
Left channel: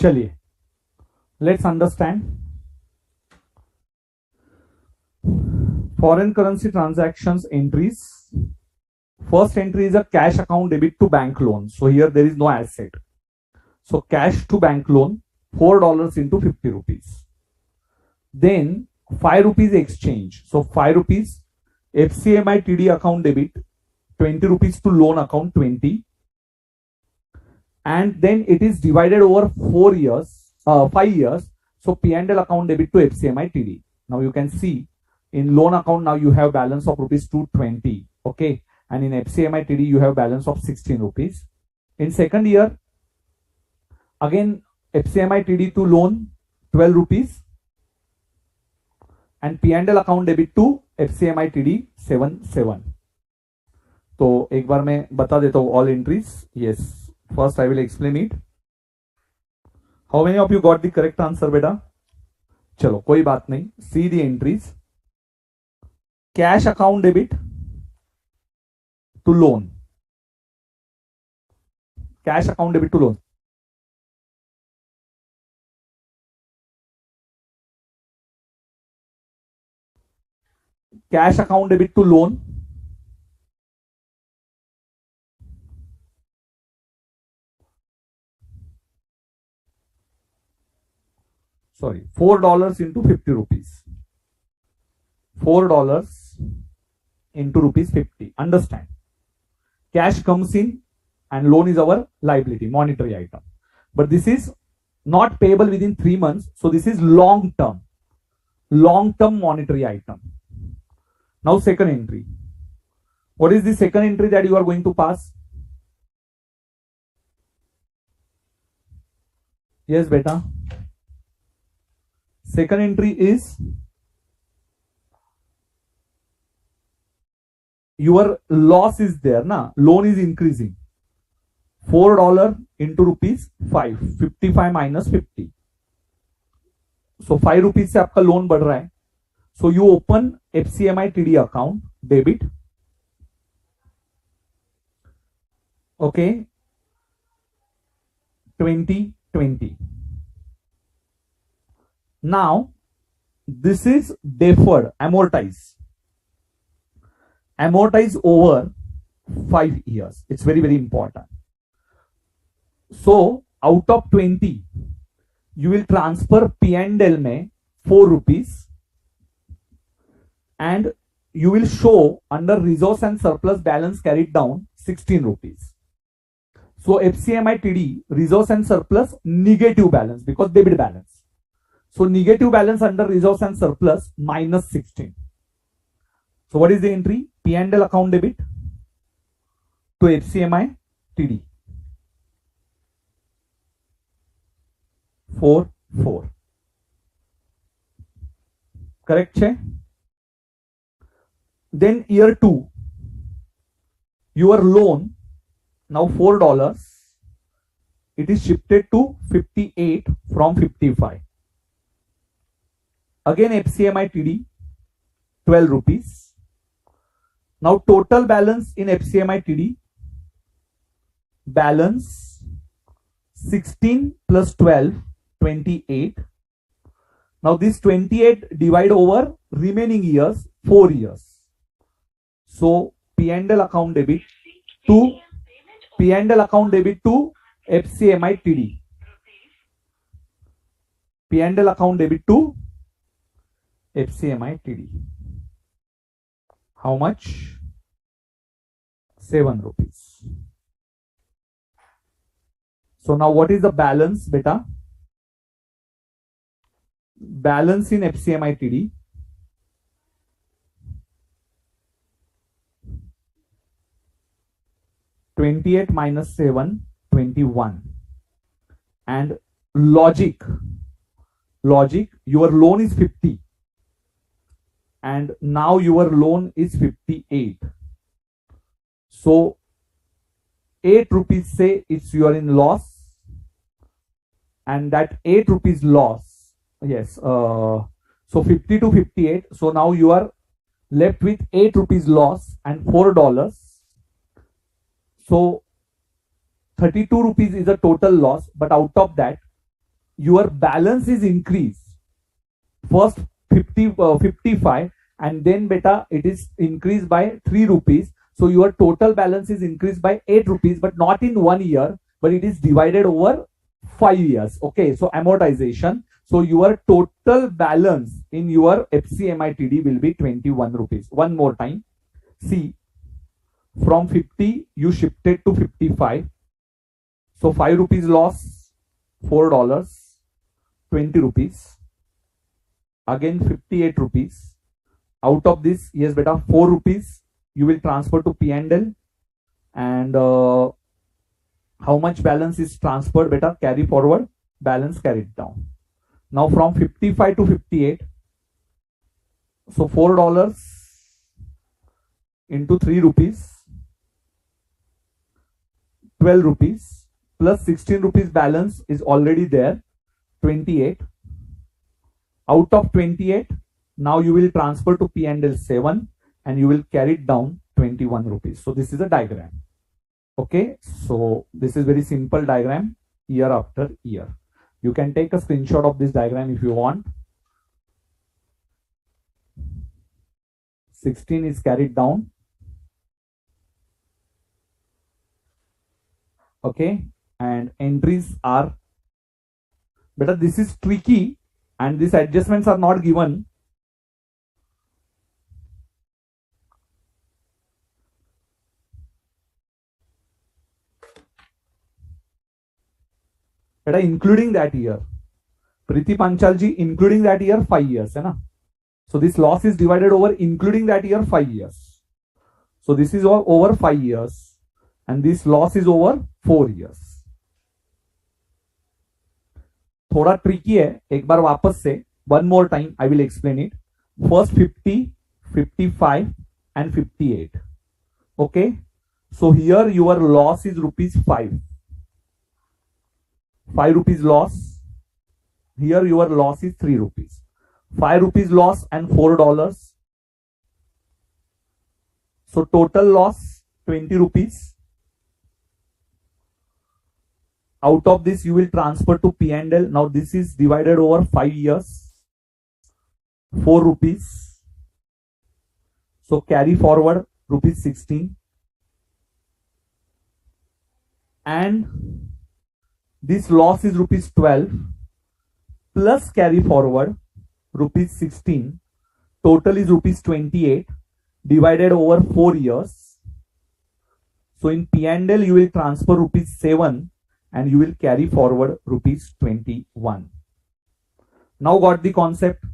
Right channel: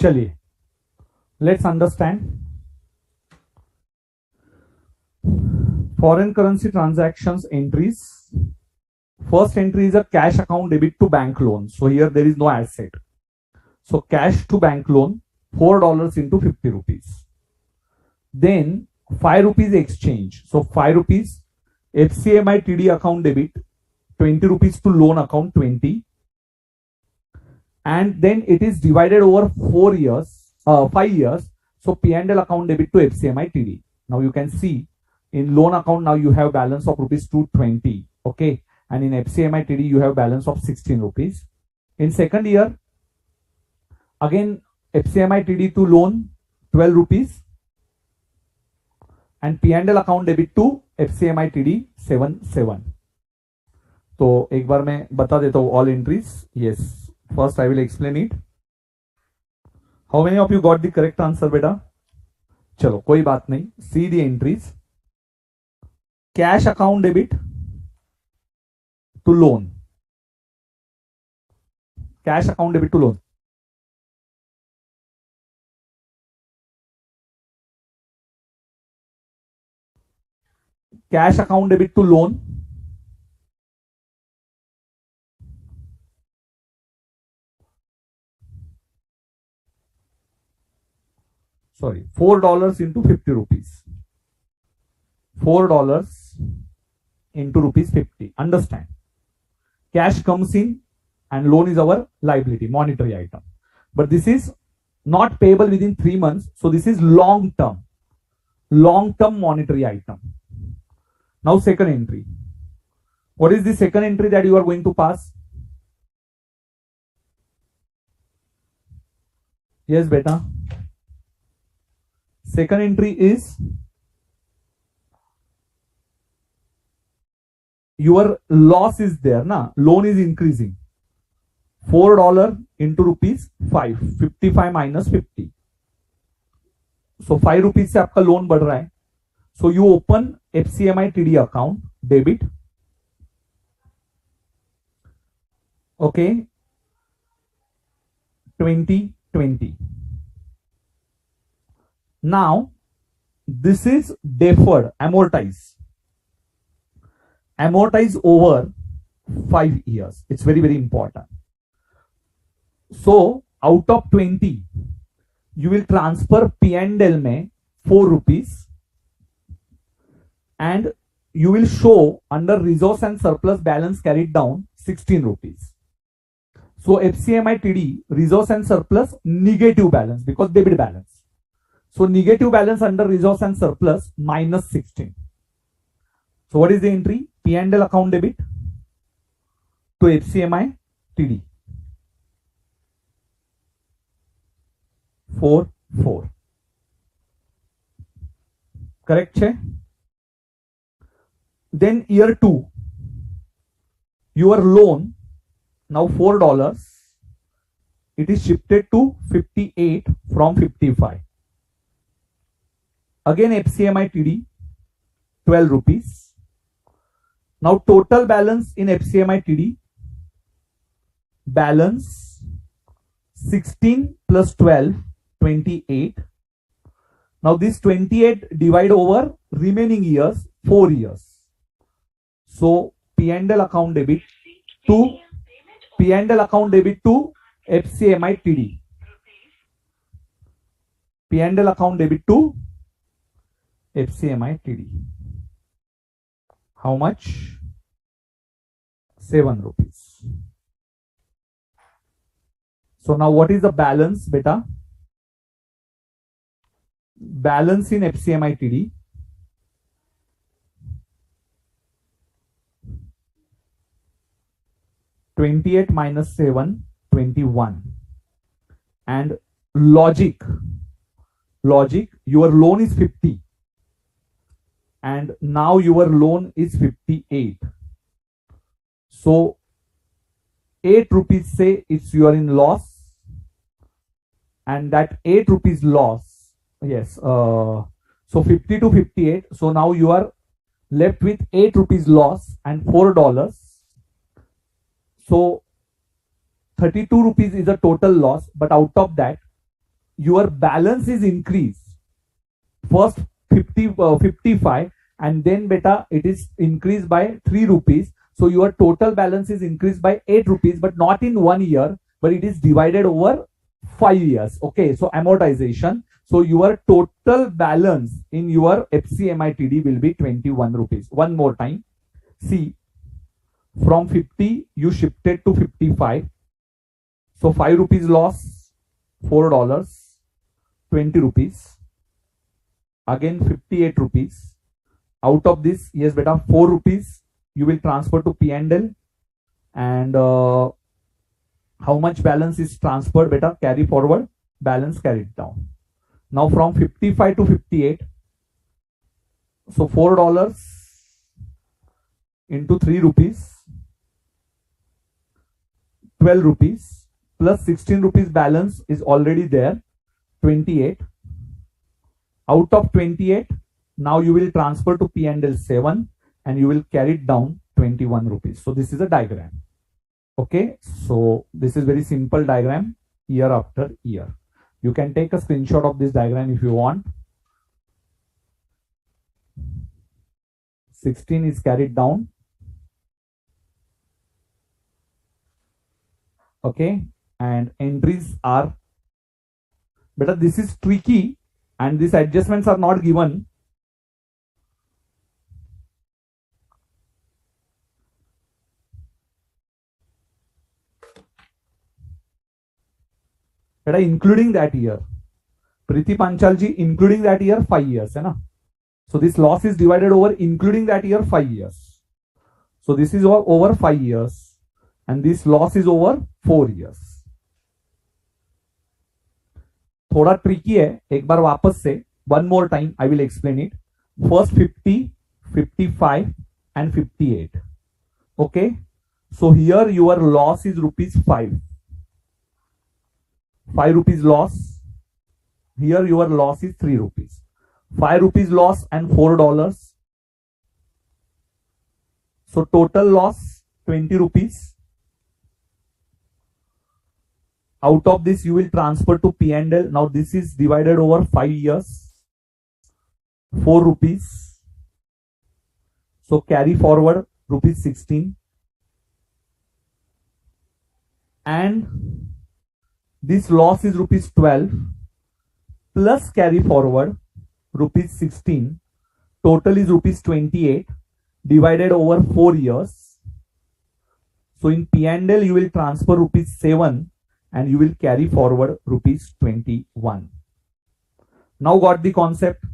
चलिए, let's understand foreign currency transactions entries. First entry is a cash account debit to bank loan. So here there is no asset. So cash to bank loan, $4 into 50 rupees. Then 5 rupees exchange. So 5 rupees FCIMTD account debit, 20 rupees to loan account 20. And then it is divided over 5 years. So P&L account debit to FCIMTD. Now you can see in loan account now you have balance of rupees 220. Okay. And in FCIMTD you have balance of 16 rupees. In second year, again FCIMTD to loan 12 rupees. And P&L account debit to FCIMTD 7. तो एक बार मैं बता देता हूँ all entries. Yes, first I will explain it. How many of you got the correct answer, बेटा? चलो कोई बात नहीं. See the entries. Cash account debit to loan. Cash account debit to loan. Cash account debit to loan. Sorry, $4 into 50 rupees. $4 into rupees 50. Understand? Cash comes in and loan is our liability, monetary item. But this is not payable within 3 months. So this is long term monetary item. Now second entry. What is the second entry that you are going to pass? Yes, beta. Second entry is your loss is there, na? Loan is increasing. $4 into rupees 5. 55 minus 50. So 5 rupees से आपका loan बढ़ रहा है. So you open FCIMTD account debit. Okay. 2020. Now this is deferred, amortize over 5 years. It's very, very important. So out of 20, you will transfer P&L में 4 rupees and you will show under resource and surplus balance carried down 16 rupees. So FCIMTD resource and surplus negative balance because debit balance. So negative balance under resource and surplus minus 16. So what is the entry? P&L account debit to FCIMTD. 4. Correct? Then year 2, your loan now $4. It is shifted to 58 from 55. Again FCIMTD 12 rupees. Now total balance in FCIMTD balance 16 plus 12 28. Now this 28 divide over remaining years 4 years. So P&L account debit to FCIMTD. P&L account debit to FCIMTD. How much? 7 rupees. So now what is the balance, beta? Balance in FCIMTD. $28 minus 7, 21. And logic, your loan is 50. And now your loan is 58. So 8 rupees say it's you are in loss. And that 8 rupees loss, yes, so 50 to 58. So now you are left with 8 rupees loss and $4. So 32 rupees is a total loss, but out of that your balance is increased. First 55, and then beta it is increased by 3 rupees. So your total balance is increased by 8 rupees, but not in 1 year, but it is divided over 5 years. Okay, so amortization. So your total balance in your FCIMTD will be 21 rupees. One more time. See, from 50 you shifted to 55. So 5 rupees loss, $4, 20 rupees. Again 58 rupees. Out of this, yes beta, 4 rupees you will transfer to P&L, and how much balance is transferred beta? Carry forward, balance carried down. Now from 55 to 58, so $4 into 3 rupees, 12 rupees, plus 16 rupees balance is already there, 28. Out of 28, now you will transfer to P&L 7, and you will carry it down 21 rupees. So this is a diagram. Okay, so this is very simple diagram year after year. You can take a screenshot of this diagram if you want. 16 is carried down. Okay, and entries are, but this is tricky and these adjustments are not given. Including that year, Priti Panchalji, including that year 5 years, hai na? So this loss is divided over including that year 5 years. So this is over 5 years, and this loss is over 4 years. थोड़ा tricky है, एक बार वापस से, one more time I will explain it. First 50, 55 and 58. Okay, so here your loss is rupees 5. 5 rupees loss. Here your loss is 3 rupees. 5 rupees loss and $4. So total loss 20 rupees. Out of this you will transfer to P&L. Now this is divided over 5 years. 4 rupees. So carry forward rupees 16. And this loss is rupees 12 plus carry forward rupees 16. Total is rupees 28 divided over 4 years. So in P&L you will transfer rupees 7 and you will carry forward rupees 21. Now got the concept?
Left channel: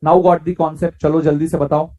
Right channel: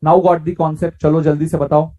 Now got the concept? चलो जल्दी से बताओ.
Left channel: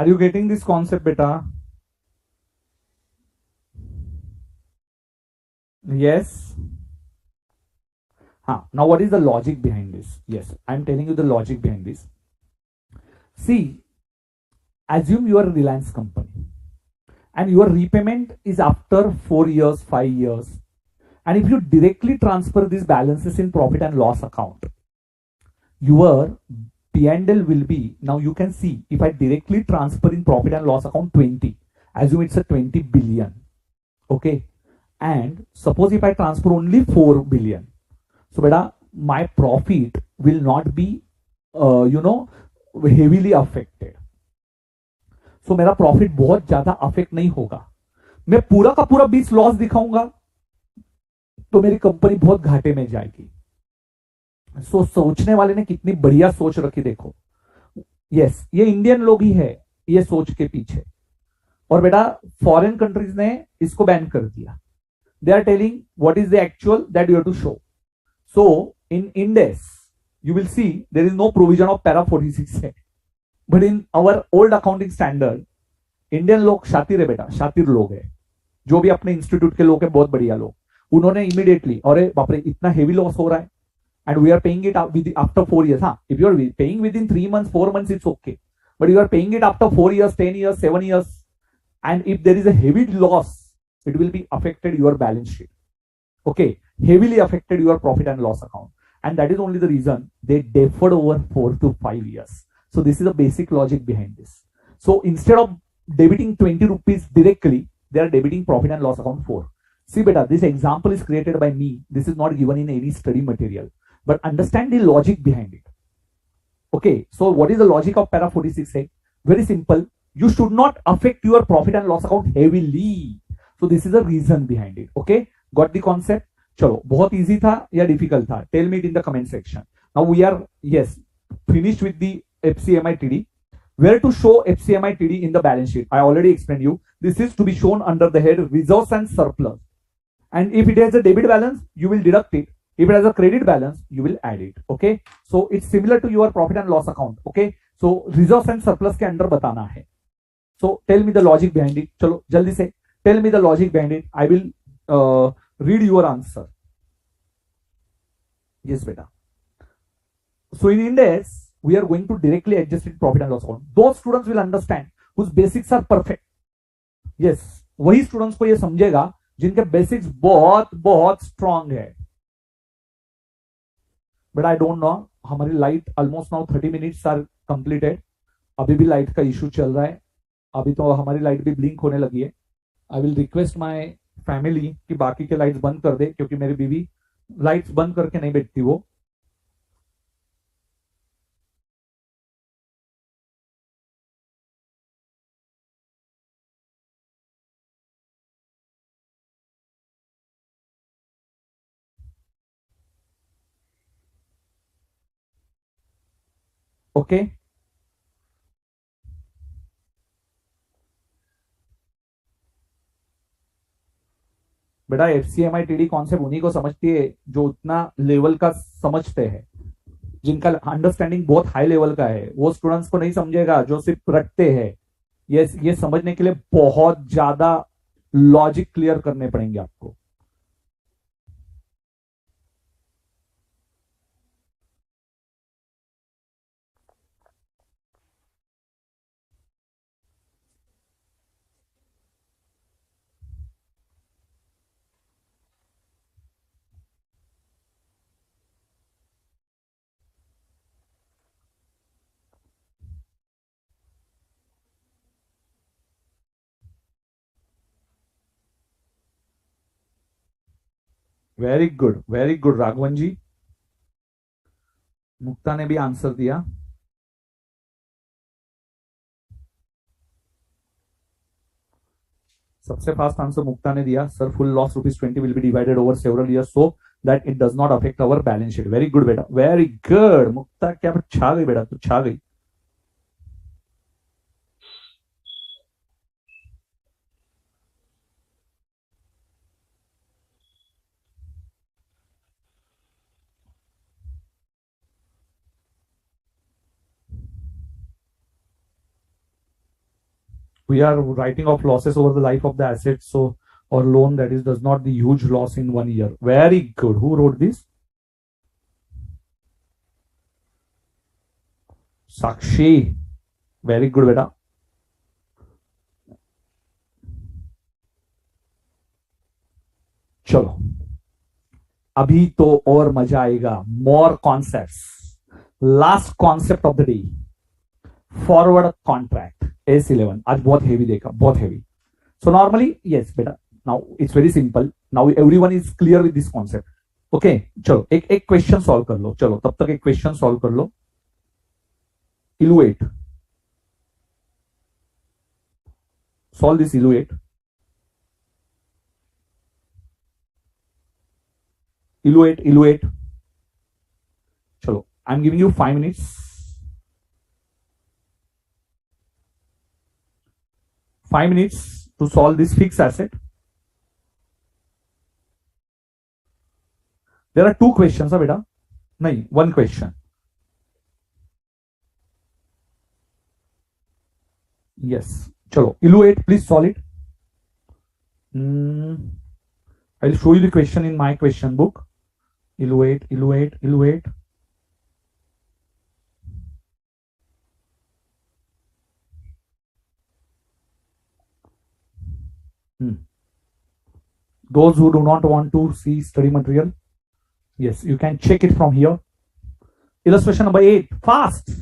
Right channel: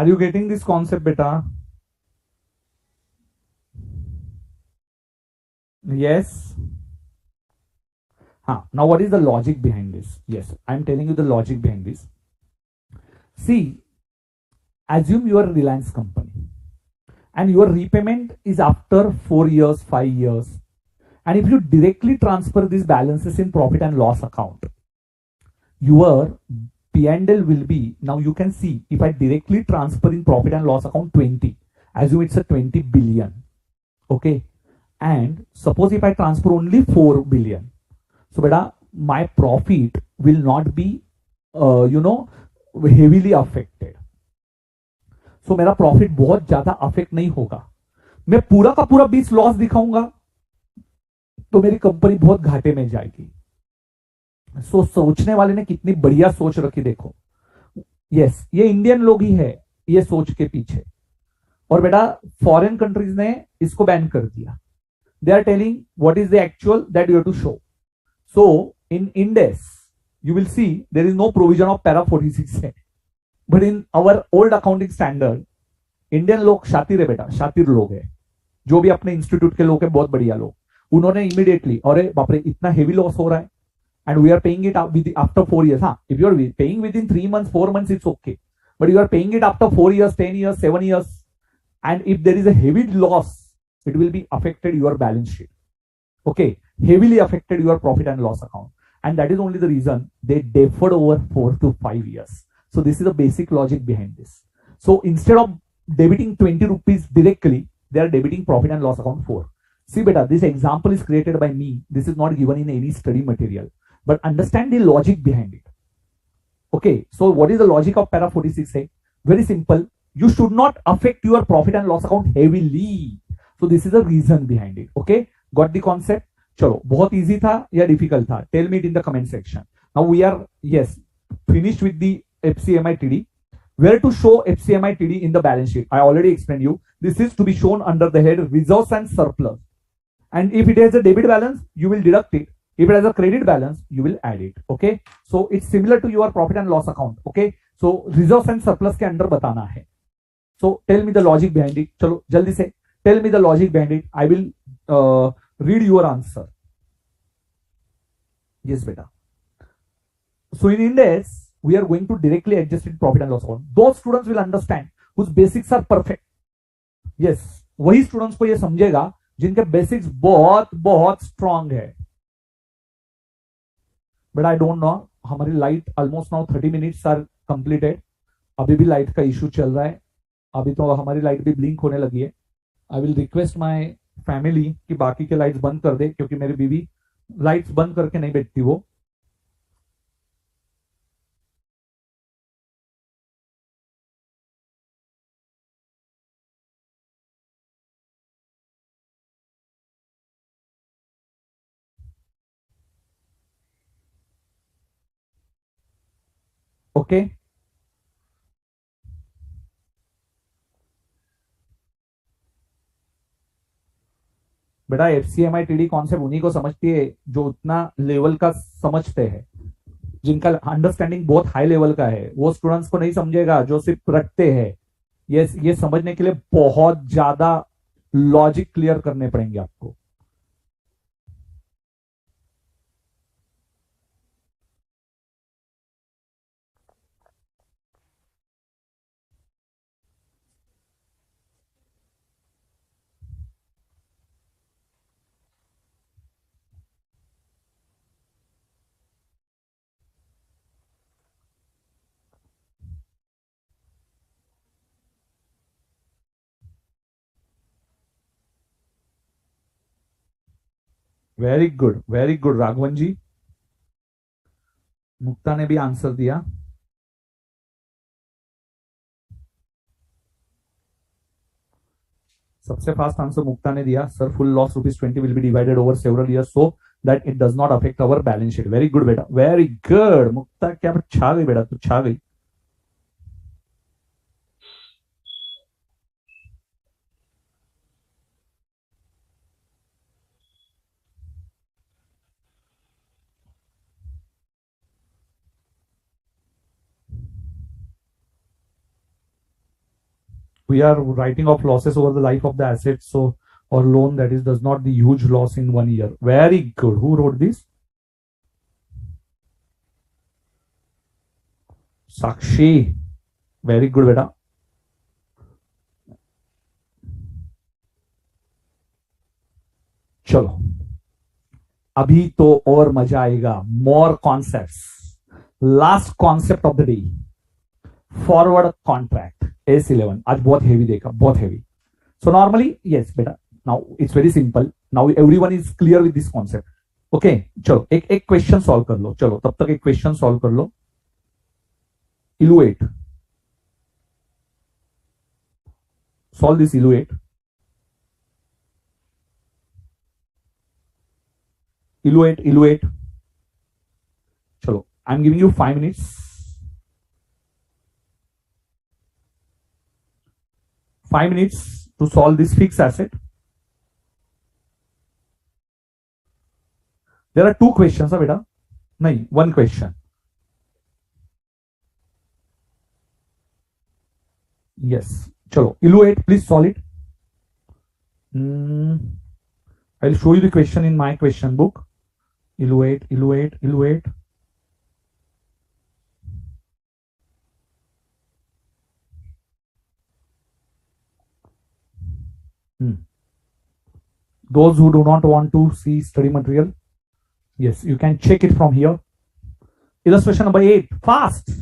Are you getting this concept, beta? Yes. Now what is the logic behind this? Yes, I'm telling you the logic behind this. See, assume you are a Reliance company and your repayment is after 4 years, 5 years. And if you directly transfer these balances in profit and loss account, your P&L will be, now you can see, if I directly transfer in profit and loss account 20, assume it's a 20 billion, okay, and suppose if I transfer only 4 billion, so beta, my profit will not be heavily affected. So मेरा profit बहुत ज्यादा affect नहीं होगा. मैं पूरा का पूरा 20 loss दिखाऊंगा तो मेरी कंपनी बहुत घाटे में जाएगी. सो सोचने वाले ने कितनी बढ़िया सोच रखी देखो. यस, ये इंडियन लोग ही है ये सोच के पीछे. और बेटा फॉरेन कंट्रीज ने इसको बैन कर दिया. They are telling what is the actual that you have to show. So in indices you will see there is no provision of para 46 है. But in our old accounting standard, Indian लोग शातिर है बेटा, शातिर लोग है, जो भी अपने इंस्टीट्यूट के लोग है, बहुत बढ़िया लोग, उन्होंने इमीडिएटली, अरे बाप रे इतना हेवी लॉस हो रहा है and we are paying it after 4 years. हाँ, if you are paying within 3 months, 4 months, it's okay. But you are paying it after 4 years, 10 years, 7 years, and if there is a heavy loss, it will be affected your balance sheet. Okay, heavily affected your profit and loss account. And that is only the reason they deferred over 4 to 5 years. So this is the basic logic behind this. So instead of debiting 20 rupees directly, they are debiting profit and loss account 4. See beta, this example is created by me. This is not given in any study material. But understand the logic behind it. Okay, so what is the logic of para 46 say? Very simple. You should not affect your profit and loss account heavily. So this is the reason behind it. Okay, got the concept? चलो, बहुत easy था या difficult था? Tell me it in the comment section. Now we are finished with the FCIMTD. Where to show FCIMTD in the balance sheet? I already explained you. This is to be shown under the head reserves and surplus. And if it has a debit balance, you will deduct it. If it has a credit balance, you will add it. Okay. So it's similar to your profit and loss account. Okay. So reserves and surplus के अंदर बताना है. So tell me the logic behind it. चलो जल्दी से tell me the logic behind it. I will read your answer. Yes, beta. So in Index, we are going to directly adjust it profit and loss account. Those students will understand whose basics are perfect. Yes, वही students को ये समझेगा जिनके basics बहुत बहुत strong है. But I don't know, हमारी light almost now 30 minutes are completed. अभी भी लाइट का इशू चल रहा है. अभी तो हमारी लाइट भी ब्लिंक होने लगी है. I will request my family कि बाकी के लाइट्स बंद कर दे, क्योंकि मेरी बीवी लाइट्स बंद करके नहीं बैठती वो. ओके, बेटा FCIMTD कॉन्सेप्ट उन्हीं को समझती है जो उतना लेवल का समझते हैं, जिनका अंडरस्टैंडिंग बहुत हाई लेवल का है. वो स्टूडेंट्स को नहीं समझेगा जो सिर्फ रखते हैं. ये समझने के लिए बहुत ज्यादा लॉजिक क्लियर करने पड़ेंगे आपको. वेरी गुड राघवन जी. मुक्ता ने भी आंसर दिया. सबसे फास्ट आंसर मुक्ता ने दिया. Sir, full loss ₹20 will be divided over several years so that it does not affect our balance sheet. Very good बेटा, वेरी गुड मुक्ता. क्या छा गई बेटा, तू छा गई. We are writing off losses over the life of the asset, so or loan that is does not the huge loss in 1 year. Very good. Who wrote this? Sakshi. Very good beta. चलो अभी तो और मजा आएगा. More concepts. Last concept of the day, forward contract S11. आज बहुत heavy देखा, बहुत हेवी. So normally, yes, बेटा. Now it's very simple. Now everyone is clear with this concept. Okay, चलो एक एक क्वेश्चन सॉल्व कर लो. चलो तब तक एक क्वेश्चन सॉल्व कर लो. इलुएट, सॉल्व दिस इलुएट. इलुएट. चलो, आई am giving you 5 minutes. 5 minutes to solve this fixed asset. There are 2 questions, beta. नहीं, 1 question. Yes. चलो, evaluate, please solve it. I'll show you the question in my question book. Evaluate. Those who do not want to see study material, yes, you can check it from here. Illustration number 8. Fast.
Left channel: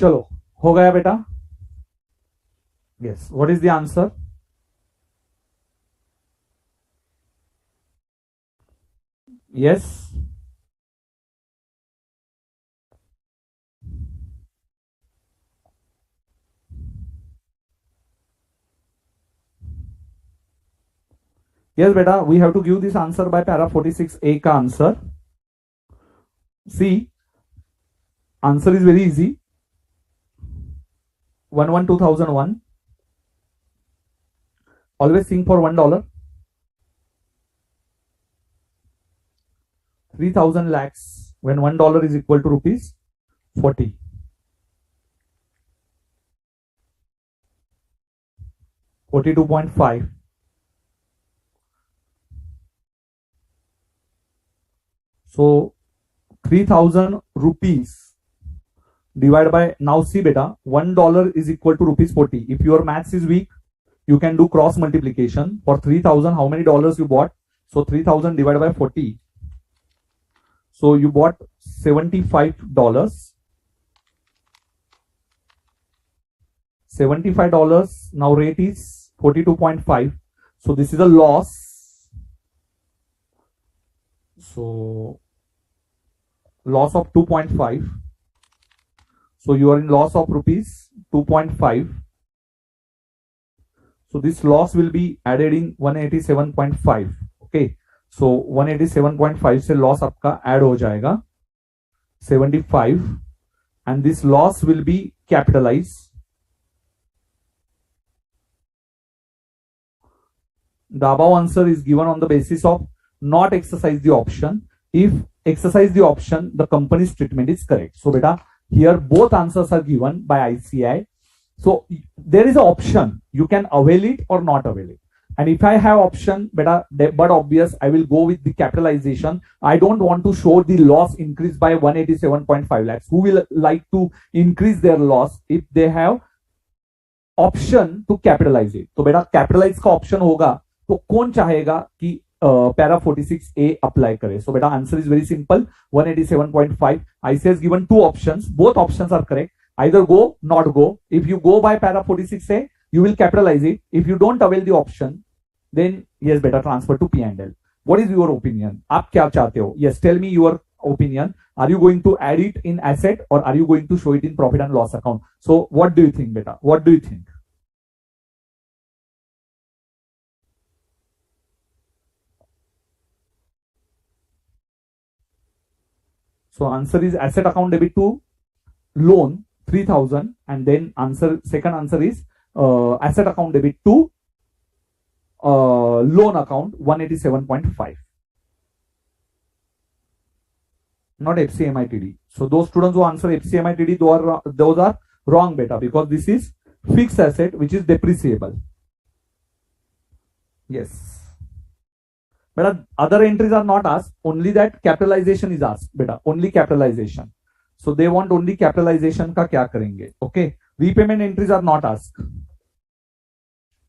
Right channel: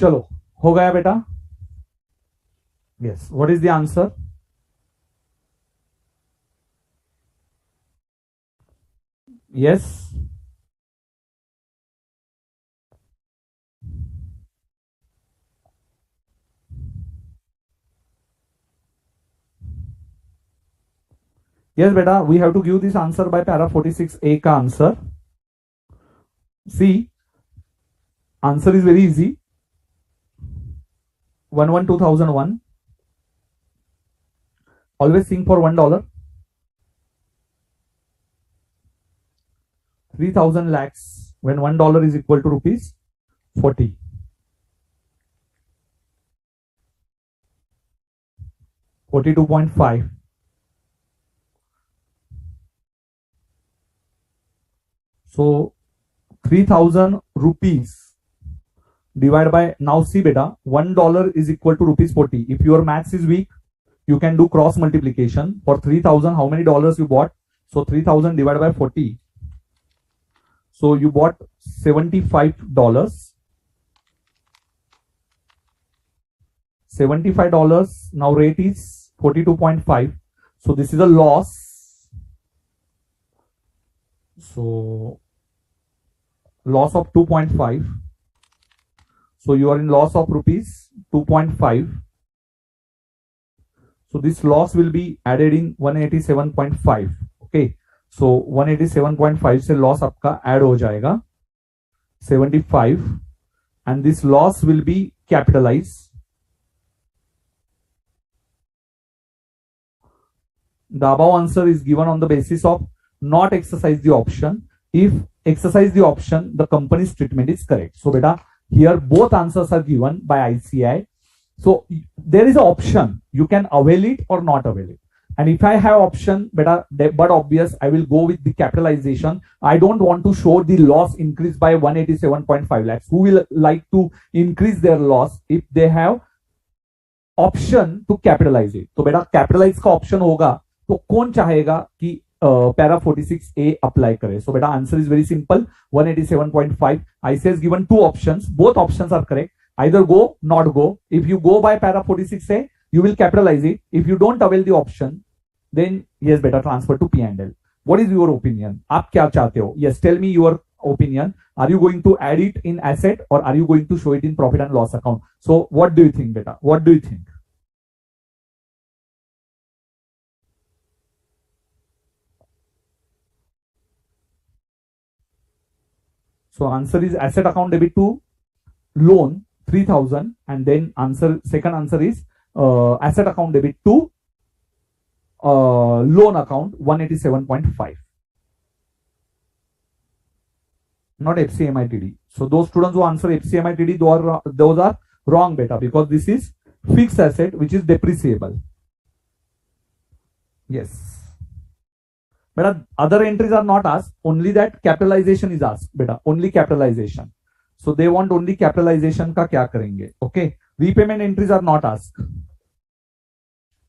चलो हो गया बेटा. Yes, what is the answer? Yes. Yes beta, we have to give this answer by para 46A का answer. See, answer is very easy. 112,001. Always think for $1. 3,000 lakhs when $1 is equal to rupees 40. 42.5. So 3,000 rupees divided by, now see beta, $1 is equal to rupees 40. If your maths is weak, you can do cross multiplication. For 3,000, how many dollars you bought? So 3,000 divided by 40. So you bought $75. $75. Now rate is 42.5. So this is a loss. So loss of 2.5. So you are in loss of rupees 2.5. So this loss will be added in 187.5. Okay. So 187.5 से loss आपका add हो जाएगा 75, and this loss will be capitalized. The above answer is given on the basis of not exercise the option. If exercise the option, the company's treatment is correct. So beta, here both answers are given by ICI. So there is an option. You can avail it or not avail it. And if I have option, beta, but obvious, I will go with the capitalization. I don't want to show the loss increase by 187.5 lakhs. Who will like to increase their loss if they have option to capitalize it? तो बेटा capitalize का option होगा तो कौन चाहेगा कि para 46A apply करे? So बेटा answer is very simple. 187.5. ICI has given two options. Both options are correct. Either go, not go. If you go by para 46A, you will capitalize it. If you don't avail the option, then yes, better transfer to P&L. What is your opinion? आप क्या चाहते हो? Yes, tell me your opinion. Are you going to add it in asset or are you going to show it in profit and loss account? So what do you think, beta? What do you think? So answer is asset account debit to loan 3,000, and then second answer is asset account debit to loan account 187.5. Not FCIMTD. So those students who answer FCIMTD, those are wrong beta, because this is fixed asset which is depreciable. Yes. Beta, other entries are not asked. Only that capitalization is asked. Beta, only capitalization. So they want only capitalization का क्या करेंगे? Okay. Repayment entries are not asked.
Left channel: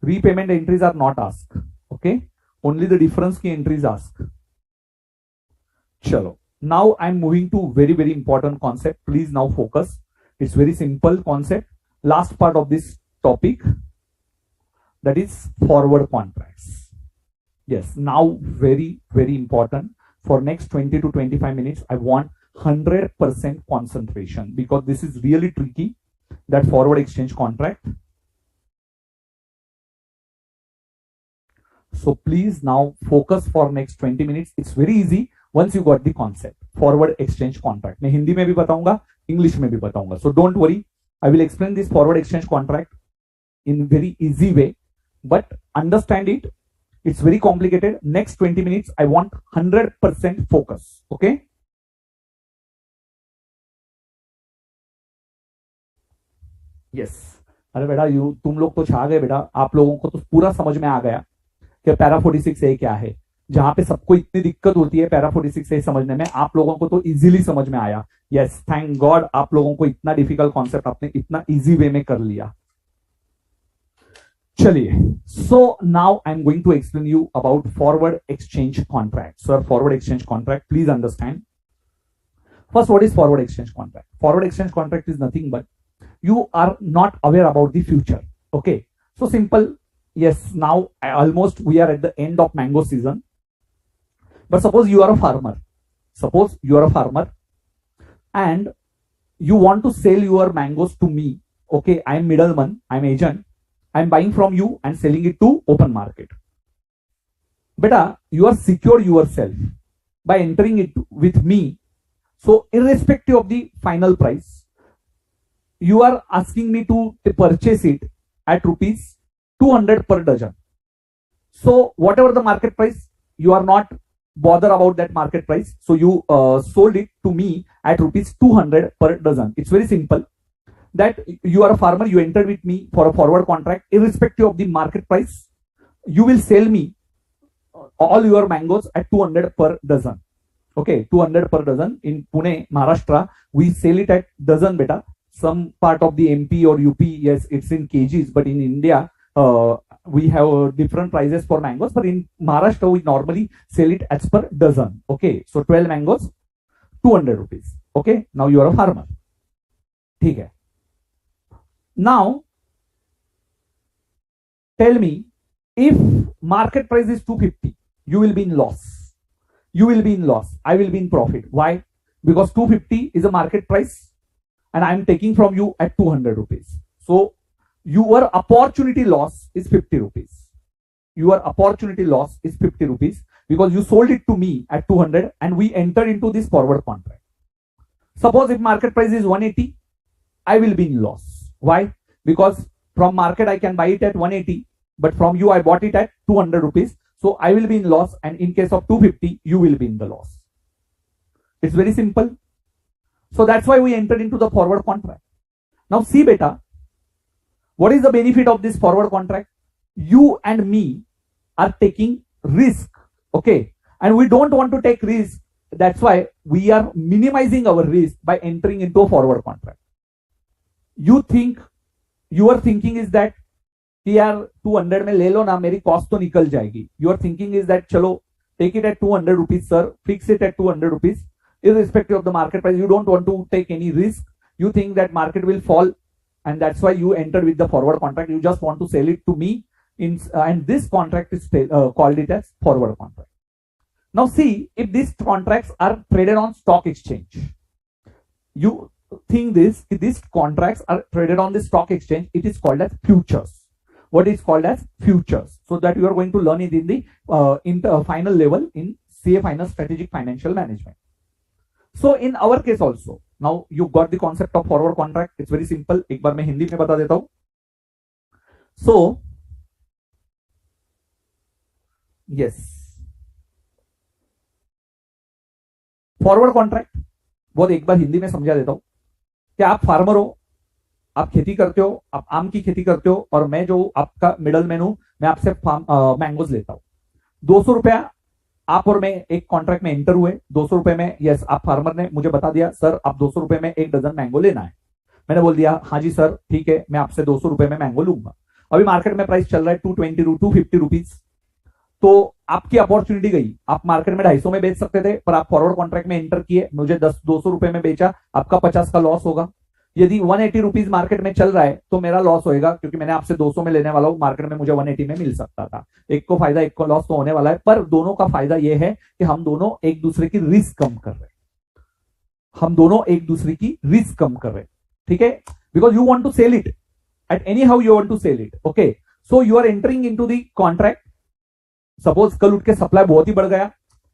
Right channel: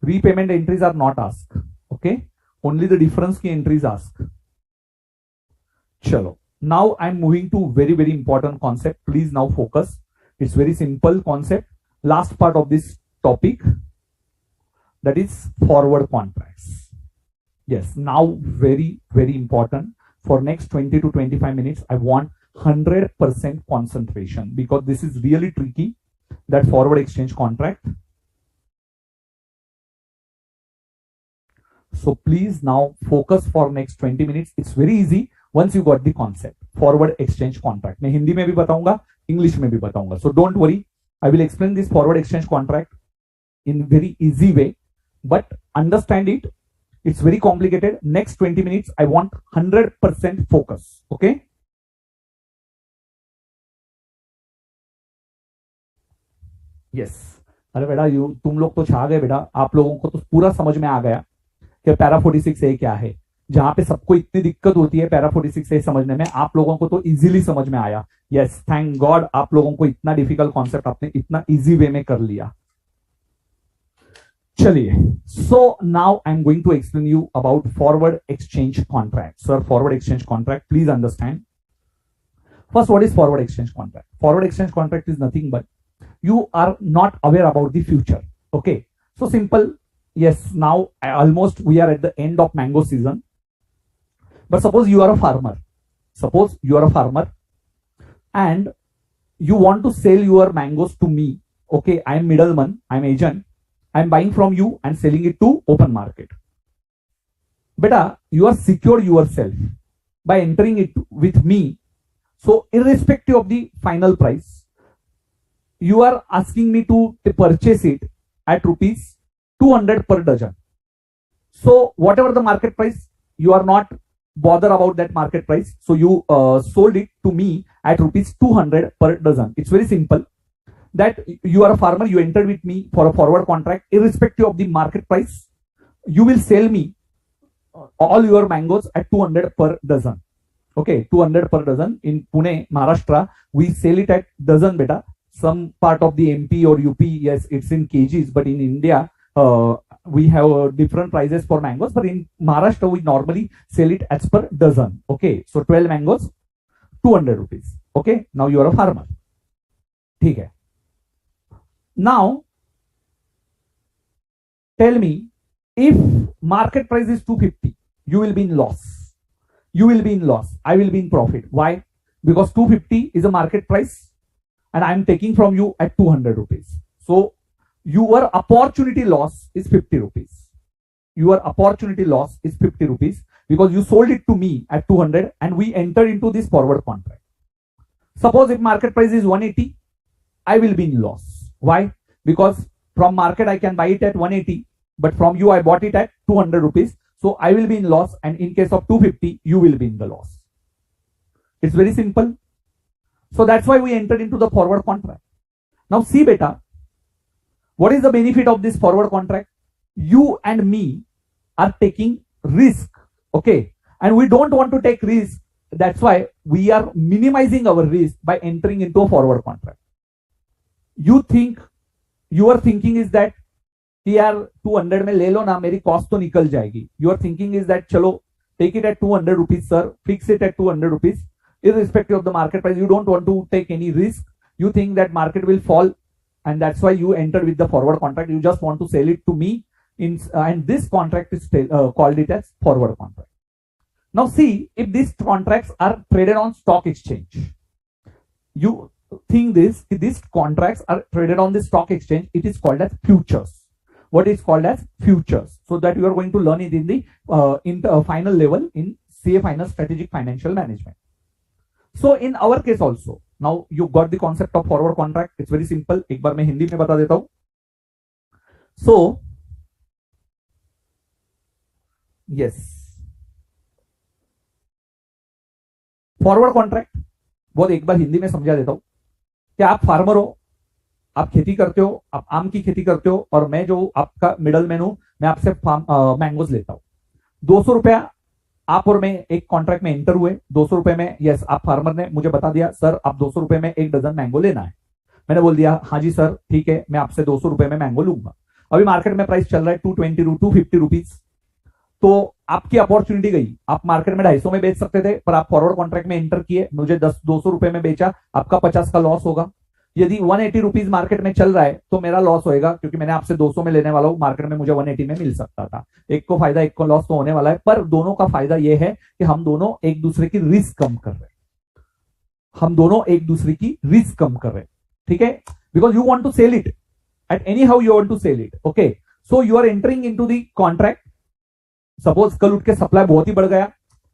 Repayment entries are not asked. Okay. Only the difference की entries asked. Chalo. Now I'm moving to very, very important concept. Please now focus. It's very simple concept. Last part of this topic, that is forward contracts. Yes. Now very, very important. For next 20 to 25 minutes, I want 100% concentration, because this is really tricky, that forward exchange contract. So please now focus for next 20 minutes. It's very easy once you got the concept. Forward exchange contract. मैं हिंदी में भी बताऊंगा, English में भी बताऊंगा. So don't worry. I will explain this forward exchange contract in very easy way, but understand it. It's very complicated. Next 20 minutes, I want 100% focus. Okay. Yes. अरे बेटा तुम लोग तो छा गए बेटा. आप लोगों को तो पूरा समझ में आ गया कि पैरा 46A क्या है. जहां पे सबको इतनी दिक्कत होती है पैरा 46A समझने में, आप लोगों को तो इजीली समझ में आया. यस, थैंक गॉड आप लोगों को इतना डिफिकल्ट कॉन्सेप्ट आपने इतना इजी वे में कर लिया. चलिए, so now I am going to explain you about forward exchange contract. Sir forward exchange contract, please understand. First, what is forward exchange contract? Forward exchange contract is nothing but you are not aware about the future. Okay, so simple. Yes, now almost we are at the end of mango season. But suppose you are a farmer. Suppose you are a farmer and you want to sell your mangoes to me. Okay, I am middleman, I am agent. I am buying from you and selling it to open market. Beta, you are secure yourself by entering it with me. So irrespective of the final price, you are asking me to purchase it at rupees 200 per dozen. So whatever the market price, you are not bother about that market price. So you sold it to me at rupees 200 per dozen. It's very simple. That you are a farmer, you entered with me for a forward contract, irrespective of the market price. You will sell me all your mangoes at 200 per dozen. Okay, 200 per dozen. In Pune, Maharashtra, we sell it at dozen beta. Some part of the MP or UP, yes, it's in kgs, but in India, we have different prices for mangoes, but in Maharashtra, we normally sell it as per dozen. Okay, so 12 mangoes, 200 rupees. Okay, now you are a farmer. Okay. Now, tell me, if market price is 250, you will be in loss. You will be in loss. I will be in profit. Why? Because 250 is a market price and I am taking from you at 200 rupees. So, your opportunity loss is 50 rupees. Your opportunity loss is 50 rupees because you sold it to me at 200 and we entered into this forward contract. Suppose if market price is 180, I will be in loss. Why? Because from market I can buy it at 180, but from you I bought it at 200 rupees. So I will be in loss, and in case of 250, you will be in the loss. It's very simple. So that's why we entered into the forward contract. Now see beta, what is the benefit of this forward contract? You and me are taking risk. Okay. And we don't want to take risk. That's why we are minimizing our risk by entering into a forward contract. You think, your thinking is that यार 200 में ले लो ना, मेरी cost तो निकल जाएगी. Your thinking is that चलो take it at 200 rupees, sir, fix it at 200 rupees, irrespective of the market price. You don't want to take any risk. You think that market will fall, and that's why you entered with the forward contract. You just want to sell it to me, and this contract is called it as forward contract. Now see, if these contracts are traded on stock exchange, you think these contracts are traded on the stock exchange, it is called as futures. What is called as futures? So that you are going to learn it in the final level in CA Final Strategic Financial Management. So in our case also, now you got the concept of forward contract. It's very simple. एक बार मैं हिंदी में बता देता हूं. So yes, forward contract बहुत एक बार हिंदी में समझा देता हूं कि आप फार्मर हो, आप खेती करते हो, आप आम की खेती करते हो, और मैं जो आपका मिडल मैन हूं, मैं आपसे मैंगोज लेता हूं. 200 रुपया आप और मैं एक कॉन्ट्रैक्ट में एंटर हुए. 200 रुपए में, यस, आप फार्मर ने मुझे बता दिया सर आप 200 रुपए में एक डजन मैंगो लेना है. मैंने बोल दिया हाँ जी सर ठीक है, मैं आपसे 200 रुपए में मैंगो लूंगा. अभी मार्केट में प्राइस चल रहा है 220 250 रुपीज. तो आपकी अपॉर्चुनिटी गई. आप मार्केट में 250 में बेच सकते थे, पर आप फॉरवर्ड कॉन्ट्रैक्ट में एंटर किए, मुझे 200 रुपए में बेचा, आपका 50 का लॉस होगा. यदि 180 रुपीज मार्केट में चल रहा है तो मेरा लॉस होएगा, क्योंकि मैंने आपसे 200 में लेने वाला हूं, मार्केट में मुझे 180 में मिल सकता था. एक को फायदा एक को लॉस तो होने वाला है, पर दोनों का फायदा यह है कि हम दोनों एक दूसरे की रिस्क कम कर रहे हैं. हम दोनों एक दूसरे की रिस्क कम कर रहे हैं. ठीक है, because you want to sell it at any how you want to sell it. Okay, so you are entering in to the contract. Suppose कल उठ के सप्लाई बहुत ही बढ़ गया,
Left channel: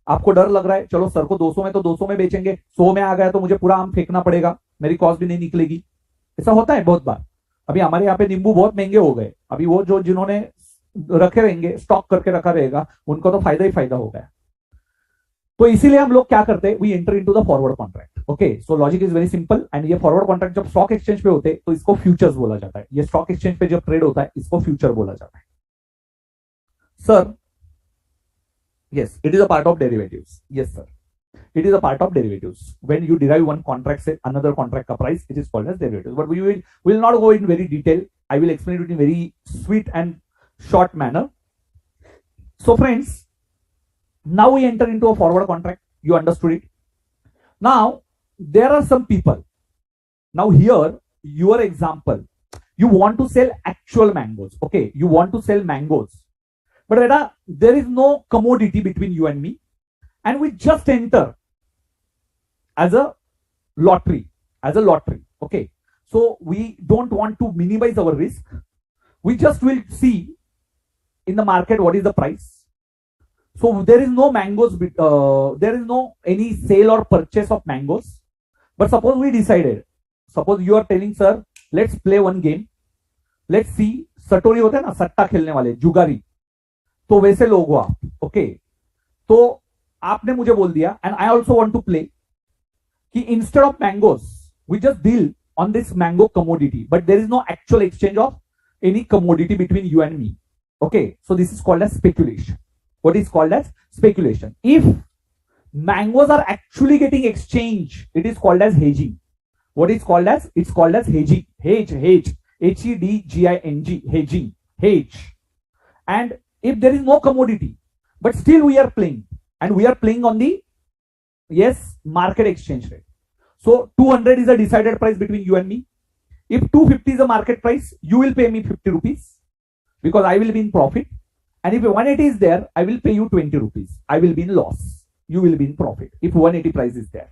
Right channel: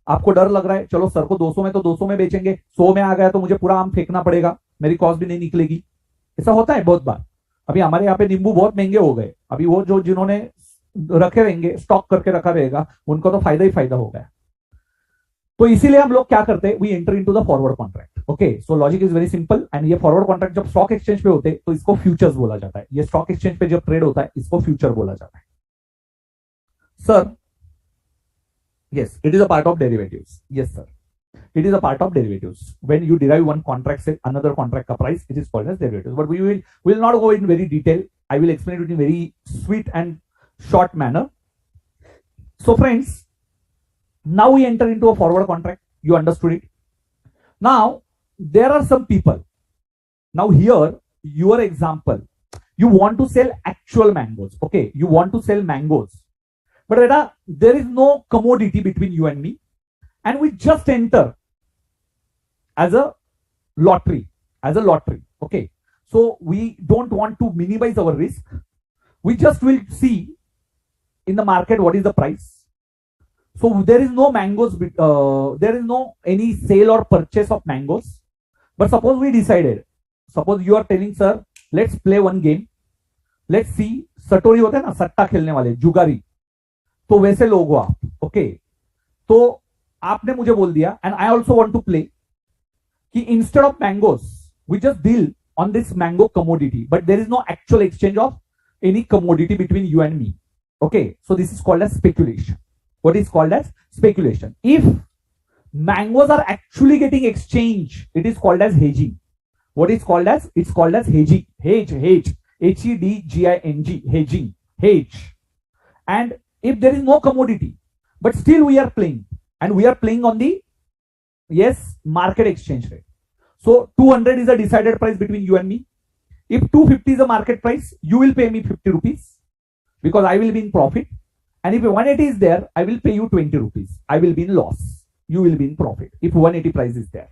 आपको डर लग रहा है चलो सर को 200 में तो 200 में बेचेंगे, 100 में आ गया तो मुझे पूरा आम फेंकना पड़ेगा, मेरी कॉस्ट भी नहीं निकलेगी. ऐसा होता है बहुत बार. अभी हमारे यहाँ पे नींबू बहुत महंगे हो गए. अभी वो जो जिन्होंने रखे रहेंगे, स्टॉक करके रखा रहेगा, उनको तो फायदा ही फायदा हो गया. तो इसीलिए हम लोग क्या करते हैं, we enter into the forward contract. Okay, so logic is very simple. And ये फॉरवर्ड कॉन्ट्रैक्ट जब स्टॉक एक्सचेंज पे होते हैं तो इसको फ्यूचर्स बोला जाता है. ये स्टॉक एक्सचेंज पे जब ट्रेड होता है इसको फ्यूचर बोला जाता है. Sir yes, it is a part of derivatives. Yes sir, it is a part of derivatives. When you derive one contract, say another contract ka price, it is called as derivatives. But we will not go in very detail. I will explain it in very sweet and short manner. So friends, now we enter into a forward contract. You understood it. Now there are some people. Now here your example, you want to sell actual mangoes. Okay, you want to sell mangoes, but beta, there is no commodity between you and me, and we just enter as a lottery, okay. So we don't want to minimize our risk. We just will see in the market what is the price. So there is no mangoes, there is no any sale or purchase of mangoes. But suppose we decided, suppose you are telling sir, let's play one game, let's see, सटोरी होते हैं ना, सट्टा खेलने वाले, जुगारी, तो वैसे लोग हो आप, ओके. तो आपने मुझे बोल दिया, and I also want to play, कि instead of mangoes we just deal on this mango commodity, but there is no actual exchange of any commodity between you and me. Okay, so this is called as speculation. What is called as speculation? If mangoes are actually getting exchanged, it is called as hedging. What is called as? It's called as hedging. Hedging, hedging, hedge. And if there is no commodity, but still we are playing, and we are playing on the, yes, market exchange rate. So 200 is a decided price between you and me. If 250 is a market price, you will pay me 50 rupees because I will be in profit. And if 180 is there, I will pay you 20 rupees. I will be in loss. You will be in profit if 180 price is there.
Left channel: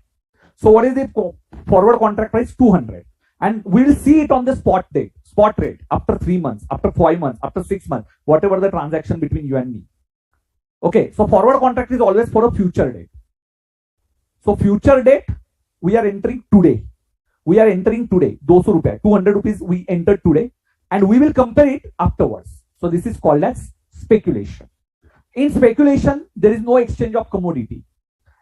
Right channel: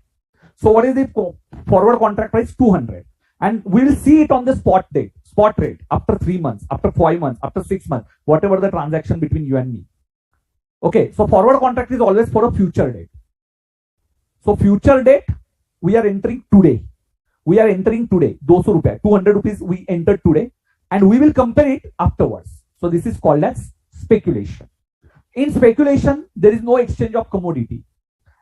So what is the forward contract price? 200. And we will see it on the spot rate after 3 months, after 5 months, after 6 months, whatever the transaction between you and me. Okay, so forward contract is always for a future date. So future date, we are entering today. 200 rupees, 200 rupees we entered today, and we will compare it afterwards. So this is called as speculation. In speculation, there is no exchange of commodity,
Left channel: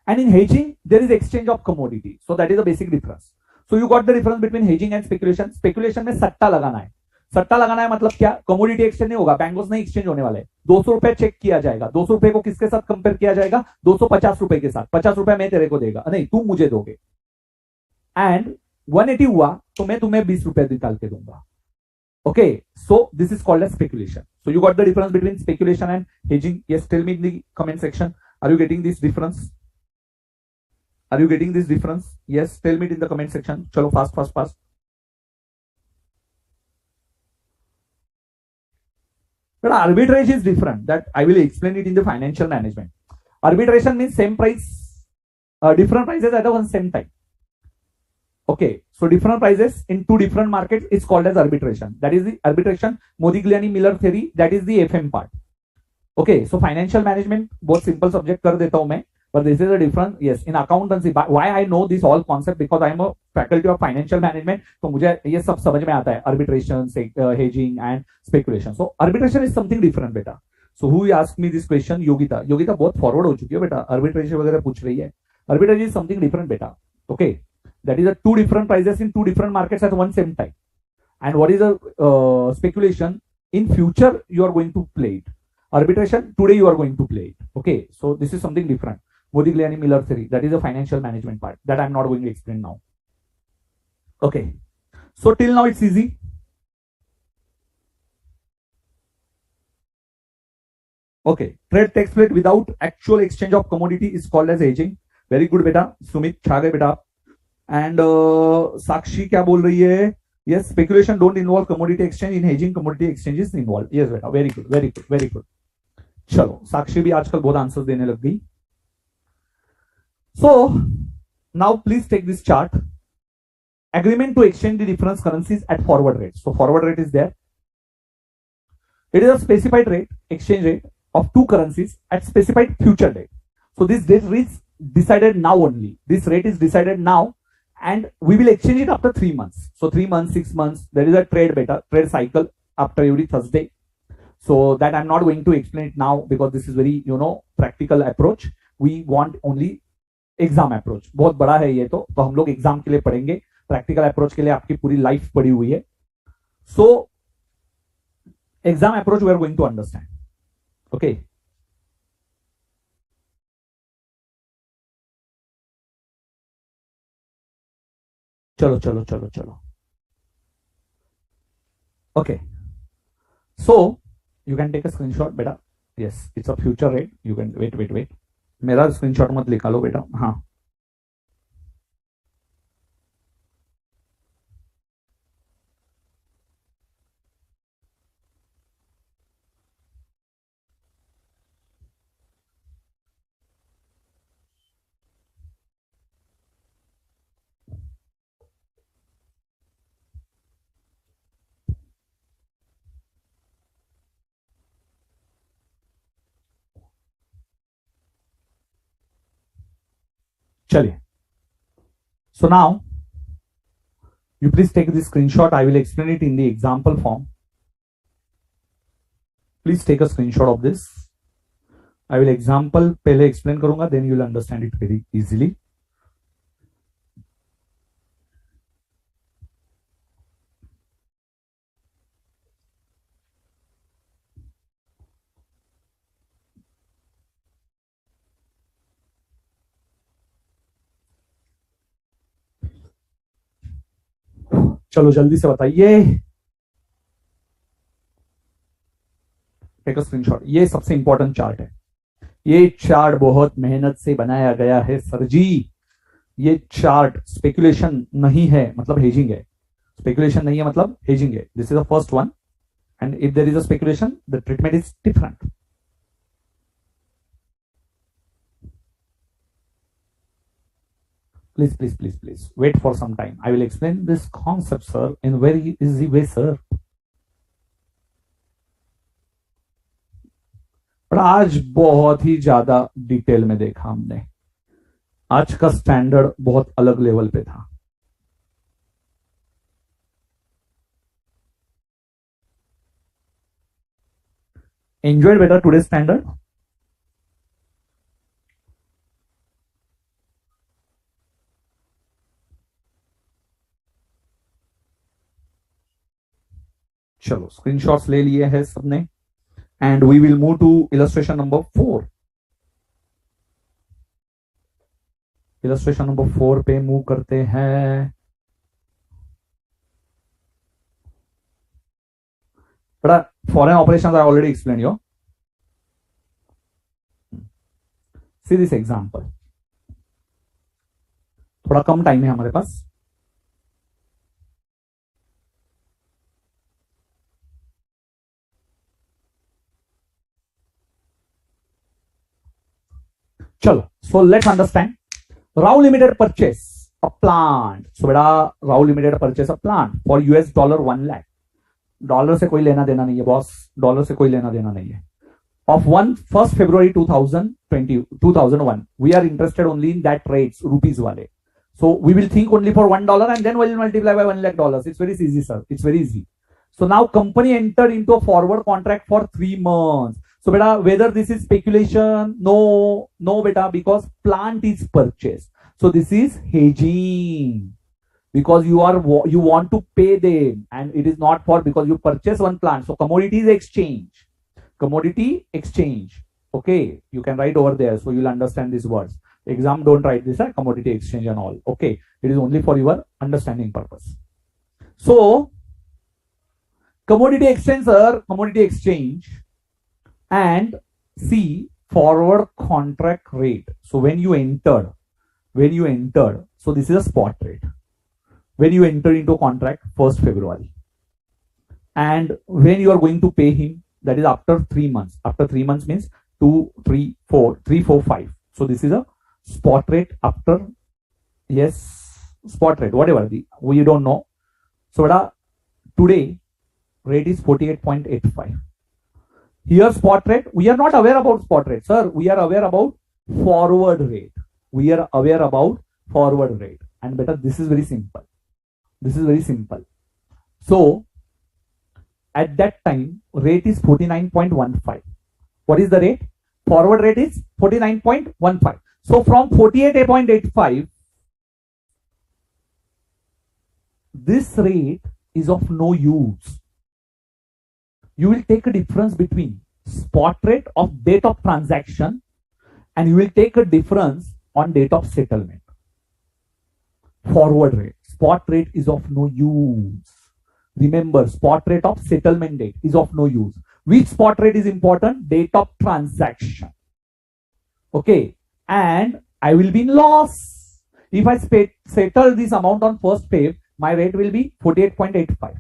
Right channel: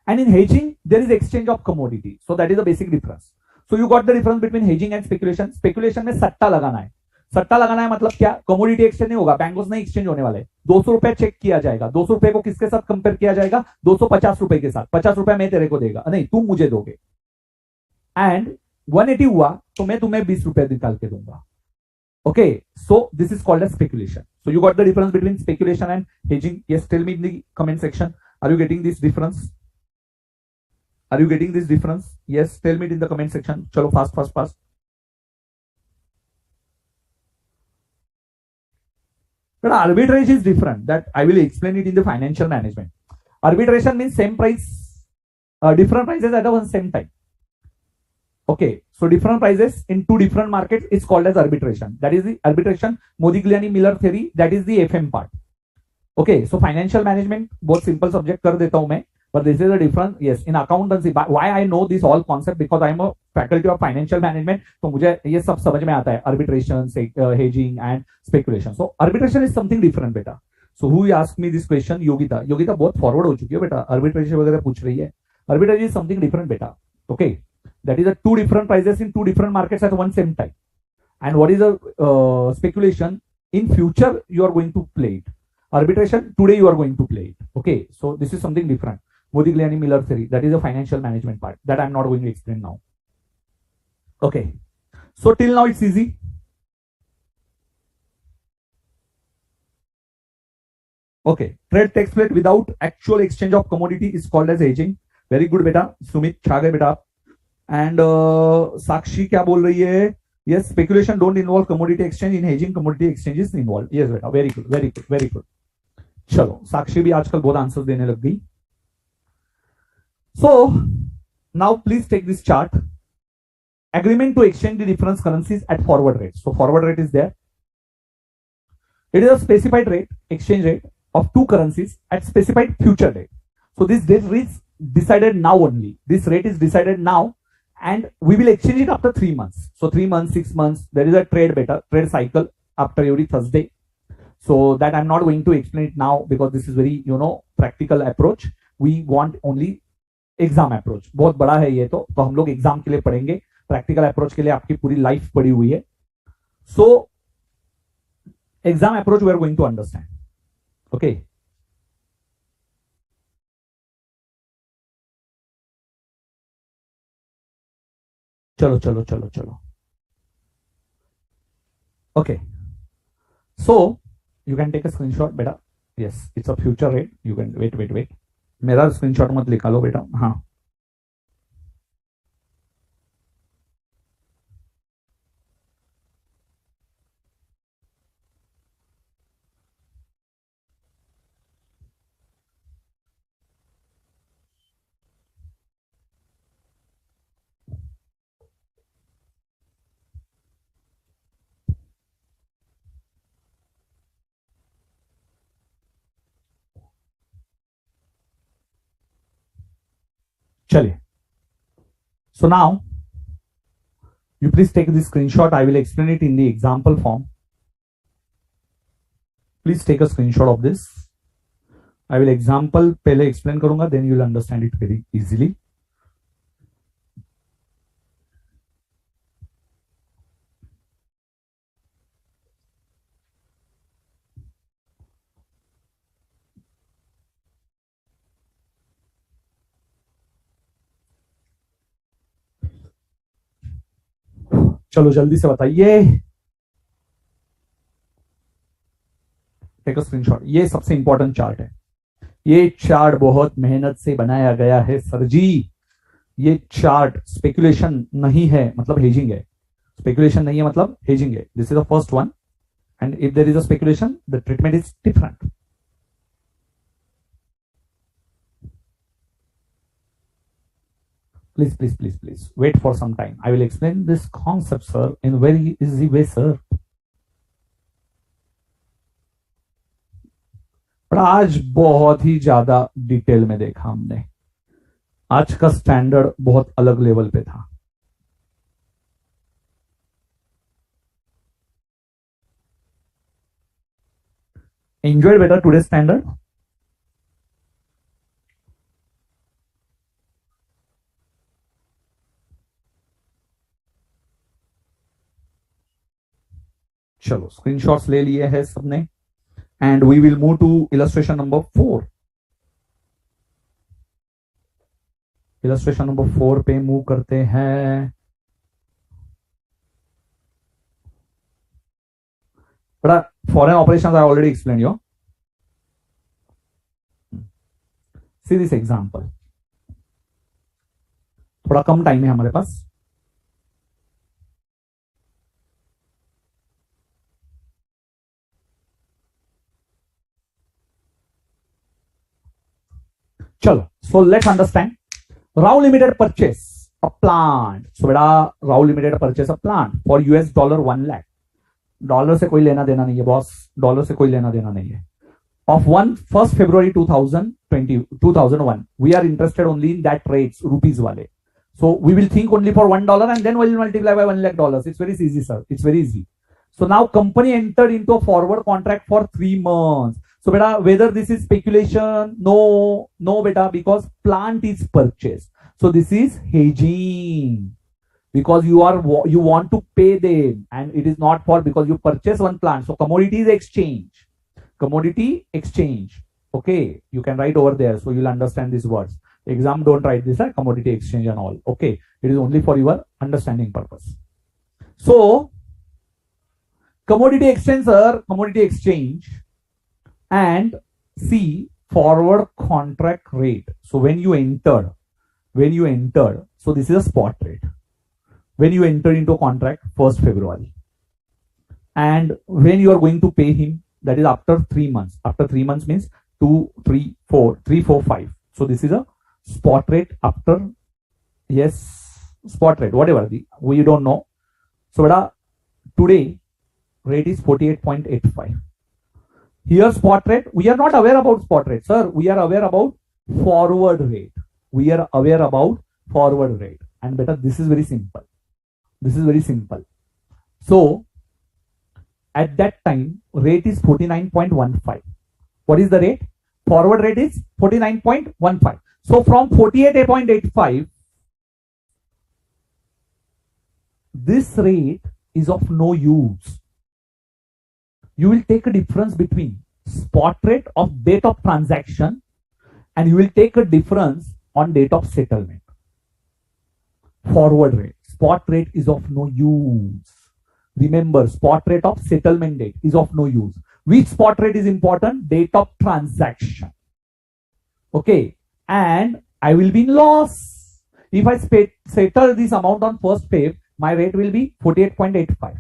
and in hedging, there is exchange of commodity. So that is the basic difference. So you got the difference between hedging and speculation. Speculation में सट्टा लगाना है. सट्टा लगाना है मतलब क्या? Commodity exchange नहीं होगा, बैंगोस नहीं एक्सचेंज होने वाले. 200 रुपए चेक किया जाएगा. 200 रुपए को किसके साथ कंपेयर किया जाएगा? 250 रुपए के साथ. 50 रुपए मैं तेरे को देगा, नहीं तुम मुझे दोगे. एंड 180 हुआ तो मैं तुम्हें 20 रुपए निकाल के दूंगा. Okay, so this is called as speculation. So you got the difference between speculation and hedging. Yes, tell me in the comment section, are you getting this difference? Are you getting this difference? Yes, tell me in the comment section. चलो fast. But arbitrage is different. That I will explain it in the financial management. Arbitration means same price, different prices at the one same time. Okay, so different prices in two different markets is called as arbitration. That is the arbitration, Modigliani-Miller theory. That is the FM part. Okay, so financial management बहुत simple subject कर देता हूँ मैं, but this is a different. Yes, in accountancy, why I know this all concept because I am a faculty of financial management. तो मुझे ये सब समझ में आता है, arbitration, hedging and speculation. So arbitration is something different बेटा. So who asked me this question? Yogita बहुत forward हो चुकी है बेटा, arbitration वगैरह पूछ रही है. Arbitration is something different बेटा. Okay. That is a two different prices in two different markets at one same time. And what is a speculation? In future you are going to play it. Arbitration, today you are going to play it. Okay, so this is something different. Modigliani-Miller theory, that is a financial management part that I'm not going to explain now. Okay, so till now it's easy. Okay, trade takes place without actual exchange of commodity is called as hedging. Very good beta. Sumit छा गए बेटा. And Sakshi क्या बोल रही है? Yes, speculation don't involve commodity exchange. In hedging, commodity exchange is involved. Yes बेटा, very good. चलो, साक्षी भी आजकल बहुत आंसर देने लग गई. So now please take this chart. Agreement to exchange the different currencies at forward rate. So forward rate is there. It is a specified rate, exchange rate of two currencies at specified future date. So this date is decided now only. This rate is decided now. And we will exchange it after 3 months. So 3 months, 6 months, there is a trade cycle after every Thursday. So that I'm not going to explain it now because this is very, practical approach. We want only exam approach. बहुत बड़ा है ये तो हम लोग exam के लिए पढ़ेंगे. प्रैक्टिकल अप्रोच के लिए आपकी पूरी लाइफ पड़ी हुई है. So exam approach we are going to understand. Okay. चलो. Okay, so you can take a screenshot बेटा. Yes, it's a future rate. You can wait. मेरा स्क्रीनशॉट मत निकालो बेटा. हाँ, चलिए, so now you please take this screenshot. I will explain it in the example form. Please take a screenshot of this. I will example पहले explain करूंगा, then you will understand it very easily. चलो जल्दी से बताइए. Take a screenshot. ये सबसे important chart है. ये चार्ट बहुत मेहनत से बनाया गया है सर जी. ये चार्ट स्पेकुलेशन नहीं है, मतलब हेजिंग है. स्पेकुलेशन नहीं है मतलब हेजिंग है. This is the first one, and if there is a speculation the treatment is different. Please wait for some time. I will explain this concept, sir, in very easy way, sir. पर आज बहुत ही ज्यादा detail में देखा हमने. आज का standard बहुत अलग लेवल पे था. Enjoyed better today's standard? चलो स्क्रीनशॉट्स ले लिए हैं सबने, and we will move to illustration number 4. Illustration number 4 पे मूव करते हैं. बड़ा foreign operations I already explain you. See this example. थोड़ा कम टाइम है हमारे पास. चलो, so let's understand. Rao limited purchase a plant. So बेटा Rao limited purchase a plant for $1 1 lakh. Dollar से कोई लेना देना नहीं है बॉस. डॉलर से कोई लेना देना नहीं है. Of 1st February 2001, we are interested only in that rates, rupees wale. So we will think only for $1 and then we'll multiply by $1 lakh. It's very easy, sir. It's very easy. So now company entered into a forward contract for 3 months. So beta, whether this is speculation? No beta, because plant is purchased. So this is hedging. Because you want to pay them, and it is not for because you purchase one plant. So commodity is exchange. Commodity exchange. Okay, you can write over there, so you'll understand these words. Exam don't write this, commodity exchange and all. Okay, it is only for your understanding purpose. So commodity exchange, sir, commodity exchange, and see forward contract rate. So when you entered, so this is a spot rate. When you enter into a contract 1st February, and when you are going to pay him, that is after 3 months. After 3 months means 2, 3, 4, 3, 4, 5. So this is a spot rate after, yes, spot rate, whatever we don't know. So today rate is 48.85. Here spot rate, we are not aware about spot rate, sir. We are aware about forward rate. We are aware about forward rate. And better, this is very simple. This is very simple. So at that time, rate is 49.15. What is the rate? Forward rate is 49.15. So from 48.85, this rate is of no use. You will take a difference between spot rate of date of transaction, and you will take a difference on date of settlement. Forward rate. Spot rate is of no use. Remember, spot rate of settlement date is of no use. Which spot rate is important? Date of transaction. Okay. And I will be in loss. If I settle this amount on 1st Feb, my rate will be 48.85.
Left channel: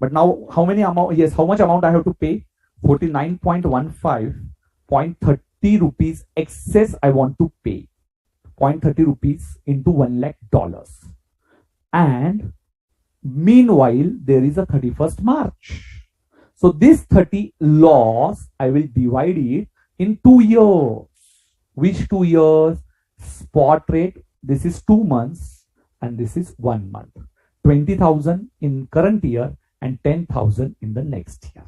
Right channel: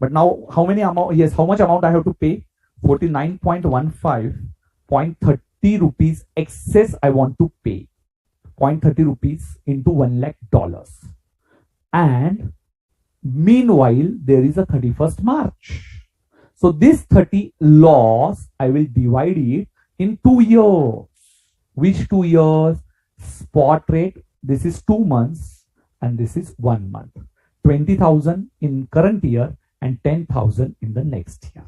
But now how much amount I have to pay? 49.15, 0.30 rupees excess I want to pay. 0.30 rupees into $1 lakh. And meanwhile, there is a 31st March. So this 30 loss, I will divide it in 2 years. Which 2 years? Spot rate this is 2 months, and this is 1 month. 20,000 in current year and 10,000 in the next year.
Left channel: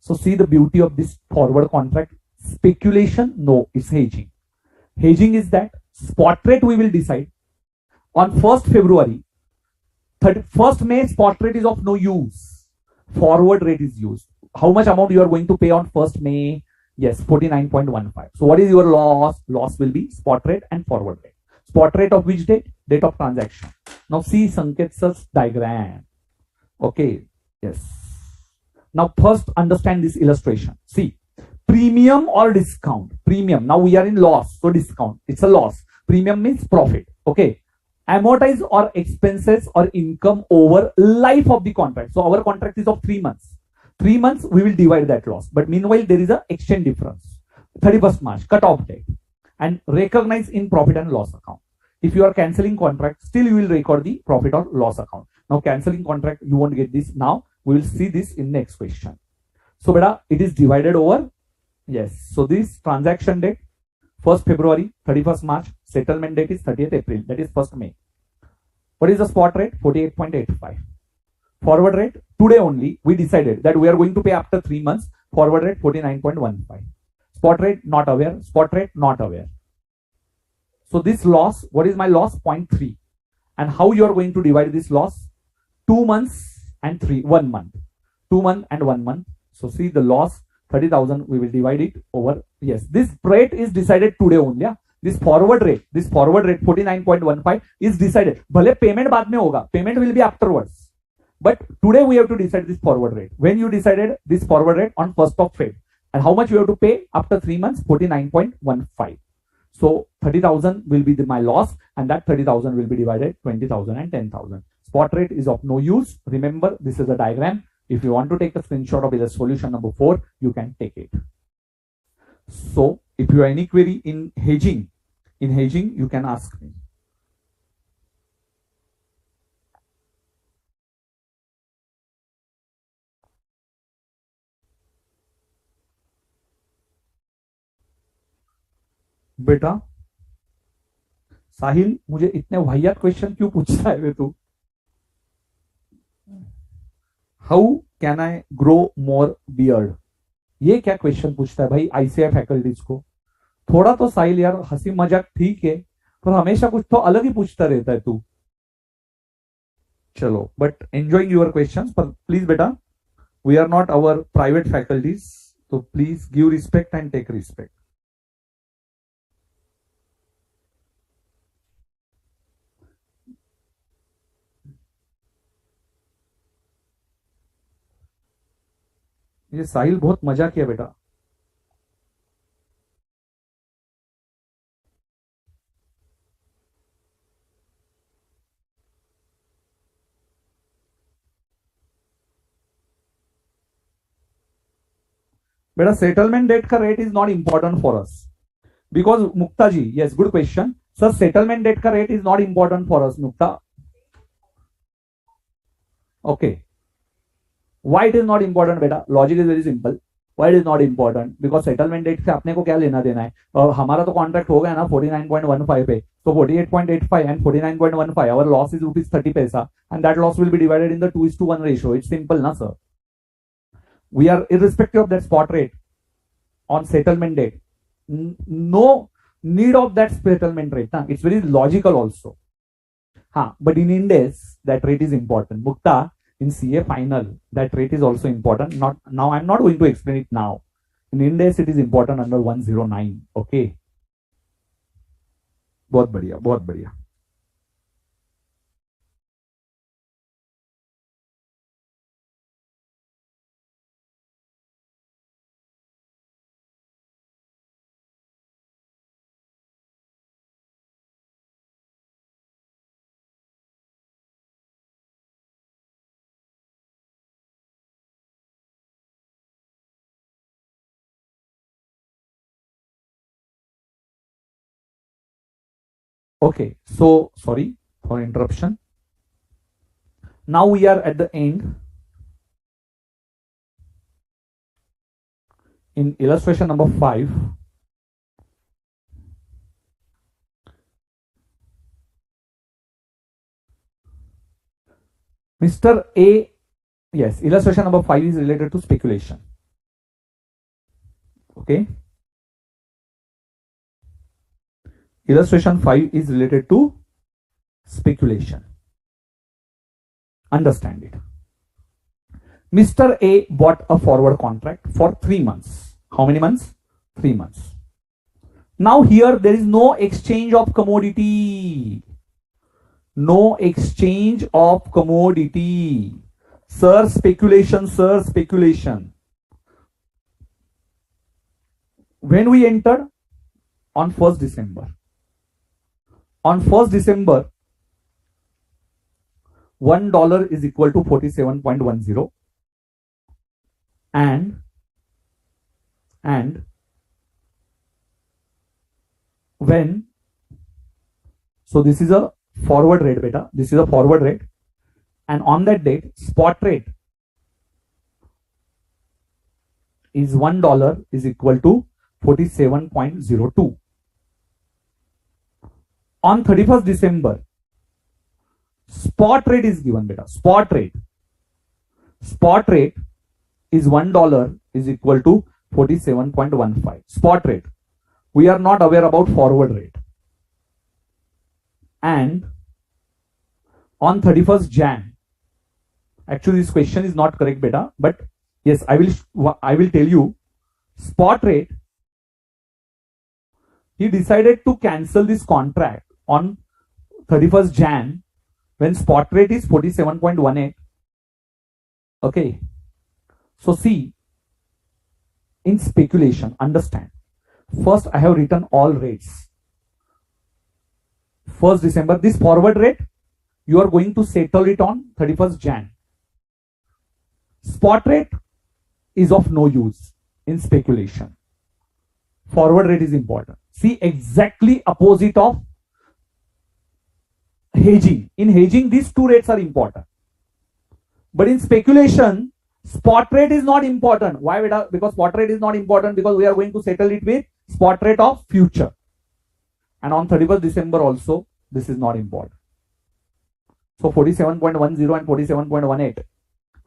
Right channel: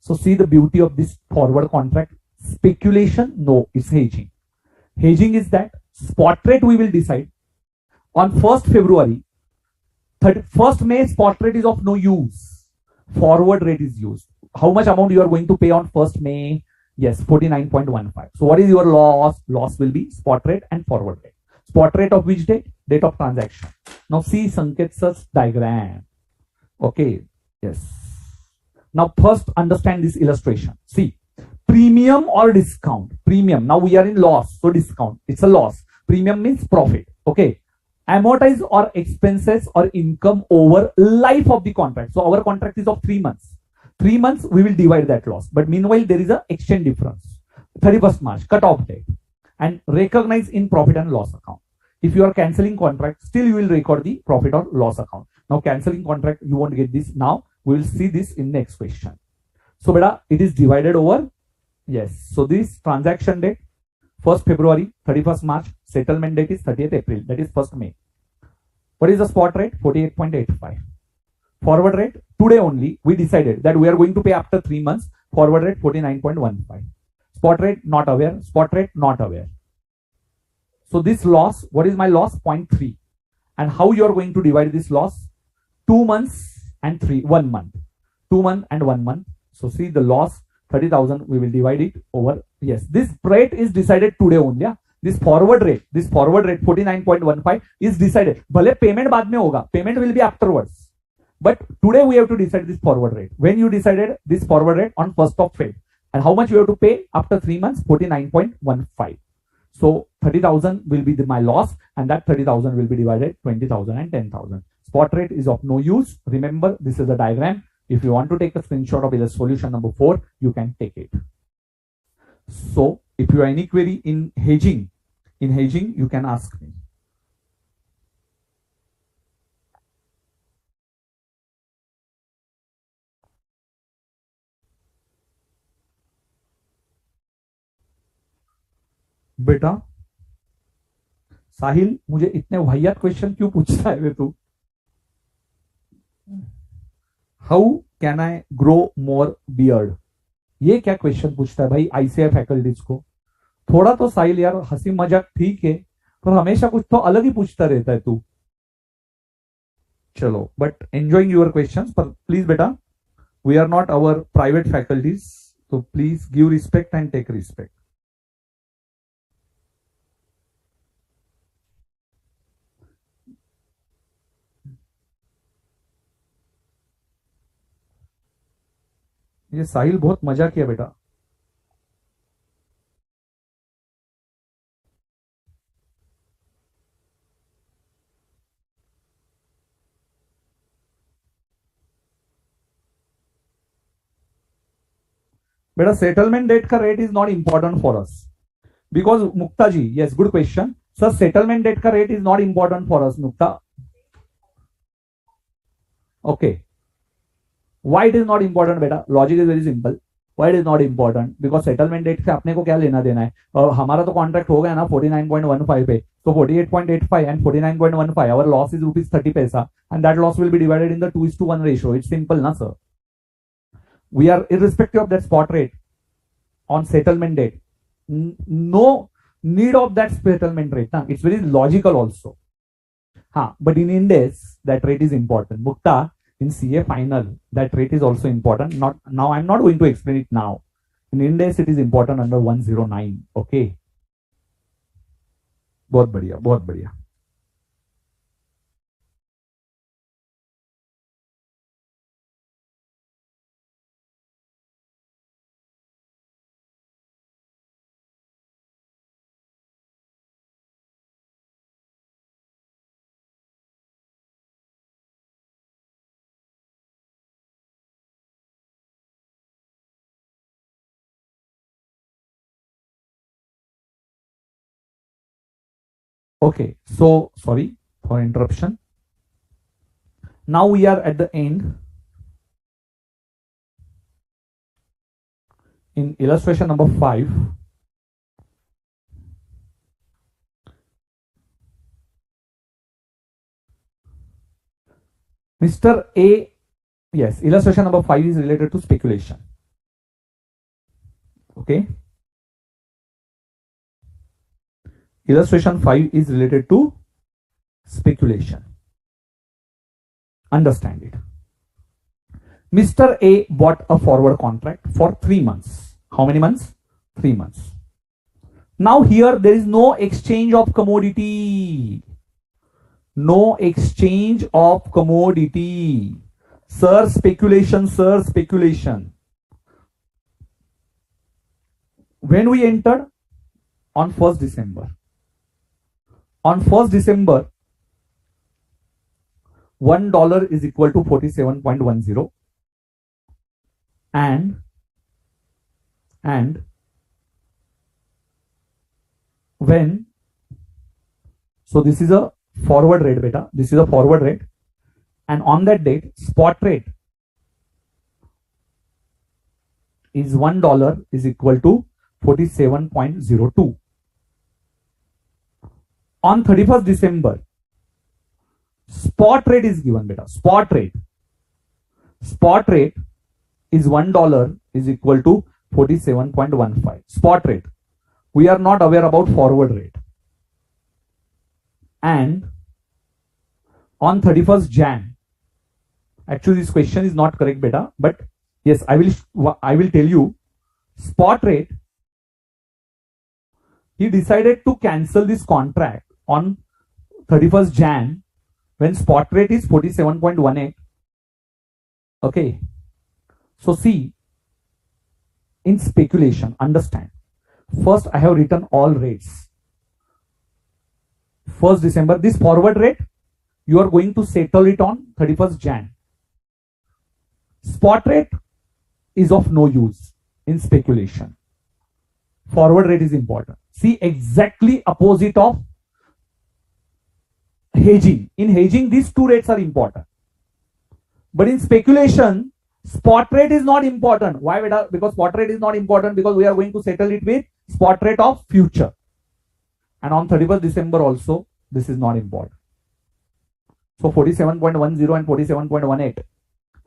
So see the beauty of this forward contract. Speculation, no, it's hedging. Hedging is that spot rate we will decide on 1st February. 1st May spot rate is of no use. Forward rate is used. How much amount you are going to pay on 1st May? Yes, 49.15. So what is your loss? Loss will be spot rate and forward rate. Spot rate of which date? Date of transaction. Now see Sanket's diagram. Okay, yes. Now first understand this illustration. See, premium or discount. Premium. Now we are in loss, so discount. It's a loss. Premium means profit. Okay. Amortize or expenses or income over life of the contract. So our contract is of 3 months. 3 months we will divide that loss. But meanwhile there is a exchange difference. 31st March, cut off date. And recognize in profit and loss account. If you are cancelling contract, still you will record the profit or loss account. Now cancelling contract, you won't get this now. We will see this in next question. So beta, it is divided over. Yes. So this transaction date, 1st February, 31st March, settlement date is 30th April, that is 1st May. What is the spot rate? 48.85. Forward rate, today only we decided that we are going to pay after 3 months. Forward rate 49.15. Spot rate not aware. Spot rate not aware. So this loss, what is my loss? 0.3. And how you are going to divide this loss? 2 months and 1 month. 2 months and 1 month. So see the loss 30,000, we will divide it over. Yes, this rate is decided today only. Yeah? This forward rate 49.15 is decided. Bhale payment baad mein hoga. Payment will be afterwards. But today we have to decide this forward rate. When you decided this forward rate on 1st of Feb. And how much you have to pay after 3 months? 49.15. So 30,000 will be my loss, and that 30,000 will be divided 20,000 and 10,000. Spot rate is of no use. Remember, this is a diagram. If you want to take a screenshot of the solution number 4, you can take it. So if you have any query in hedging, you can ask me. बेटा साहिल, मुझे इतने वाहियात question क्यों पूछता है तू? How can I grow more beard? ये क्या क्वेश्चन पूछता है भाई आईसीआई फैकल्टीज को? थोड़ा तो साहिल यार हंसी मजाक ठीक है, पर हमेशा कुछ तो अलग ही पूछता रहता है तू. चलो, बट एंजॉइंग योर क्वेश्चंस, पर प्लीज बेटा, we are not our private faculties, तो please give respect and take respect. ये साहिल बहुत मजा किया बेटा. बेटा सेटलमेंट डेट का rate is not important for us because Mukta ji, yes good question sir, settlement date का rate is not important for us Mukta. Okay, why it is not important बेटा? Logic is very simple. why it is not important? Because settlement date से अपने को क्या लेना देना है? हमारा तो कॉन्ट्रैक्ट हो गया ना 49.15 पे, तो 48.85 एंड 49.15 आवर लॉस इज ₹30 पैसा, and that loss will be divided in the 2:1 ratio. It's simple ना sir. We are irrespective of that spot rate on settlement date. No need of that settlement rate. Nah? It's very logical also. But in Indes, that rate is important. Mukta, in CA final, that rate is also important. Now I'm not going to explain it now. In Indes, it is important under 109. Okay. बहुत बढ़िया, बहुत बढ़िया. Okay, so sorry for interruption. Now we are at the end. In illustration number 5, Mr. A, yes, illustration number 5 is related to speculation. Okay. Illustration 5 is related to speculation. Understand it. Mr. A bought a forward contract for 3 months. How many months? 3 months. Now here there is no exchange of commodity. No exchange of commodity. Sir, speculation, sir, speculation. When we entered? On 1st December. On 1st December, $1 is equal to 47.10, and when, so this is a forward rate, beta, this is a forward rate, and on that date spot rate is $1 is equal to 47.02. On 31st December, spot rate is given, beta. Spot rate is $1 is equal to 47.15. Spot rate. We are not aware about forward rate. And on 31st Jan, actually this question is not correct, beta, but yes, I will tell you. Spot rate, he decided to cancel this contract on 31st Jan when spot rate is 47.18. Okay. So see, in speculation, understand. First, I have written all rates. 1st December, this forward rate, you are going to settle it on 31st Jan. Spot rate is of no use in speculation. Forward rate is important. See, exactly opposite of hedging. In hedging, these two rates are important. But in speculation, spot rate is not important. Why? Because spot rate is not important because we are going to settle it with spot rate of future. And on 31st December also, this is not important. So 47.10 and 47.18.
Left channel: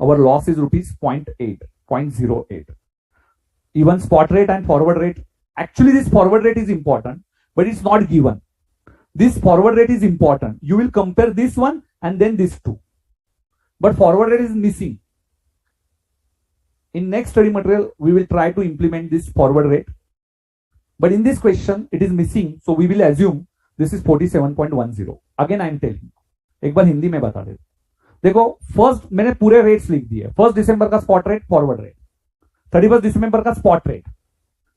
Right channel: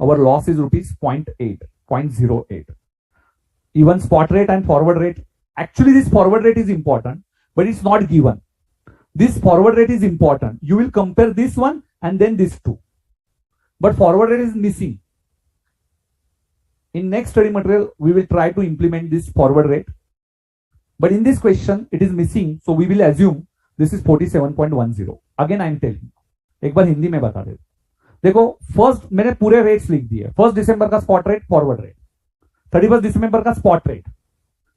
Our loss is rupees 0.08. Even spot rate and forward rate. Actually, this forward rate is important, but it's not given. This forward rate is important. You will compare this one and then this two. But forward rate is missing. In next study material, we will try to implement this forward rate. But in this question, it is missing. So we will assume this is 47.10. Again, I am telling. एक बार हिंदी में बता दे. देखो, first मैंने पूरे rates लिख दिए. 1st दिसंबर का spot rate, forward rate. 31st दिसंबर का स्पॉट रेट.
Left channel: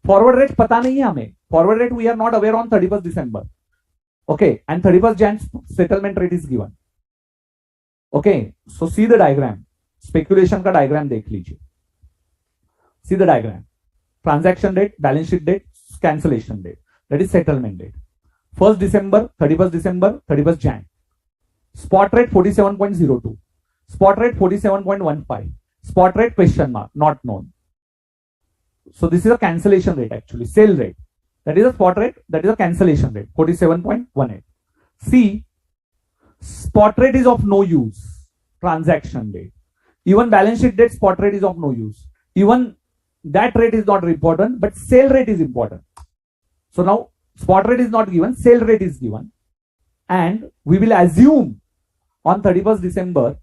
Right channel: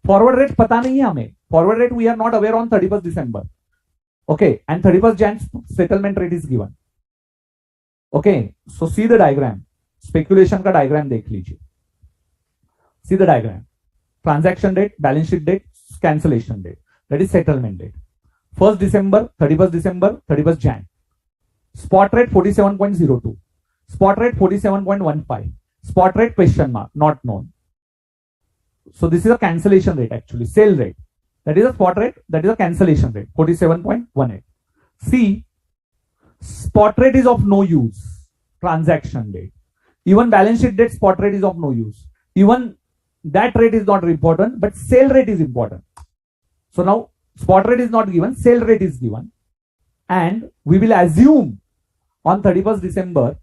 फॉरवर्ड रेट पता नहीं है हमें. Forward rate we are not aware on 31st December. Okay, and 31st Jan settlement rate is given. Okay, so see the diagram. Speculation का diagram देख लीजिए. See the diagram. Transaction date, balance sheet date, cancellation date. That is settlement date. 1st December, 31st December, 31st Jan. Spot rate 47.02. Spot rate 47.15. Spot rate question mark, not known. So this is a cancellation rate actually, sale rate. That is a spot rate, that is a cancellation rate, 47.18. See, spot rate is of no use. Transaction date. Even balance sheet date, spot rate is of no use. Even that rate is not important, but sale rate is important. So now, spot rate is not given, sale rate is given. And we will assume on 31st December,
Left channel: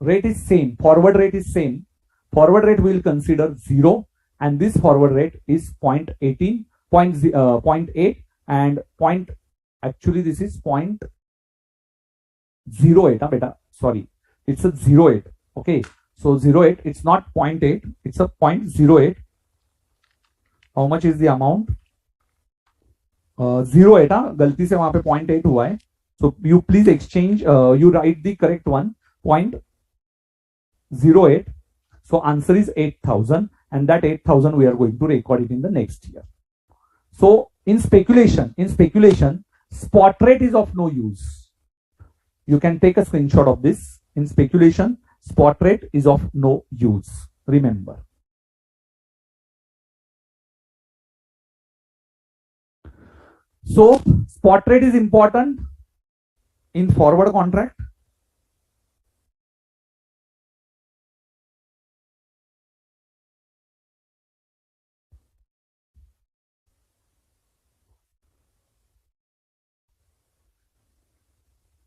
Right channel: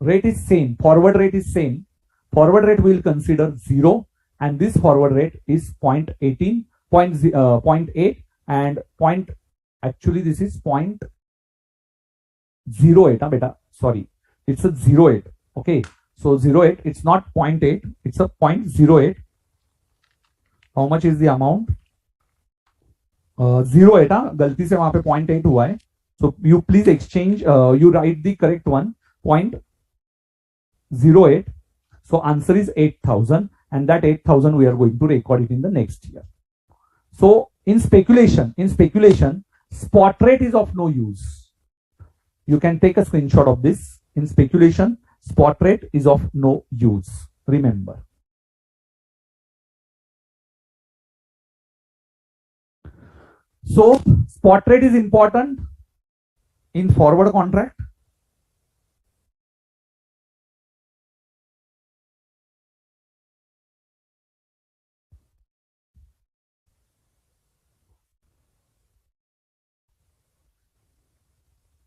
rate is same, forward rate is same. Forward rate we will consider 0, and this forward rate is 0.18. 0.8 and actually this is 0.08 beta, sorry, it's a 0.8. Okay, so 0.8, it's not 0.8, it's a 0.08. How much is the amount? 0.8, गलती से वहां पे 0.8 हुआ है. So you please exchange, you write the correct one, 0.08. So answer is 8,000, and that 8,000 we are going to record it in the next year. So in speculation, spot rate is of no use. You can take a screenshot of this. In speculation, spot rate is of no use. Remember. So spot rate is important in forward contract.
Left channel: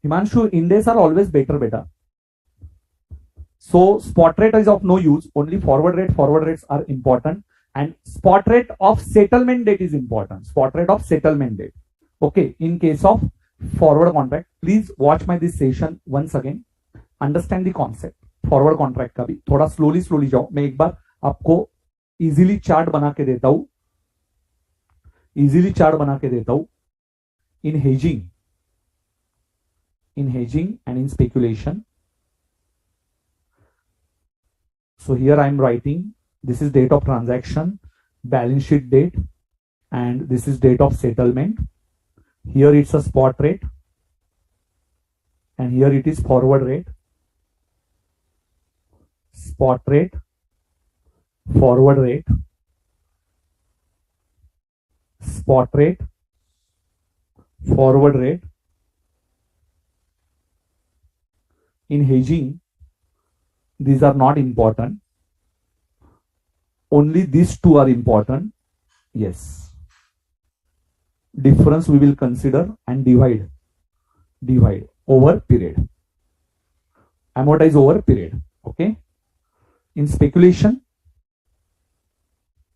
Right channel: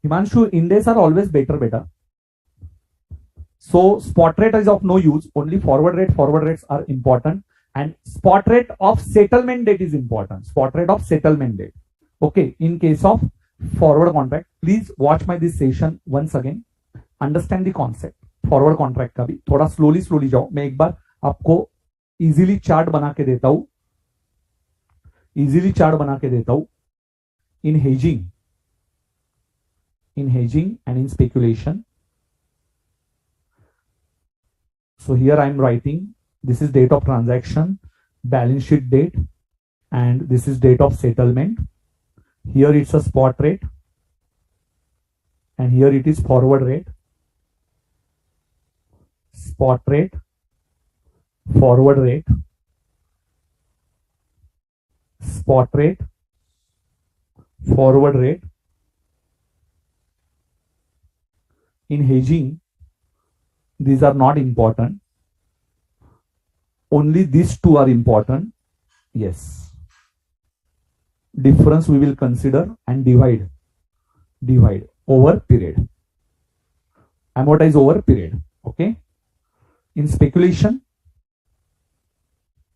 Himanshu, Indies are always better, beta. So spot rate is of no use. Only forward rates are important, and spot rate of settlement date is important. Spot rate of settlement date. Okay, in case of forward contract, please watch my this session once again. Understand the concept. Forward contract का भी थोड़ा slowly जाओ. मैं एक बार आपको easily chart बना के देता हूं. In hedging and in speculation. So here I am writing, this is date of transaction, balance sheet date, and this is date of settlement. Here it's a spot rate, and here it is forward rate. Spot rate, forward rate, spot rate, forward rate. In hedging, these are not important. Only these two are important. Yes. Difference we will consider and divide over period. Amortize over period. Okay. In speculation,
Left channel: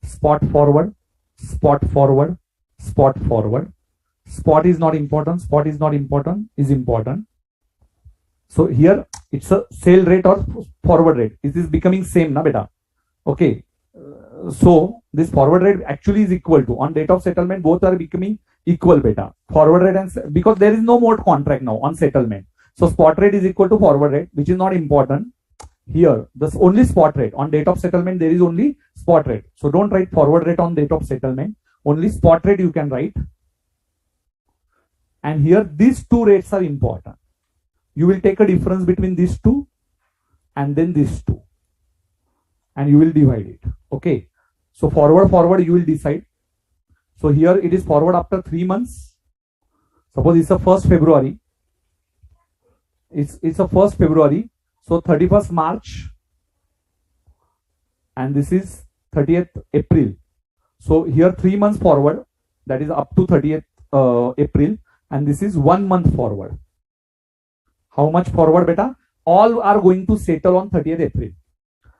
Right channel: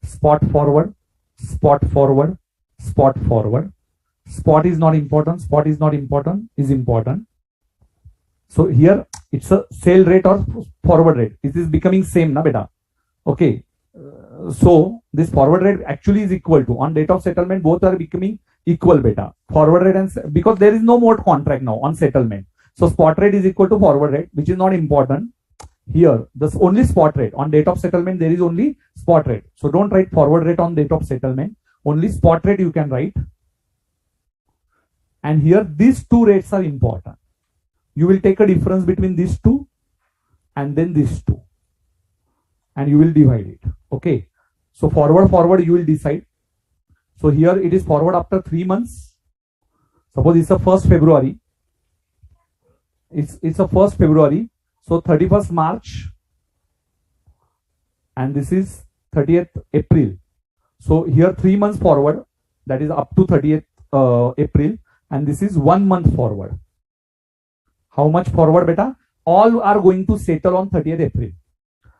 spot forward. Spot is not important. Is important. So here it's a sale rate or forward rate. It is becoming same, na beta. Okay. So this forward rate actually is equal to, on date of settlement, both are becoming equal, beta. Forward rate, and because there is no more contract now on settlement. So spot rate is equal to forward rate, which is not important. Here, this only spot rate. On date of settlement, there is only spot rate. So don't write forward rate on date of settlement. Only spot rate you can write. And here, these two rates are important. You will take a difference between these two and then these two. And you will divide it. Okay. So forward, you will decide. So here it is forward after 3 months. Suppose it's a 1st February. It's a 1st February. So 31st March, and this is 30th April. So here 3 months forward, that is up to 30th April, and this is 1 month forward. How much forward, beta? All are going to settle on 30th April.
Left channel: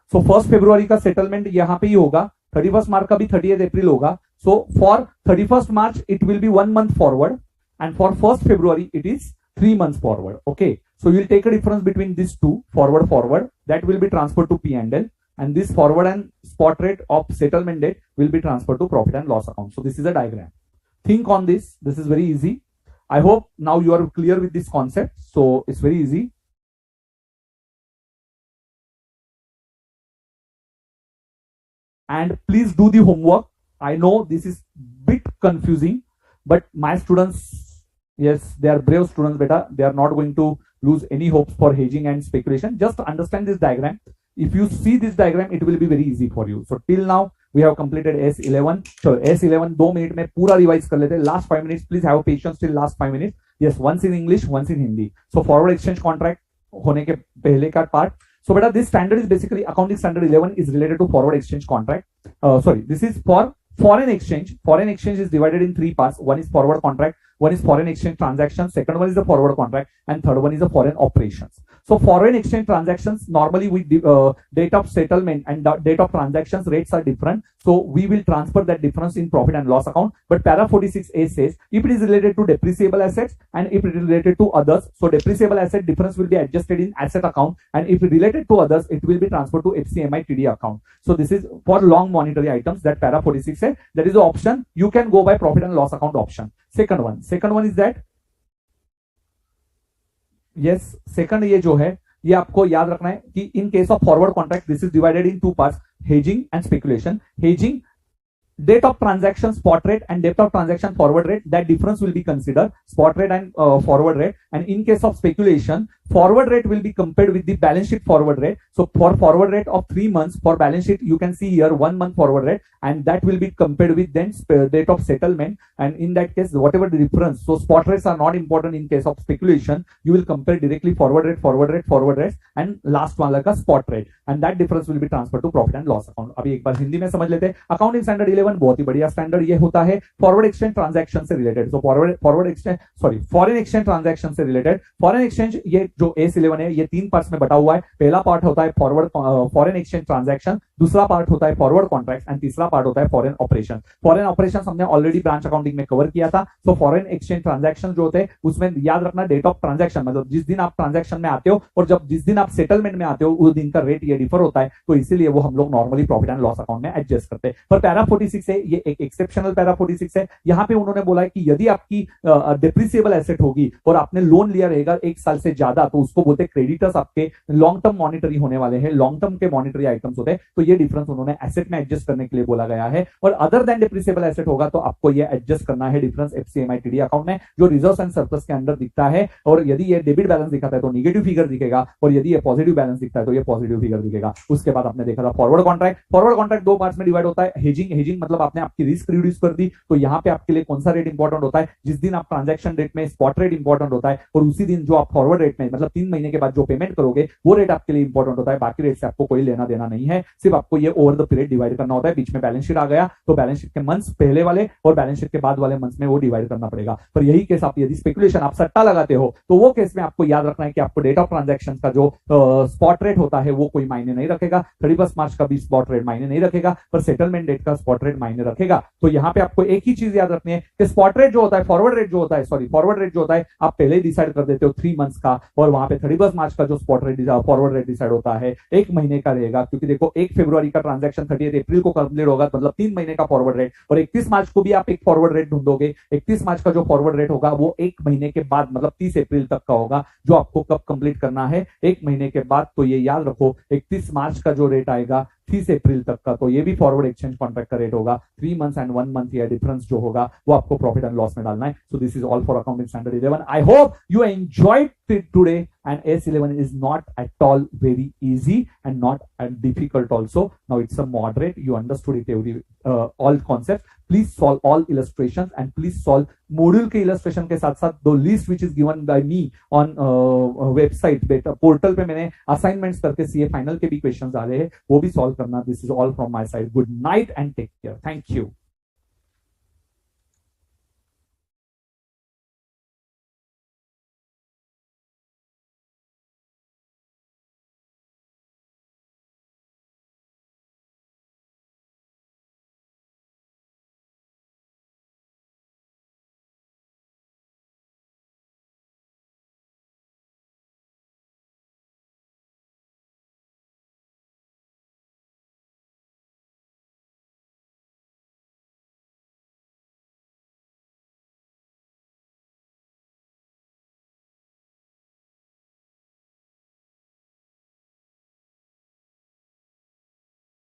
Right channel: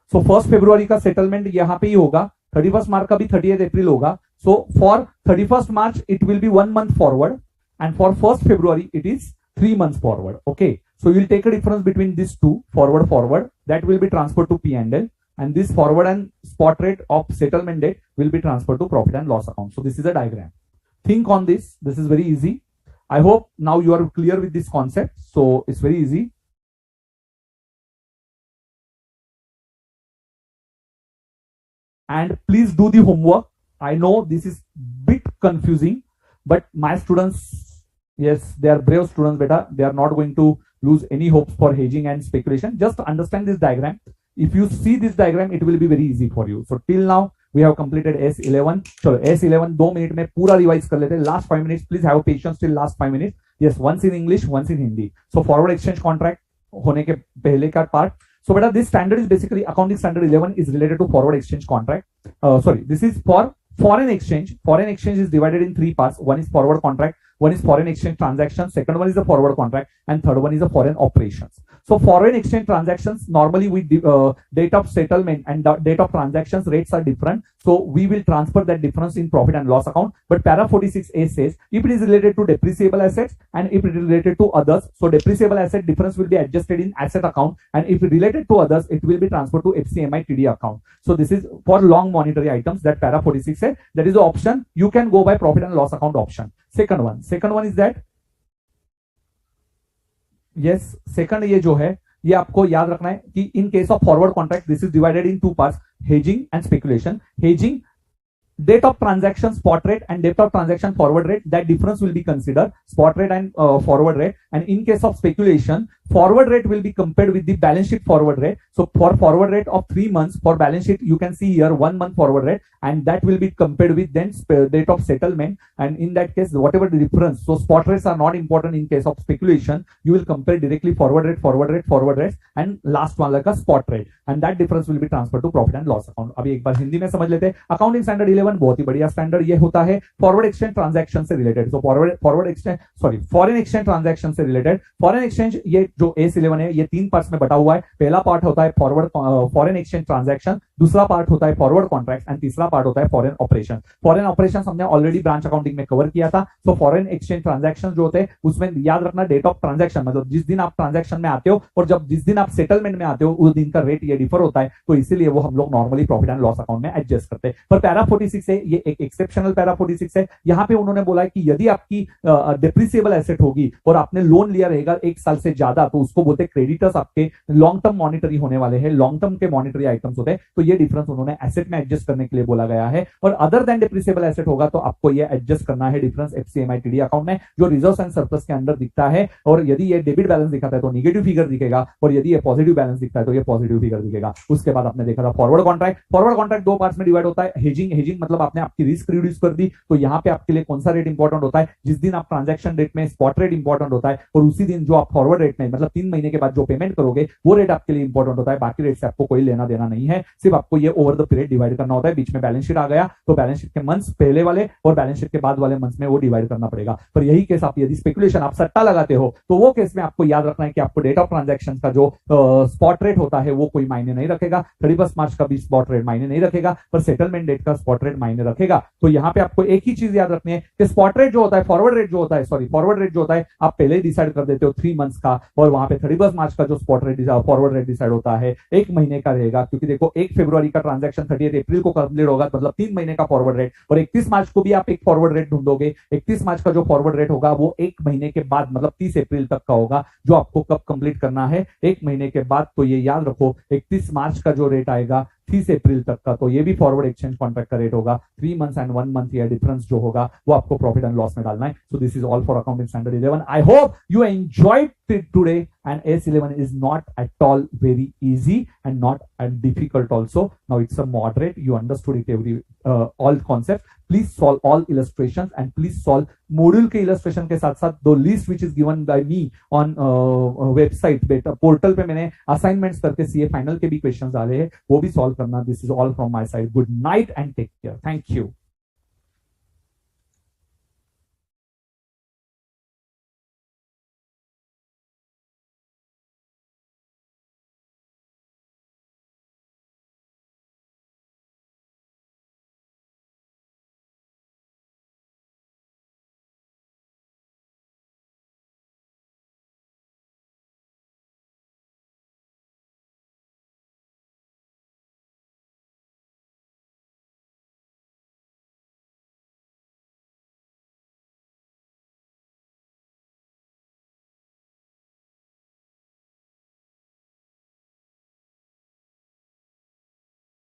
So 1st February का settlement यहाँ पे ही होगा, 31st March का भी 30th April होगा. So for 31st March it will be 1 month forward, and for 1st February it is 3 months forward. Okay. So you will take a difference between these two, forward, that will be transferred to P&L, and this forward and spot rate of settlement date will be transferred to profit and loss account. So this is a diagram. Think on this. This is very easy. I hope now you are clear with this concept. So it's very easy. And please do the homework. I know this is bit confusing, but my students, yes, they are brave students, beta. They are not going to lose any hopes for hedging and speculation. Just understand this diagram. If you see this diagram, it will be very easy for you. So till now we have completed S11. So S11 2 minutes में पूरा revise कर लेते हैं. Last 5 minutes, please have patience till last 5 minutes. Yes, once in English, once in Hindi. So forward exchange contract होने के पहले का part. So beta, this standard is basically accounting standard 11 is related to forward exchange contract. This is for foreign exchange. Foreign exchange is divided in 3 parts. One is forward contract, one is foreign exchange transactions, second one is the forward contract, and third one is the foreign operations. So foreign exchange transactions, normally with date of settlement and date of transactions rates are different. So we will transfer that difference in profit and loss account. But para 46A says if it is related to depreciable assets and if it is related to others, so depreciable asset difference will be adjusted in asset account, and if related to others, it will be transferred to FCIMTD account. So this is for long monetary items that para 46 says. That is the option. You can go by profit and loss account option. Second one is that, yes, second ये जो है ये आपको याद रखना है कि in case of forward contract this is divided in 2 parts, hedging and speculation. Hedging, date of transaction spot rate and date of transaction forward rate, that difference will be considered, spot rate and forward rate. And in case of speculation, forward rate will be compared with the balance sheet forward rate. So for forward rate of 3 months, for balance sheet you can see here 1 month forward rate, and that will be compared with then date of settlement. And in that case, whatever the difference, so spot rates are not important in case of speculation. You will compare directly forward rates and last वाला का spot rate, and that difference will be transferred to profit and loss account. अभी एक बार हिंदी में समझ लेते हैं. Accounting standard 11 बहुत ही बढ़िया स्टैंडर्ड ये होता है फॉरवर्ड एक्सचेंज ट्रांजैक्शन से related. So forward exchange foreign exchange transaction से रिलेटेड. फॉरेन एक्सचेंज ये जो AS11 है ये 3 पार्ट्स में बटा हुआ है. पहला पार्ट होता है फॉरेन एक्सचेंज ट्रांजैक्शन, दूसरा पार्ट होता है फॉरवर्ड कॉन्ट्रैक्ट एंड तीसरा पार्ट होता है फॉरेन ऑपरेशन. फॉरेन ऑपरेशन हमने ऑलरेडी ब्रांच अकाउंटिंग में कवर किया था. सो फॉरेन एक्सचेंज ट्रांजैक्शन जो होते हैं उसमें याद रखना डेट ऑफ ट्रांजैक्शन, मतलब जिस दिन आप ट्रांजैक्शन में आते हो और जब जिस दिन आप सेटलमेंट में आते हो उस दिन का रेट ये डिफर होता है. तो इसीलिए वो हम लोग normally profit and loss account में एडजस्ट करते हैं. पर पैरा 46 है, ये एक एक्सेप्शनल पैरा 46 है. यहाँ पे उन्होंने बोला है कि यदि आपकी डिप्रिसिएबल एसेट होगी और आपने लोन लिया रहेगा 1 साल से ज्यादा, तो उसको बोलते हैं क्रेडिटर्स आपके लॉन्ग टर्म मॉनिटरी होने वाले हैं, लॉन्ग टर्म के मॉनिटरी आइटम्स होते हैं. तो ये डिफरेंस उन्होंने एसेट में एडजस्ट करने के लिए बोला गया है. और अदर देन डिप्रिसिएबल एसेट होगा तो आपको ये एडजस्ट करना है डिफरेंस FCIMTD अकाउंट में, जो रिजर्व्स एंड सरप्लस के अंदर दिखता है. और यदि ये डेबिट बैलेंस दिखाता है तो नेगेटिव फिगर दिखेगा, और यदि ये पॉजिटिव बैलेंस दिखता है तो ये पॉजिटिव फिगर दिखेगा. उसके बाद आपने देखा था forward contract. Forward contract 2 parts में डिवाइड होता है. हेजिंग मतलब आपने आपकी रिस्क रिड्यूस कर दी. तो यहाँ पे आपके लिए कौन सा रेट इंपॉर्टेंट होता है, जिस दिन आप ट्रांजैक्शन रेट में स्पॉट रेट इंपॉर्टेंट होता है, और उसी दिन जो आप फॉरवर्ड रेट में मतलब 3 महीने के बाद जो पेमेंट करोगे वो रेट आपके लिए इंपॉर्टेंट होता है. बाकी रेट से आपको कोई लेना देना नहीं है, सिर्फ आपको ये ओवर द पीरियड डिवाइड करना होता है. बीच में बैलेंस शीट आ गया तो बैलेंस शीट के मंथ्स पहले वाले और बैलेंस शीट के बाद वाले मंथ्स में वो डिवाइड करना पड़ेगा. पर यही केस आप यदि स्पेकुलेशन आप सट्टा लगाते हो तो वो केस में आपको याद रखना है कि आपको डेट ऑफ ट्रांजैक्शन का जो स्पॉट रेट होता है वो कोई मायने नहीं रखेगा. 31 मार्च का भी स्पॉट रेट मायने नहीं रखेगा, पर सेटलमेंट डेट का स्पॉट रेट मायने रखेगा. तो यहाँ पे आपको एक ही चीज याद रखनी है कि स्पॉट रेट जो होता है, फॉरवर्ड रेट जो होता है, फॉरवर्ड रेट जो होता है आप पहले ही डिसाइड कर देते हो 3 मंथ्स का, और वहां पे 31 मार्च का जो spot rate forward rate decide होता है 1 महीने का रहेगा. क्योंकि देखो 1 फरवरी का ट्रांजैक्शन 30 अप्रैल को कंप्लीट होगा, मतलब 3 महीने का फॉरवर्ड रेट, और 31 मार्च को भी आप एक फॉरवर्ड रेट ढूंढोगे. 31 मार्च का जो फॉरवर्ड रेट होगा वो 1 महीने के बाद मतलब 30 अप्रैल तक का होगा, जो आपको कब कंप्लीट करना है 1 महीने के बाद. तो ये याद रखो 31 मार्च का जो रेट आएगा 30 अप्रैल तक का, तो ये भी फॉरवर्ड एक्सचेंज कॉन्ट्रैक्ट का रेट होगा. 3 मंथ्स एंड 1 मंथ या डिफरेंस जो होगा वो आपको प्रॉफिट एंड लॉस में डालना है. सो this is all for accounting standard 11. I hope you enjoyed it today, and AS11 is not at all very easy and not difficult also. Now it's a moderate, you understood it all concepts. Please solve all illustrations and please solve module के illustration के साथ साथ the list which is given by me on website beta portal पे मैंने assignments करके CA final के भी questions आ रहे हैं, वो भी solve करना. This is all from my side. Good night and take care. Thank you.